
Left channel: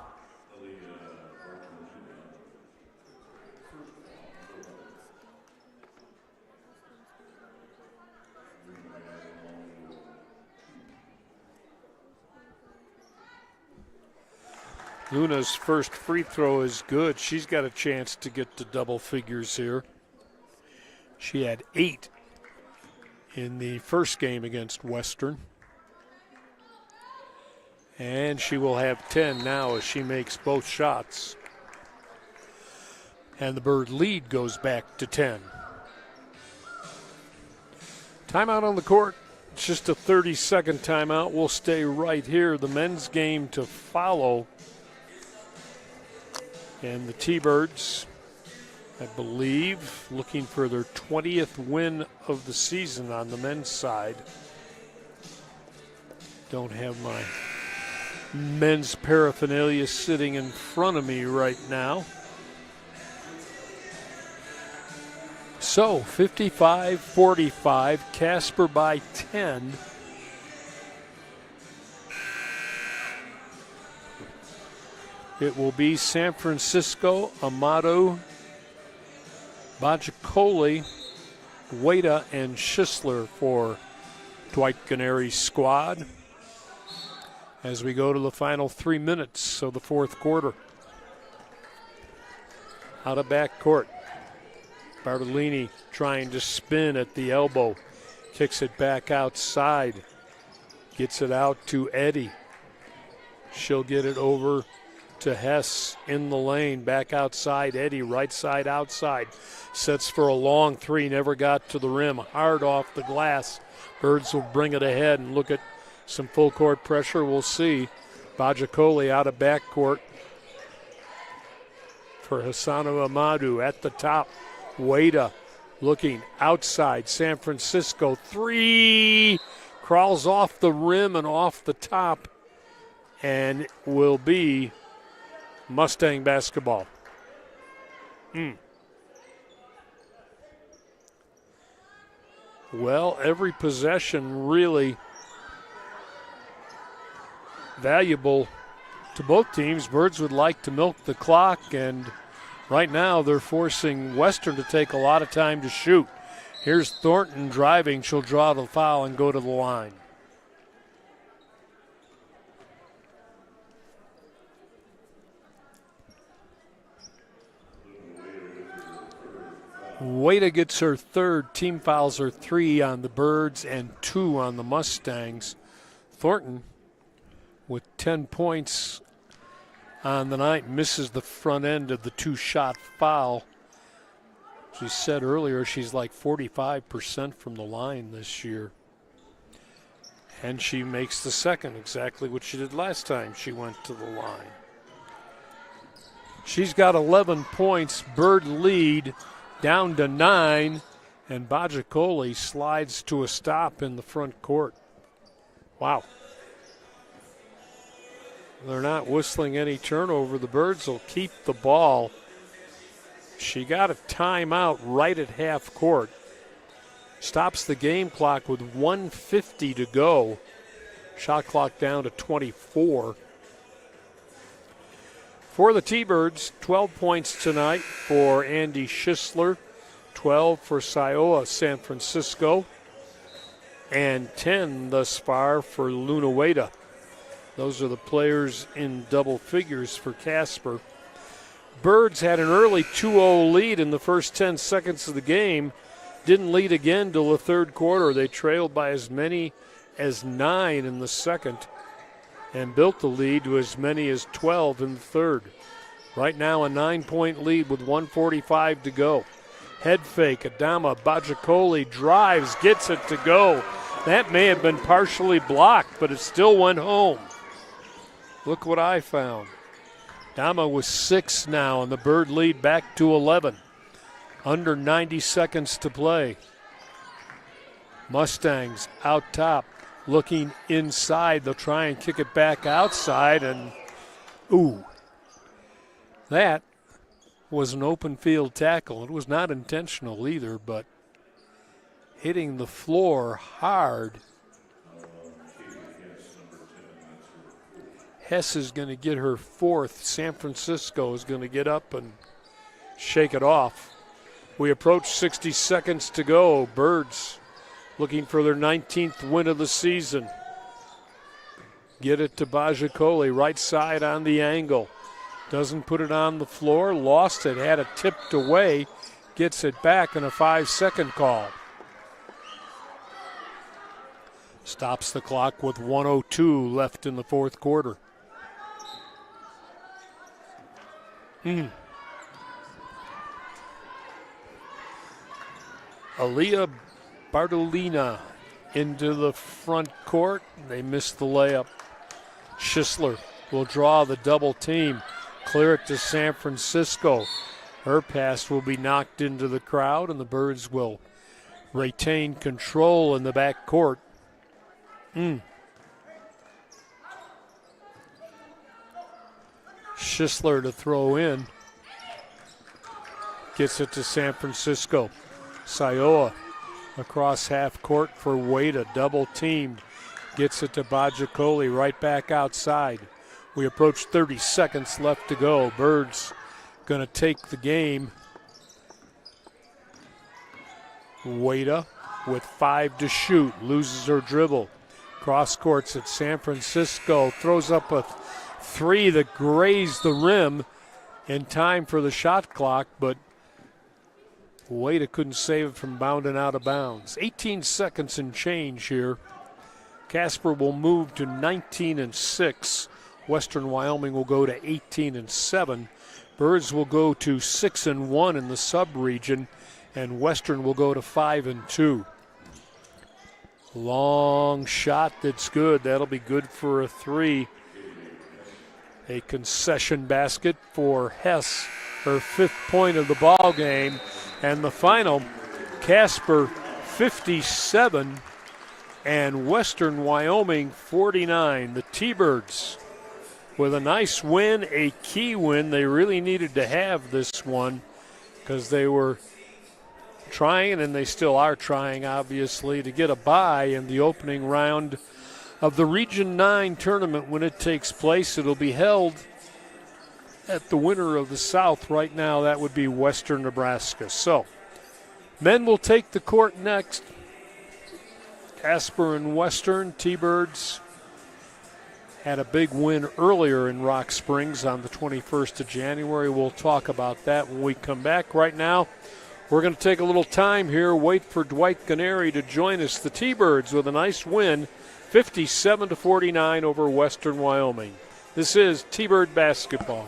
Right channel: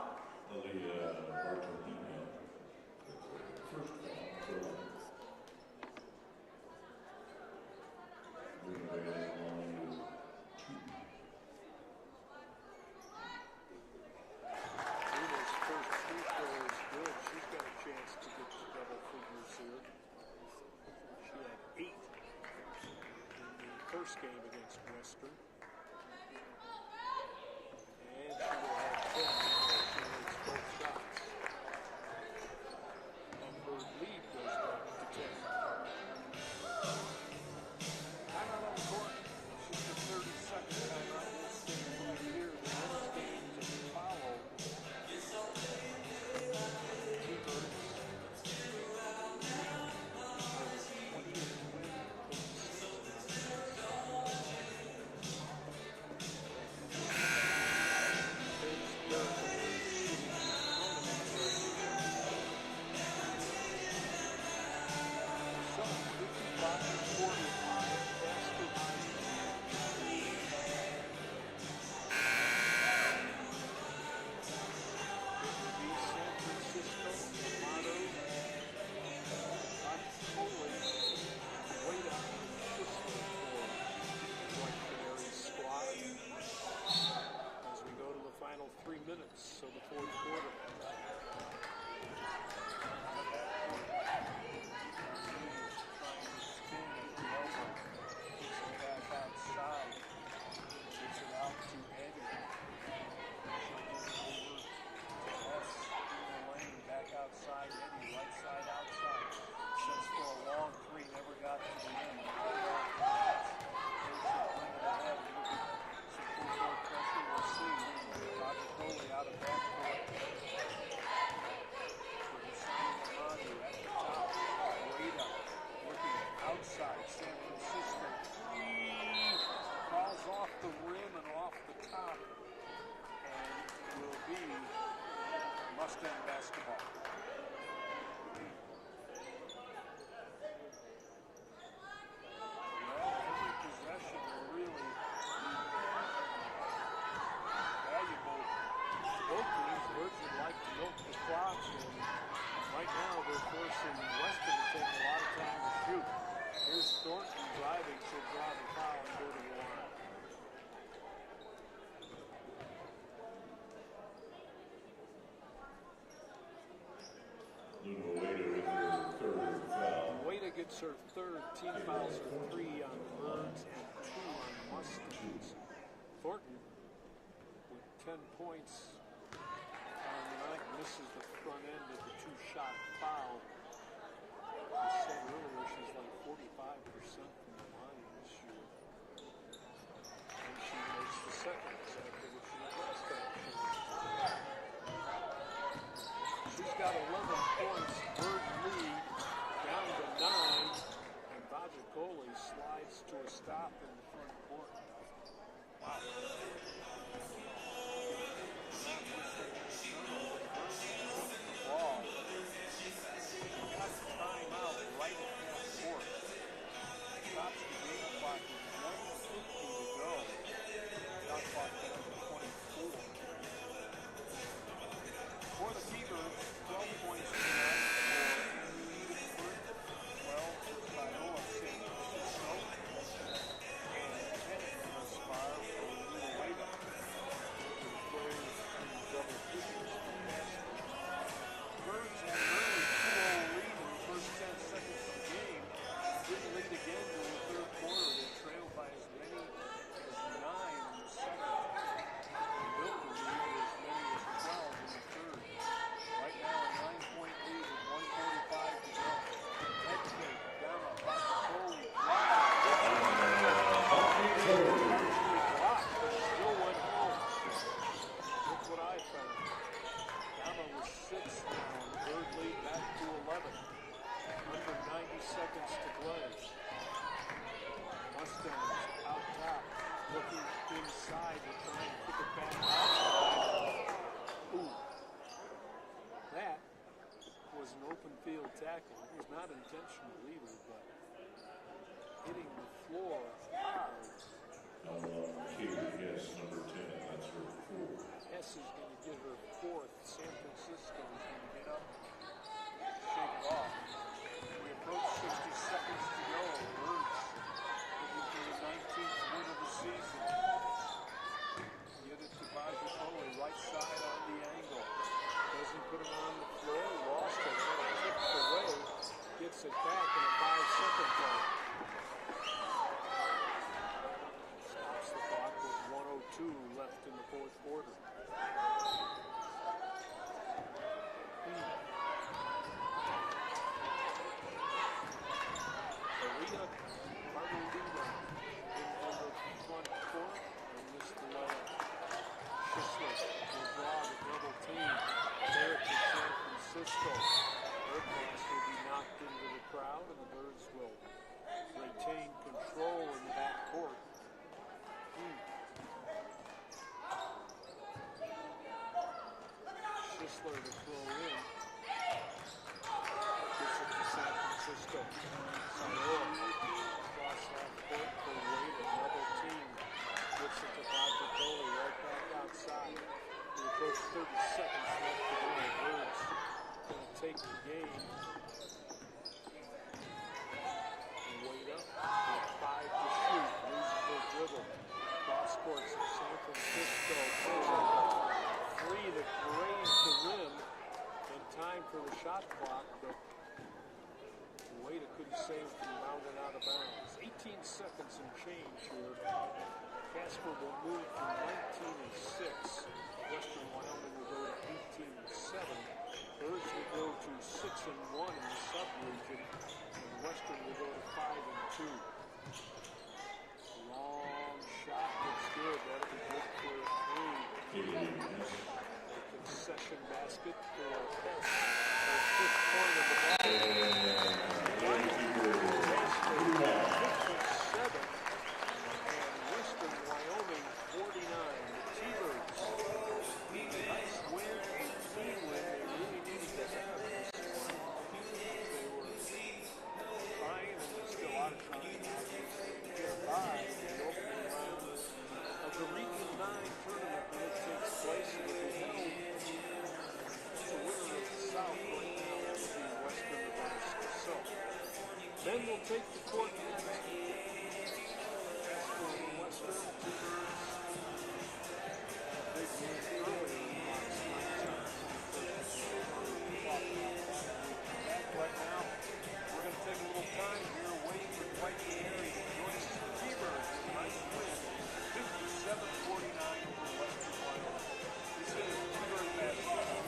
Luna's first free throw is good. She's got a chance to get to double figures here. She had 8 in the first game against Western. And she will have 10 now as she makes both shots. And the Bird lead goes back to 10. Timeout on the court. It's just a 30-second timeout. We'll stay right here. The men's game to follow. And the T-Birds, I believe, looking for their 20th win of the season on the men's side. Don't have my men's paraphernalia sitting in front of me right now. So, 55-45, Casper by 10. It will be San Francisco, Amato, Bajacoli, Wada, and Schisler for Dwight Canary squad as we go to the final 3 minutes of the fourth quarter. Out of backcourt. Bartolini trying to spin at the elbow. Kicks it back outside. Gets it out to Eddy. She'll get it over to Hess in the lane. Back outside, Eddy, right side outside. Sets for a long 3, never got to the rim. Hard off the glass. Birds will bring it ahead and look at some full court pressure. We'll see. Bajacoli out of backcourt for Hassanu Amadou at the top. Wada looking outside. San Francisco, three, crawls off the rim and off the top, and will be Mustang basketball. Well, every possession really valuable to both teams. Birds would like to milk the clock, and right now they're forcing Western to take a lot of time to shoot. Here's Thornton driving. She'll draw the foul and go to the line. Wada gets her third. Team fouls are 3 on the Birds and 2 on the Mustangs. Thornton with 10 points on the night misses the front end of the 2-shot foul. She said earlier she's like 45% from the line this year. And she makes the second, exactly what she did last time she went to the line. She's got 11 points. Bird lead down to 9, and Bajacoli slides to a stop in the front court. Wow. They're not whistling any turnover. The Birds will keep the ball. She got a timeout right at half court. Stops the game clock with 1:50 to go. Shot clock down to 24. For the T-Birds, 12 points tonight for Andy Schisler, 12 for Siowa San Francisco, and 10 thus far for Luna Wada. Those are the players in double figures for Casper. Birds had an early 2-0 lead in the first 10 seconds of the game. Didn't lead again till the third quarter. They trailed by as many as 9 in the second and built the lead to as many as 12 in the third. Right now a 9-point lead with 1:45 to go. Head fake, Adama Bajacoli drives, gets it to go. That may have been partially blocked, but it still went home. Look what I found. Adama with 6 now, and the Bird lead back to 11. Under 90 seconds to play. Mustangs out top. Looking inside, they'll try and kick it back outside, and ooh, that was an open field tackle. It was not intentional either, but hitting the floor hard. Hess is going to get her 4th. San Francisco is going to get up and shake it off. We approach 60 seconds to go. Birds looking for their 19th win of the season. Get it to Bajacoli, right side on the angle. Doesn't put it on the floor, lost it, had it tipped away, gets it back in a 5-second call. Stops the clock with 1:02 left in the fourth quarter. Aaliyah Bartolina into the front court. They missed the layup. Schisler will draw the double team. Clear it to San Francisco. Her pass will be knocked into the crowd, and the Birds will retain control in the back court. Schisler to throw in. Gets it to San Francisco. Siowa across half court for Wada, double team. Gets it to Bajacoli, right back outside. We approach 30 seconds left to go. Birds gonna take the game. Wada with 5 to shoot, loses her dribble. Cross courts at San Francisco, throws up a 3 that grazed the rim in time for the shot clock, but Wada couldn't save it from bounding out of bounds. 18 seconds and change here. Casper will move to 19-6. Western Wyoming will go to 18-7. Birds will go to 6-1 in the sub-region, and Western will go to 5-2. Long shot that's good. That'll be good for a 3. A concession basket for Hess, her 5th point of the ball game. And the final Casper 57 and Western Wyoming 49. The T-Birds with a nice win, a key win. They really needed to have this one because they were trying, and they still are trying, obviously, to get a bye in the opening round of the Region 9 tournament when it takes place. It'll be held at the winner of the South. Right now, that would be Western Nebraska. So, men will take the court next. Casper and Western. T-Birds had a big win earlier in Rock Springs on the 21st of January. We'll talk about that when we come back. Right now, we're going to take a little time here, wait for Dwight Canary to join us. The T-Birds with a nice win, 57-49 over Western Wyoming. This is T-Bird basketball.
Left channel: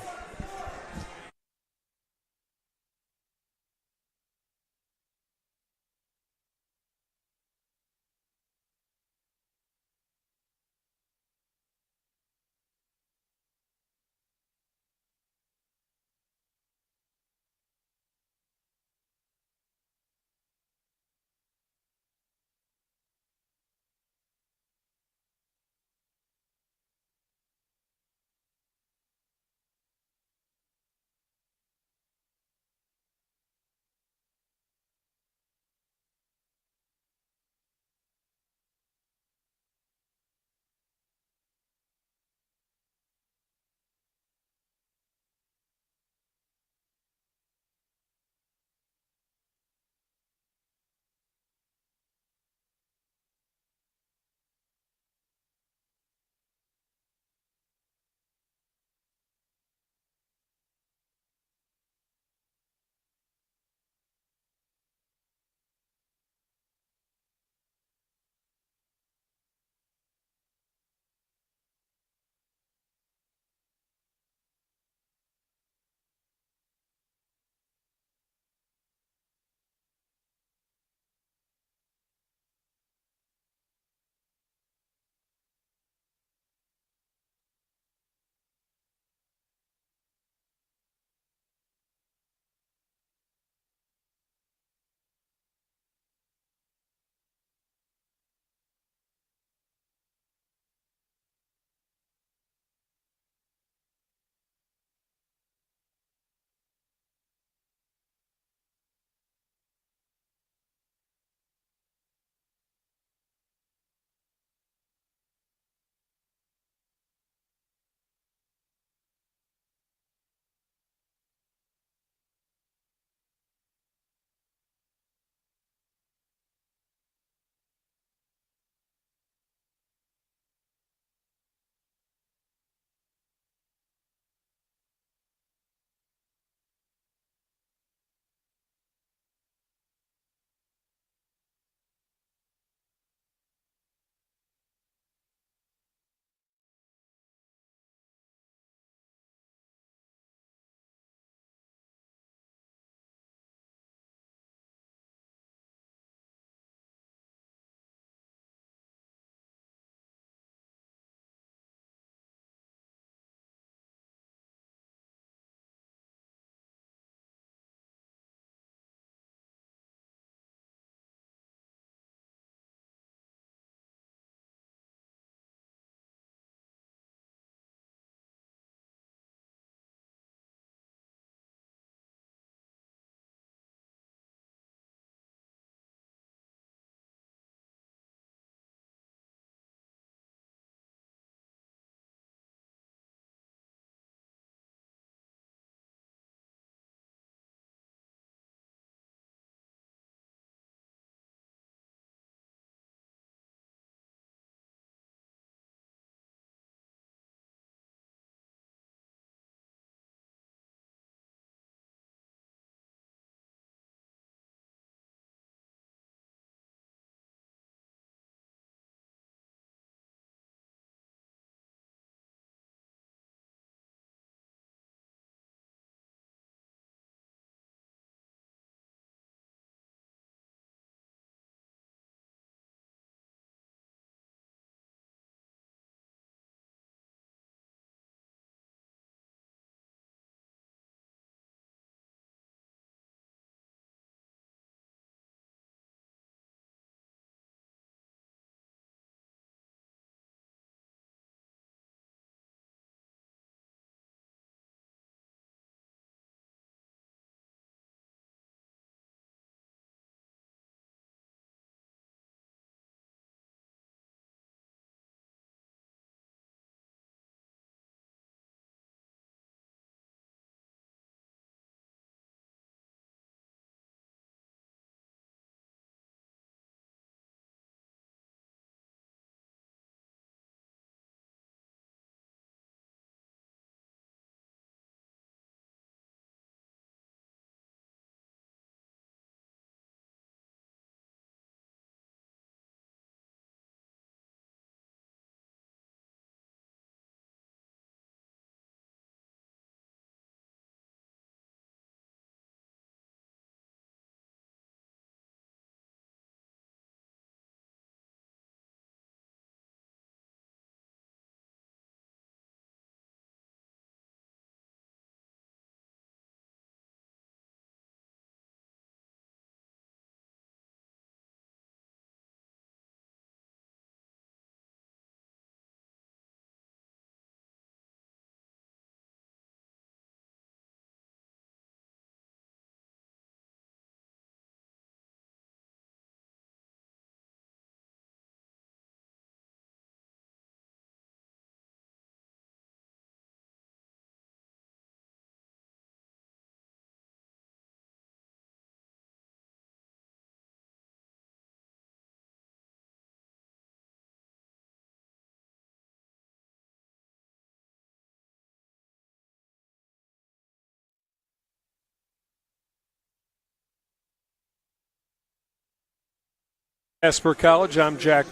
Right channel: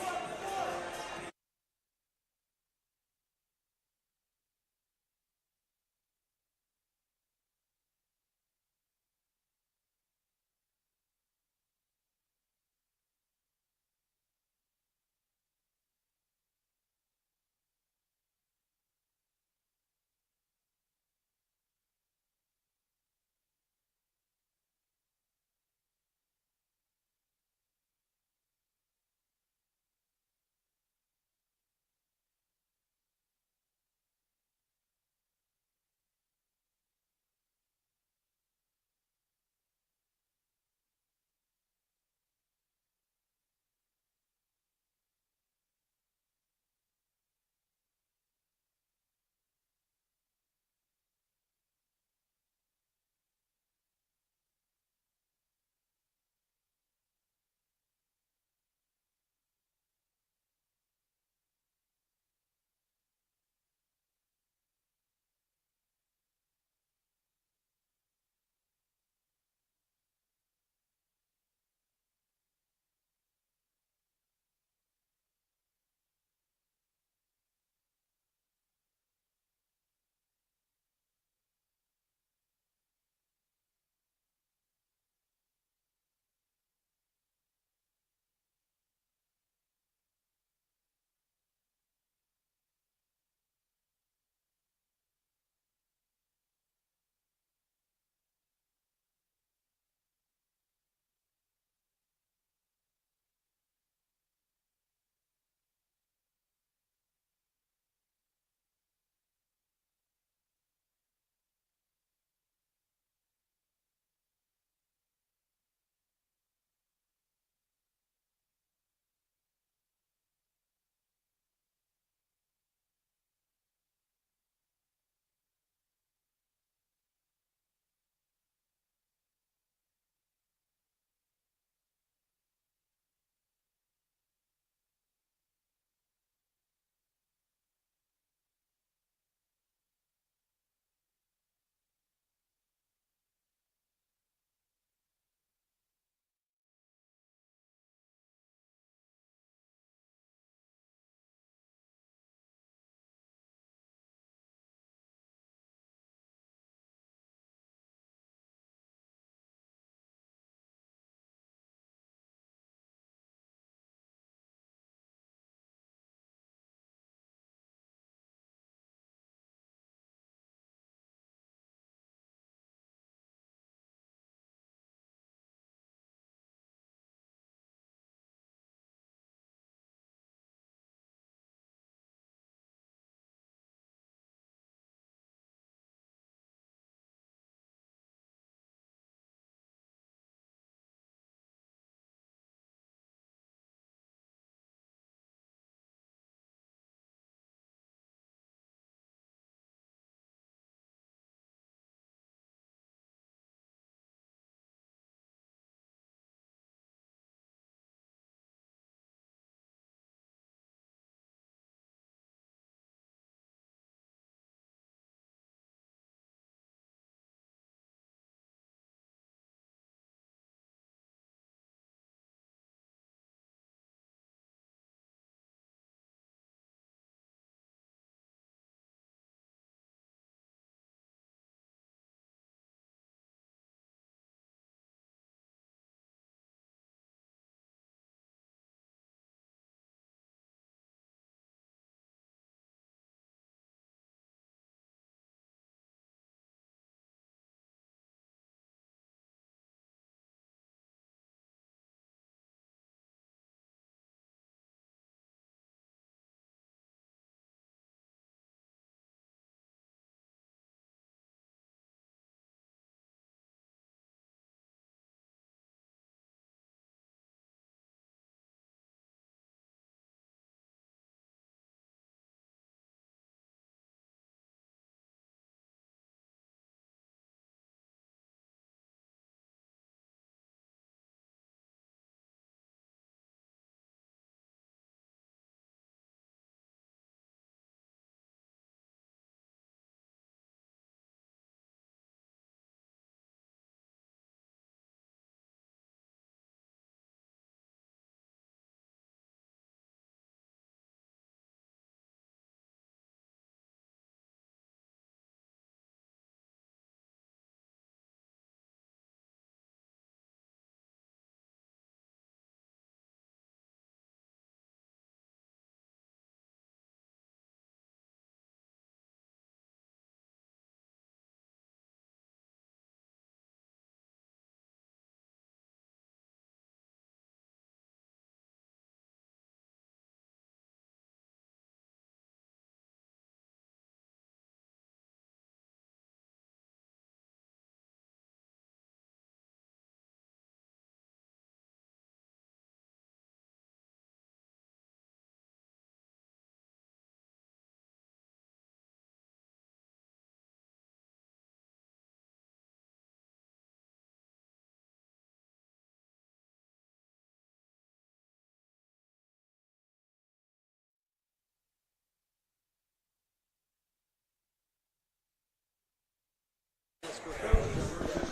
Casper College, I'm Jack.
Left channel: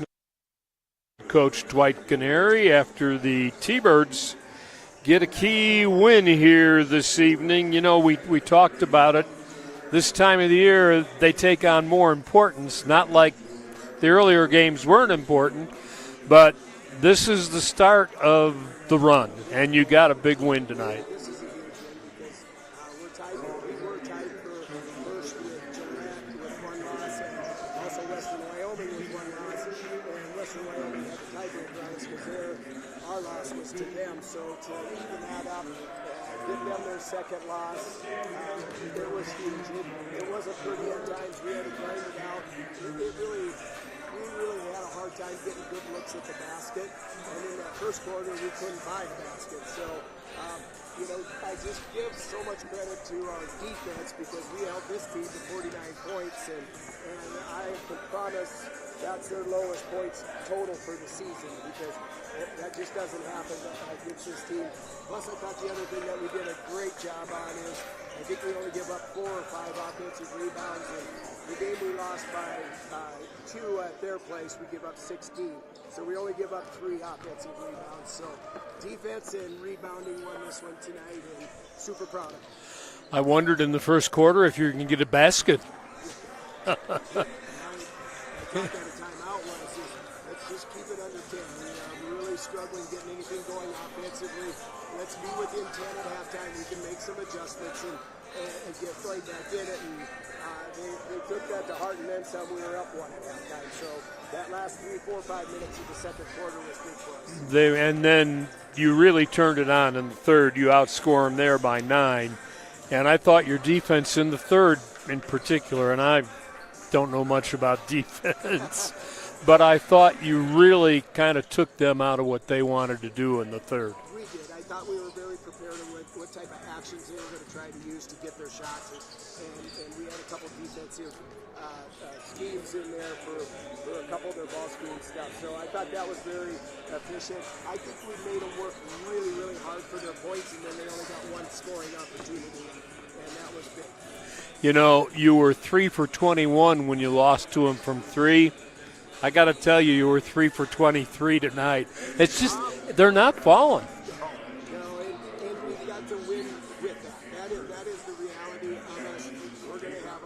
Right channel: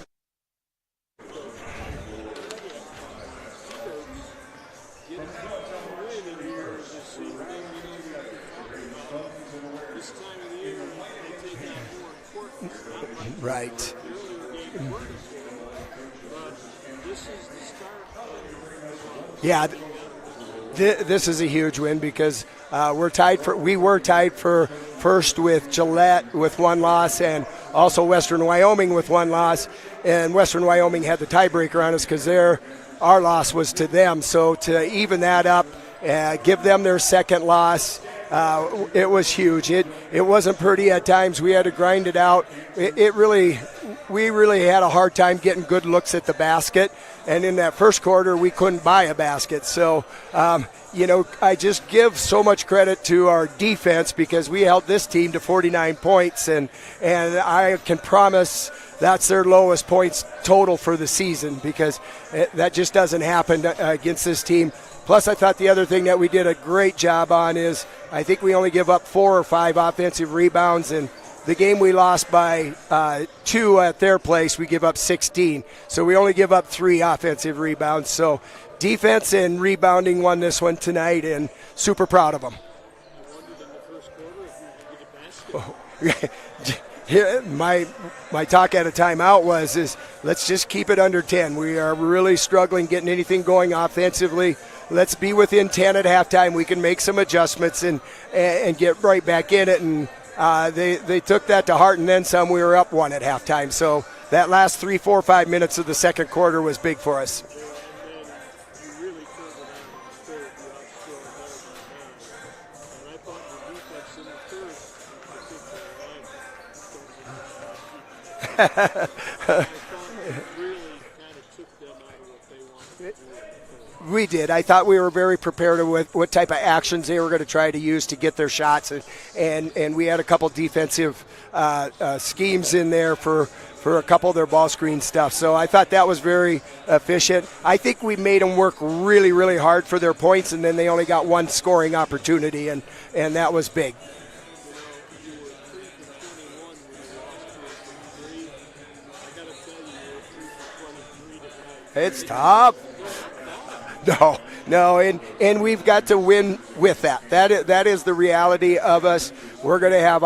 Coach Dwight Canary after the T-Birds get a key win here this evening. You know, we talked about it. This time of the year, they take on more importance, not like the earlier games weren't important, but this is the start of the run, and you got a big win tonight. This is a huge win because we were tied for first with Gillette with one loss, and also Western Wyoming with one loss. And Western Wyoming had the tiebreaker on us because our loss was to them. So to even that up, give them their second loss, it was huge. It wasn't pretty at times. We had to grind it out. We really had a hard time getting good looks at the basket. And in that first quarter, we couldn't buy a basket. So, I just give so much credit to our defense because we held this team to 49 points. And I can promise that's their lowest points total for the season because that just doesn't happen against this team. Plus, I thought the other thing that we did a great job on is I think we only give up 4 or 5 offensive rebounds, and the game we lost by 2 at their place, we give up 16. So we only give up 3 offensive rebounds. So defense and rebounding won this one tonight, and super proud of them. I wondered in the first quarter if you can get a basket. My talk at a timeout was let's just keep it under 10. We are really struggling getting anything going offensively. Let's be within 10 at halftime. We can make some adjustments and get right back in it. And they took that to heart, and then some. We were up 1 at halftime. So that last 3, 4, 5 minutes of the second quarter was big for us. And then you really turned it on in the third. You outscore them there by 9. And I thought your defense in the third in particular, and I don't know much about defense, but I thought you really kind of took them out of what they wanted to do in the third. We did. I thought we were very prepared with what type of actions they were going to try to use to get their shots, and we had a couple defensive schemes in there for a couple of their ball screen stuff. So I thought that was very efficient. I think we made them work really, really hard for their points, and then they only got 1 scoring opportunity, and that was big. You know, you were 3 for 21 when you lost to them from 3. I got to tell you, you were 3 for 23 tonight. It's tough. They're not falling. No, and we've got to win with that. That is the reality of us. We're going to have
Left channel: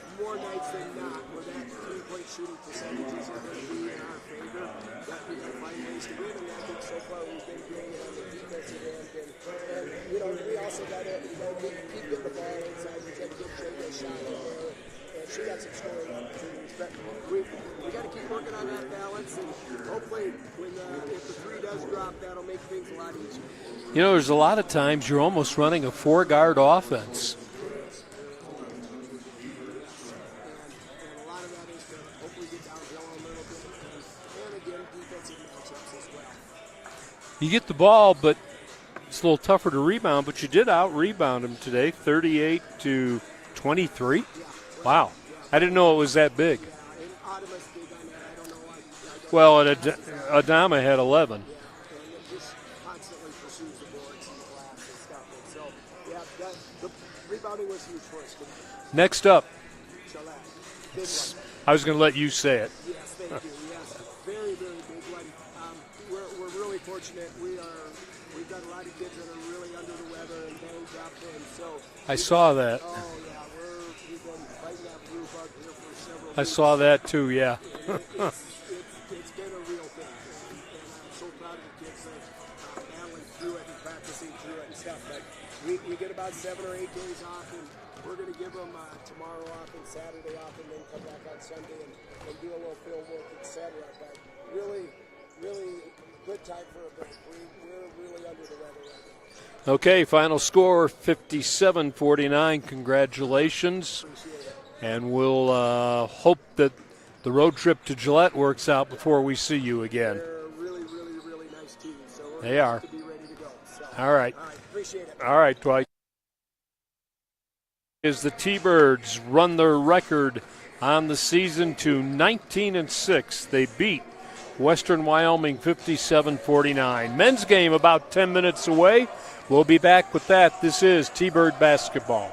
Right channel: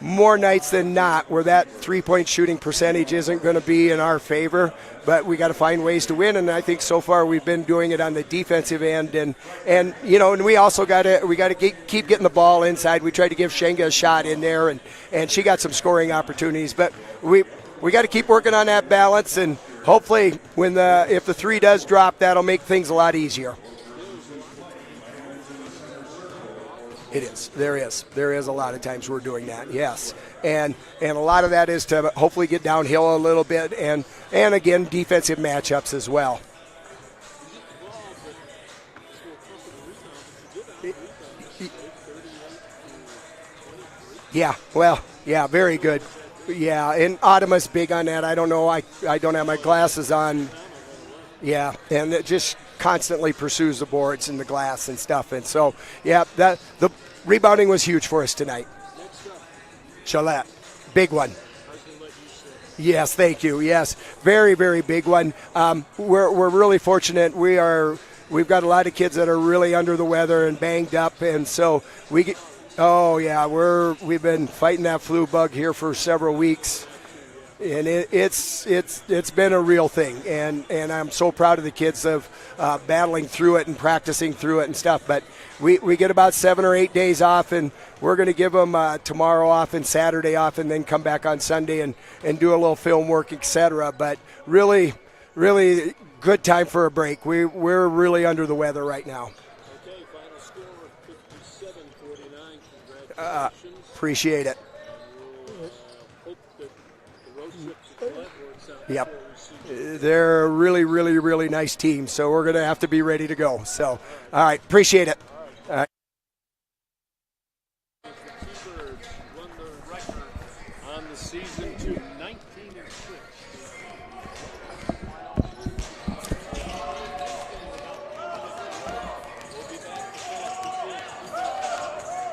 more nights than not where that 3-point shooting percentage isn't going to be in our favor. But we got to find ways to win, and I think so far we've been doing it on the defensive end, and we also got to keep getting the ball inside. We tried to give Shenga a shot in there, and she got some scoring opportunities. But we got to keep working on that balance, and hopefully if the 3 does drop, that'll make things a lot easier. You know, there's a lot of times you're almost running a 4-guard offense. It is. There is a lot of times we're doing that. Yes, and a lot of that is to hopefully get downhill a little bit and again, defensive matchups as well. You get the ball, but it's a little tougher to rebound, but you did out-rebound them today, 38-23. Yeah, well, wow. Yeah, very good. I didn't know it was that big. Yeah, and Adama's big on that. I don't know. I don't have my glasses on. Adama had 11. Yeah, and it just constantly pursues the boards and the glass and stuff. And so, yeah, the rebounding was huge for us tonight. Next up. Gillette, big one. I was going to let you say it. Yes, thank you. Yes, very, very big one. We're really fortunate. We've got a lot of kids that are really under the weather and banged up, and so I saw that. Oh yeah, we've been fighting that flu bug here for several weeks. I saw that too. Yeah, and it's been a real thing, and I'm so proud of the kids of battling through it and practicing through it and stuff. But we get about 7 or 8 days off, and we're going to give them tomorrow off and Saturday off, and then come back on Sunday and do a little film work, etc. But really, really good time for a break. We're really under the weather right now. Okay, final score 57-49. Congratulations. Appreciate it. And we'll hope that the road trip to Gillette works out before we see you again. They're a really, really, really nice team, so we're going to have to be ready to go. So, all right. Appreciate it. All right, Dwight. As the T-Birds run their record on the season to 19-6, they beat Western Wyoming 57-49. Men's game about 10 minutes away. We'll be back with that. This is T-Bird basketball.